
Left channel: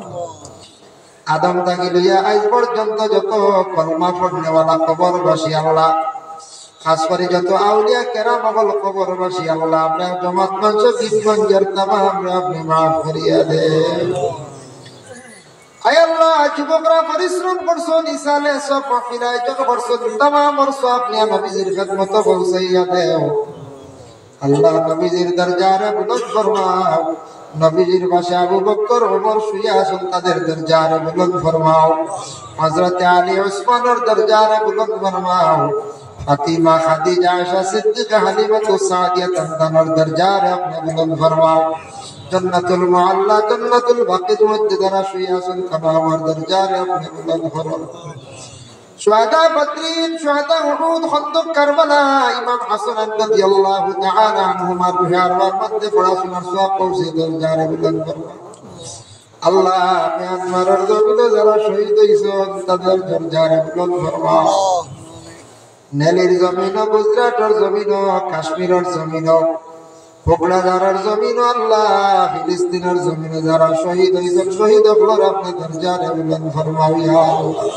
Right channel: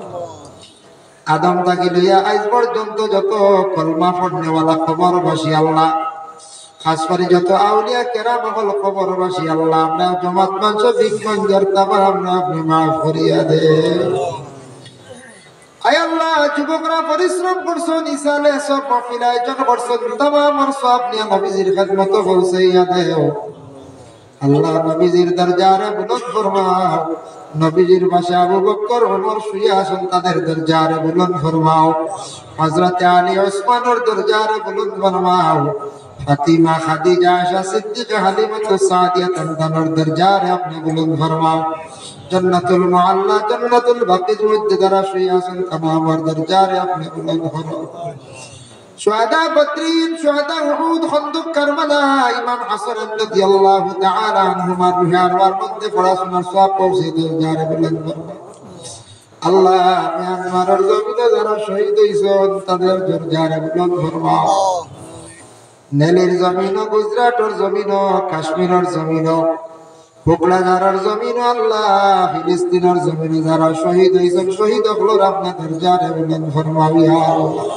আদম থাকি লইয়া আজ পর্যন্ত যত কলমা পড়নেওয়ালা কবরবাসী আল্লাহ খাস করে যত আউলিয়া কেরাম বল কবরবাসী আল্লাহ আমরা জমাত মাংস বিজ্ঞান তামা আমরা আপনি মাফ করিয়া দে আয় আল্লাহ যুবকরা পরিশ্রম করছো নিসালে সব মাহফিলায় যত করছো তামাম করছো আপনি নবীজির খিদমত পৌঁছাইয়া দেও আল্লাহ নবীজির দরজারে বুলন্দ ফরমাও নবীজির পাশে আবু বকর ওমর শুয়ে আছেন তাদের দরজারে বুলন্দ ফরমাও হযরত আলী ওসমানের দরজারে বুলন্দ ফরমাও ফাতিমা খাদিজা আয়েশা সিদ্দিকা হালিমা সাদিয়া তানতানের দরজারে আপনি বুলন্দ ফরমাও জান্নাতুল মুআল্লা জান্নাতুল বাকির মধ্যে যারা শুয়ে আছেন তামামের দরজারে আপনি বুলন্দ ফরমাও শুহাদা বদরিন শুহাদা উহুদ খন্দক কারবালা ইমাম হাসান রাদিয়াল্লাহু তাআলা আনহুমার রুহের মধ্যে পড়াশোনার সওয়াব পৌঁছে দরজারে বুলন্দ ফরমাও আল্লাহ মিয়ানমারের জমিনে যারা শহীদ হইছেন তাদের দরজারে বুলন্দ ফরমাও নেলির জমিন গুজরাটের জমিন কাশ্মীরের জমিন পোকড়াদারের জমিন আল্লাহ ফিলিস্তিনের জমিন যারা শহীদ হইছেন শহীদ হল আপনার দরজারে বুলন্দ ফরমাও ইয়া আল্লাহ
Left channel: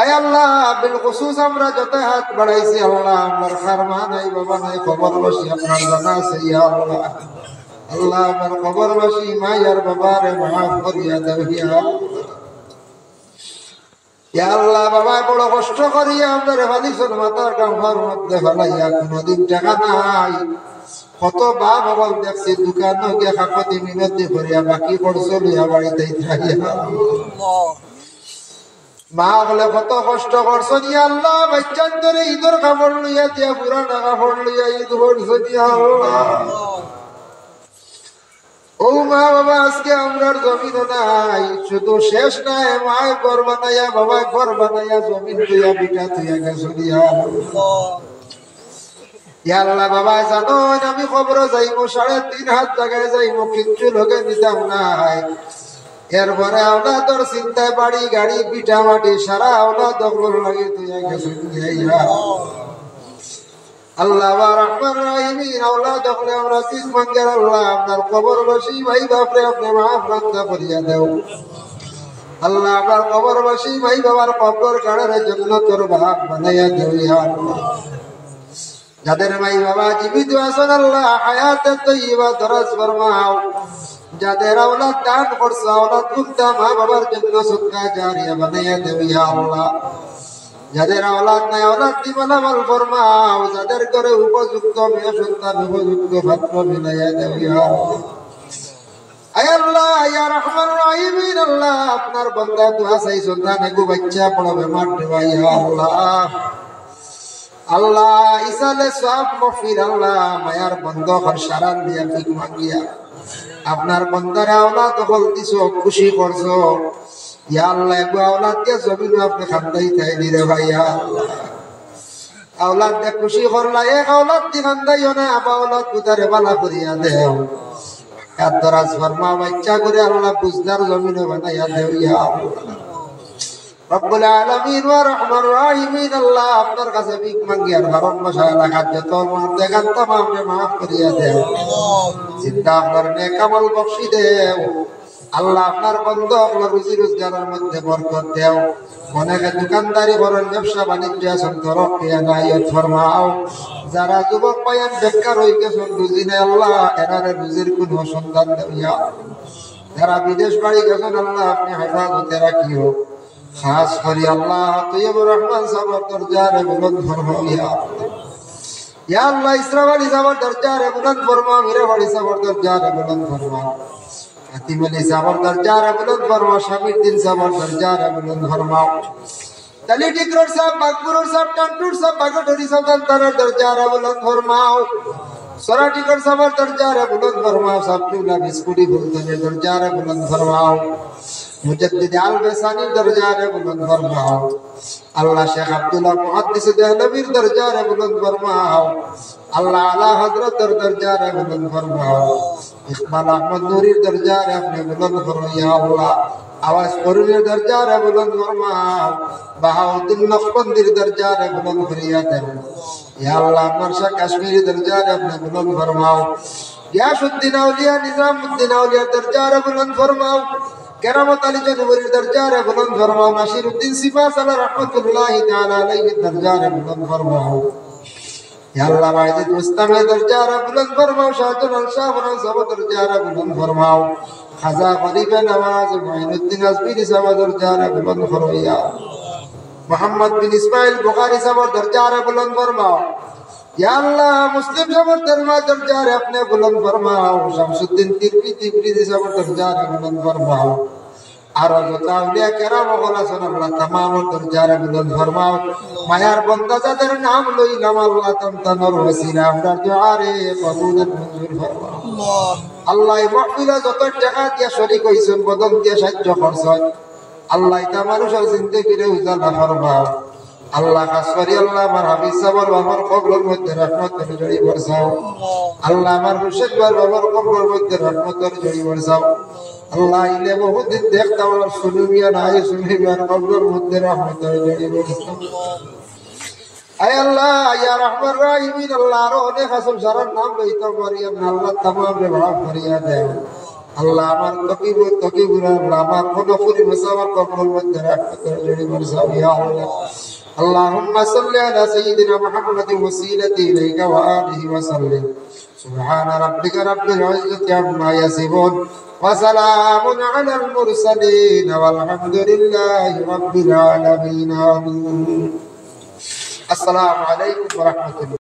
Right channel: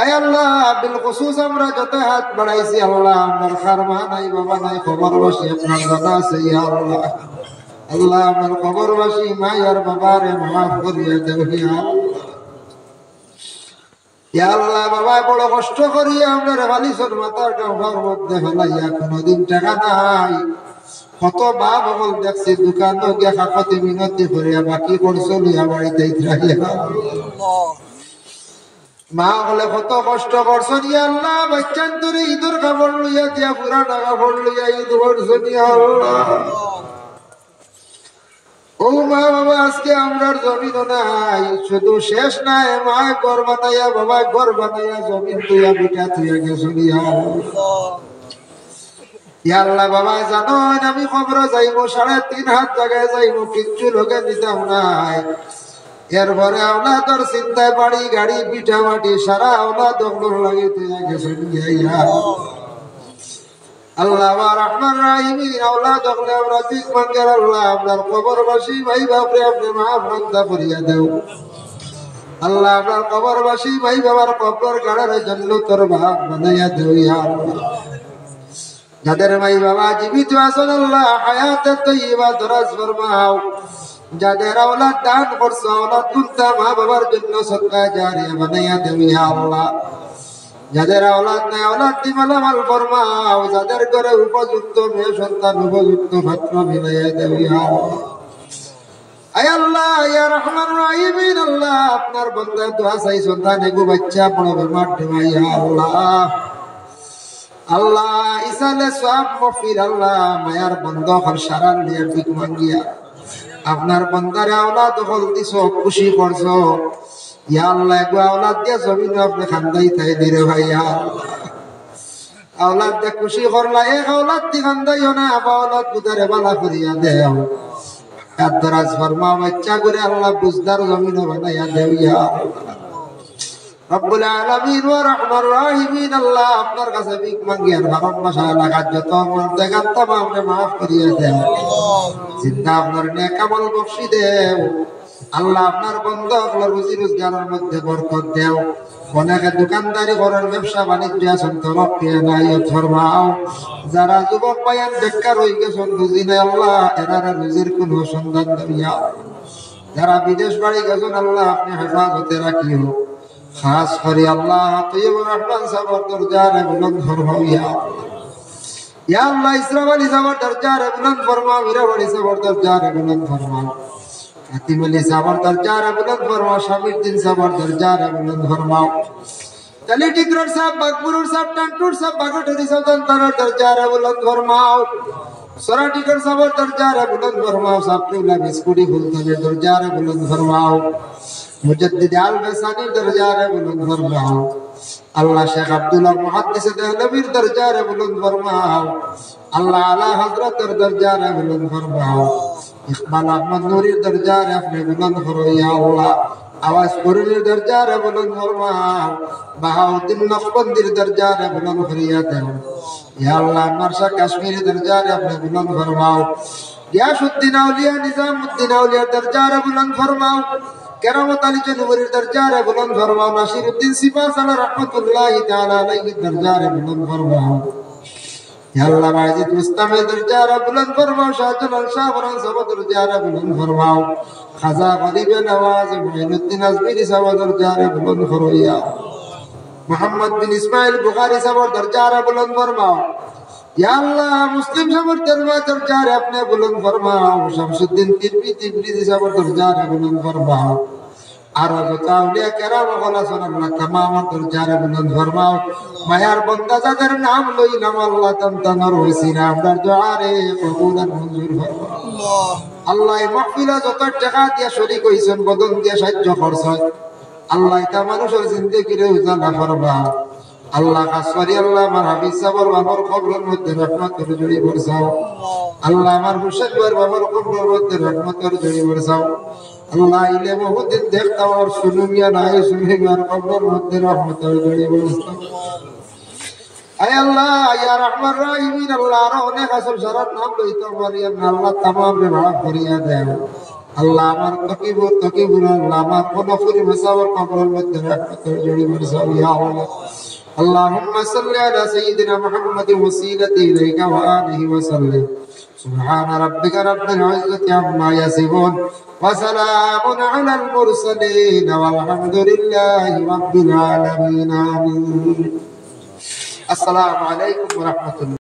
আয় আল্লাহ বিল খুসুস আমরা যত হাত বাড়াইছি আল্লাহ আমার খারমা নাই বাবা নাই কবরবাসী আপনার জানা আছে ইয়া আল্লাহ আল্লাহ আমার কবরবাসী মায়ের বাবারে মাফ করিয়া দেও ইয়া আল্লাহ ইয়া আল্লাহ বাবা বড় কষ্ট করিয়া আপনার বালিশের মাথার কামড়ার মধ্যে ফেলাইয়া কোনদিন টাকা নাই কত বাপ বল দেখছি দোকান গিয়া কাকতি মিনতি করিয়া বাকি করছো লিয়া বাড়িতে রাখিয়া মা বলে কত কষ্ট করছো ইয়া আল্লাহ বাচ্চান ধরে ঈদের কাপড় লইয়া দিয়া পুরানা কাপড় লইয়া ঈদ করছো ইয়া আল্লাহ ও মা বাবা আজকে আমরার জমিন নাই শুধু শেষ নাই মায় ঘর বানাইয়া বাবা ঘর বানাইয়া জমিন তুইয়া বিটা তুইয়া গেছো ইয়া আল্লাহ ইয়া আল্লাহ বাবা জানো আমি খবর যাইবো 3.5 হাত জায়গায় যাইবো কিচ্ছু লগে দিতাম নাই এরপরে আওলাদর চিন্তায় বাড়ি গাড়ি পিঠা মাটি সারা আওলাদ লাগে তুইয়া গেছো ইয়া আল্লাহ রহমান রাহিমিন আওলাদ হলে আমরা দিক ভাঙ্গের আল্লাহ আপনার কবরবাসী ভাই বাপরে আপনি মাফ বান্দা করিয়া দেও আল্লাহ আপনার কবরবাসী ভাই বাবার কবর কাড়ার জন্য তোর ভাব বানাইয়া দেও ইয়া আল্লাহ যাদের ভাই বাবা জীবিত আছেন আল্লাহ হায়াতে তৈবা দরাজ ফরমাও যাদের আওলাদ দান করছো আওলাদ গুনতা মা বাবার জন্য সদকা জারিয়া বানাইয়া দেও ইয়া আল্লাহ যাদের আওলাদ নাই আওলাদ দিবানা মাল ফরমাও যাদের ঘরে উপযুক্ত মেয়ে সন্তান উপযুক্ত পাত্র মিলাইয়া দেও ইয়া আল্লাহ আয় আল্লাহ ইয়া রহমান রহিমিন আল্লাহ আপনার বান্দা দোয়া চাই সন্তান এগো বাচ্চা বড় বেমার দেওয়া ইয়া আল্লাহ আল্লাহ ইসালে সব মফির আল্লাহ মায়ার বন্ধ হর সারান দিয়া ঠিক মাঙ্গিয়া আপনার বন্দারে আওলাদ হল দিছো খুশি করছো ইয়া আল্লাহ এগো আওলাদ দিয়া জমিন আপনি খান্দাই তাই নিরে ভাই ইয়া আল্লাহ আওলাদ দিয়া খুশি করলা এক আওলাদ দি খান্দাইও না আওলাদ গুদারে বালা করিয়া দেও কাদরাজ ফরমা বাচ্চা করে আল্লাহ বুঝদার জমিন বানাইয়া দেও ইয়া আল্লাহ রব্বুল আলামিন ওয়া রাহমার রাহিমিন আল্লাহ আপনার কাছে ভিক মাঙ্গি আর ভারত মশালা খাদ্য তোর মধ্যে গান তামামে মাফ করিয়া দেও জিন্দা আপনার নেক আমল বখশি দেও আল্লাহ আপনার বন্ধ আপনার রুজি রোজগারের মধ্যে বরকত দেও অনেকে দোকানদারি করেন ব্যবসা বাণিজ্য আছেন তরফিয়া নাইয়ত ফরমাও যারা যুবক পায়ান বেকার হয়ে গেছেন রুজি নাই আল্লাহ এরারে রুজির কোনো সন্ধান দেয়া যারা বিদেশ বাড়ি গেছেন আল্লাহ আপনি হেফাজতে রাখিও খাস করি আল্লাহ তৈয়ব রহমান সাহেবের দরজারে বুলন্দ ফরমাও ইয়া আল্লাহ ইসলাম আলী সাহেবের দরজারে বুলন্দ ফরমাও মিরাবাড়ি সাহেবের দরজারে বুলন্দ ফরমাও হাতিম আলী সাহেবের দরজারে বুলন্দ ফরমাও শামির দিন সাহেবের দরজারে বুলন্দ ফরমাও তালি টিকরর সাহেব বাগপুরর সাহেব টান্টুর সাহেব বাগটুরি সাহেব তার দরজারে বুলন্দ ফরমাও সরা টিকর সাহেবের দরজারে বুলন্দ ফরমাও সাবতুল্লাহ বিস্কুটি ফুলতনের দরজারে বুলন্দ ফরমাও মুজাদ্দিদ আল বাসানির দরজারে বুলন্দ ফরমাও আল্লাহ শেখ আব্দুল্লাহ মুহাদ্দিস দেহলভির দরজারে বুলন্দ ফরমাও আল্লাহ আলা হযরতের দরজারে বুলন্দ ফরমাও ইকবাল আহমদ নূরির দরজারে আপনি বুলন্দ ফরমাও ইয়া আল্লাহ আওয়াজ করিমের দরজারে বুলন্দ ফরমাও বাহাউদ্দিন নকশবন্দির দরজারে বুলন্দ করিয়া দেন ইয়া আল্লাহ নরসা কাশ্মীরি দরজারে আপনি বুলন্দ ফরমাও গিয়াসউদ্দিন আউলিয়া নিজামউদ্দিন আউলিয়া দরজারে বুলন্দ ফরমাও কেরামত আলী জনবরীর দরজারে বুলন্দ ফরমাও নাসিরউদ্দিন সিপাহসালা রাহমাতুল্লাহি তাআলা আলাইহির দরজারে বুলন্দ ফরমাও ইয়া আল্লাহ বাজিদ মুস্তামের দরজারে বুলন্দ ফরমাও শাহজালাল শাহ বরং সব দরজারে বুলন্দ ফরমাও খাজা গরিবে নওয়াজ মুঈনুদ্দিন আজমিরি সব দরজারে বুলন্দ ফরমাও ইয়া মুহাম্মদ বিন ইসমাইল বুখারী সব দরজারে বুলন্দ ফরমাও ইয়া আল্লাহ মুসলিম সবর দরজারে আপনি বুলন্দ ফরমাও শামসুদ্দিন তিরমিজি সব দরজারে বুলন্দ ফরমাও আর যত আউলিয়া কেরাম ওলাসন আল্লাহ तमाम দরজারে বুলন্দ ফরমাও মায়ার বান্দা যাদের নাম লইলাম আল্লাহ তানতানোর ওসিলা আমরা দুআরে কবুল মঞ্জুর ফরমাও আল্লাহ এই মাহফিলে যত টাকা দিয়া শরীক হইছেন বদন দিয়া সাহায্য করছেন আল্লাহ তা মানুষের জিন্দেগিরে উজালা ফরমাও আল্লাহ খাস করি আল্লাহ আমার হাফিজ সাহেবের বাবার কবরের মধ্যে রহমতের জড়ি বরসাও আল্লাহ আমার হুসেন বাবার কবরের মধ্যে রহমতের জড়ি বরসাও আল্লাহ ইলে বহুদিন দেখতাম আর শুনুমিয়া নাই শুনিবার কবরের মধ্যে রহমতের জড়ি বরসাও আয় আল্লাহ ইয়া রহমান রহিমিন আল্লাহ আর অনেক আসল সারার নাম লইতাম মারিয়াম আল্লাহ तमाम রে মাফ করিয়া দেও আল্লাহ আমার তকিবুর আল্লাহ আমার কোনফুরি মাসাওয়ার কবরের মধ্যে রহমতের জড়ি বরসাও ইয়া আল্লাহ اللهم صل على سيدنا محمد وسيلة إليك وآله وسلم سبحان ربك رب العزة عما يصفون وسلام على المرسلين والحمد لله رب العالمين آمين السلام عليكم ورحمة الله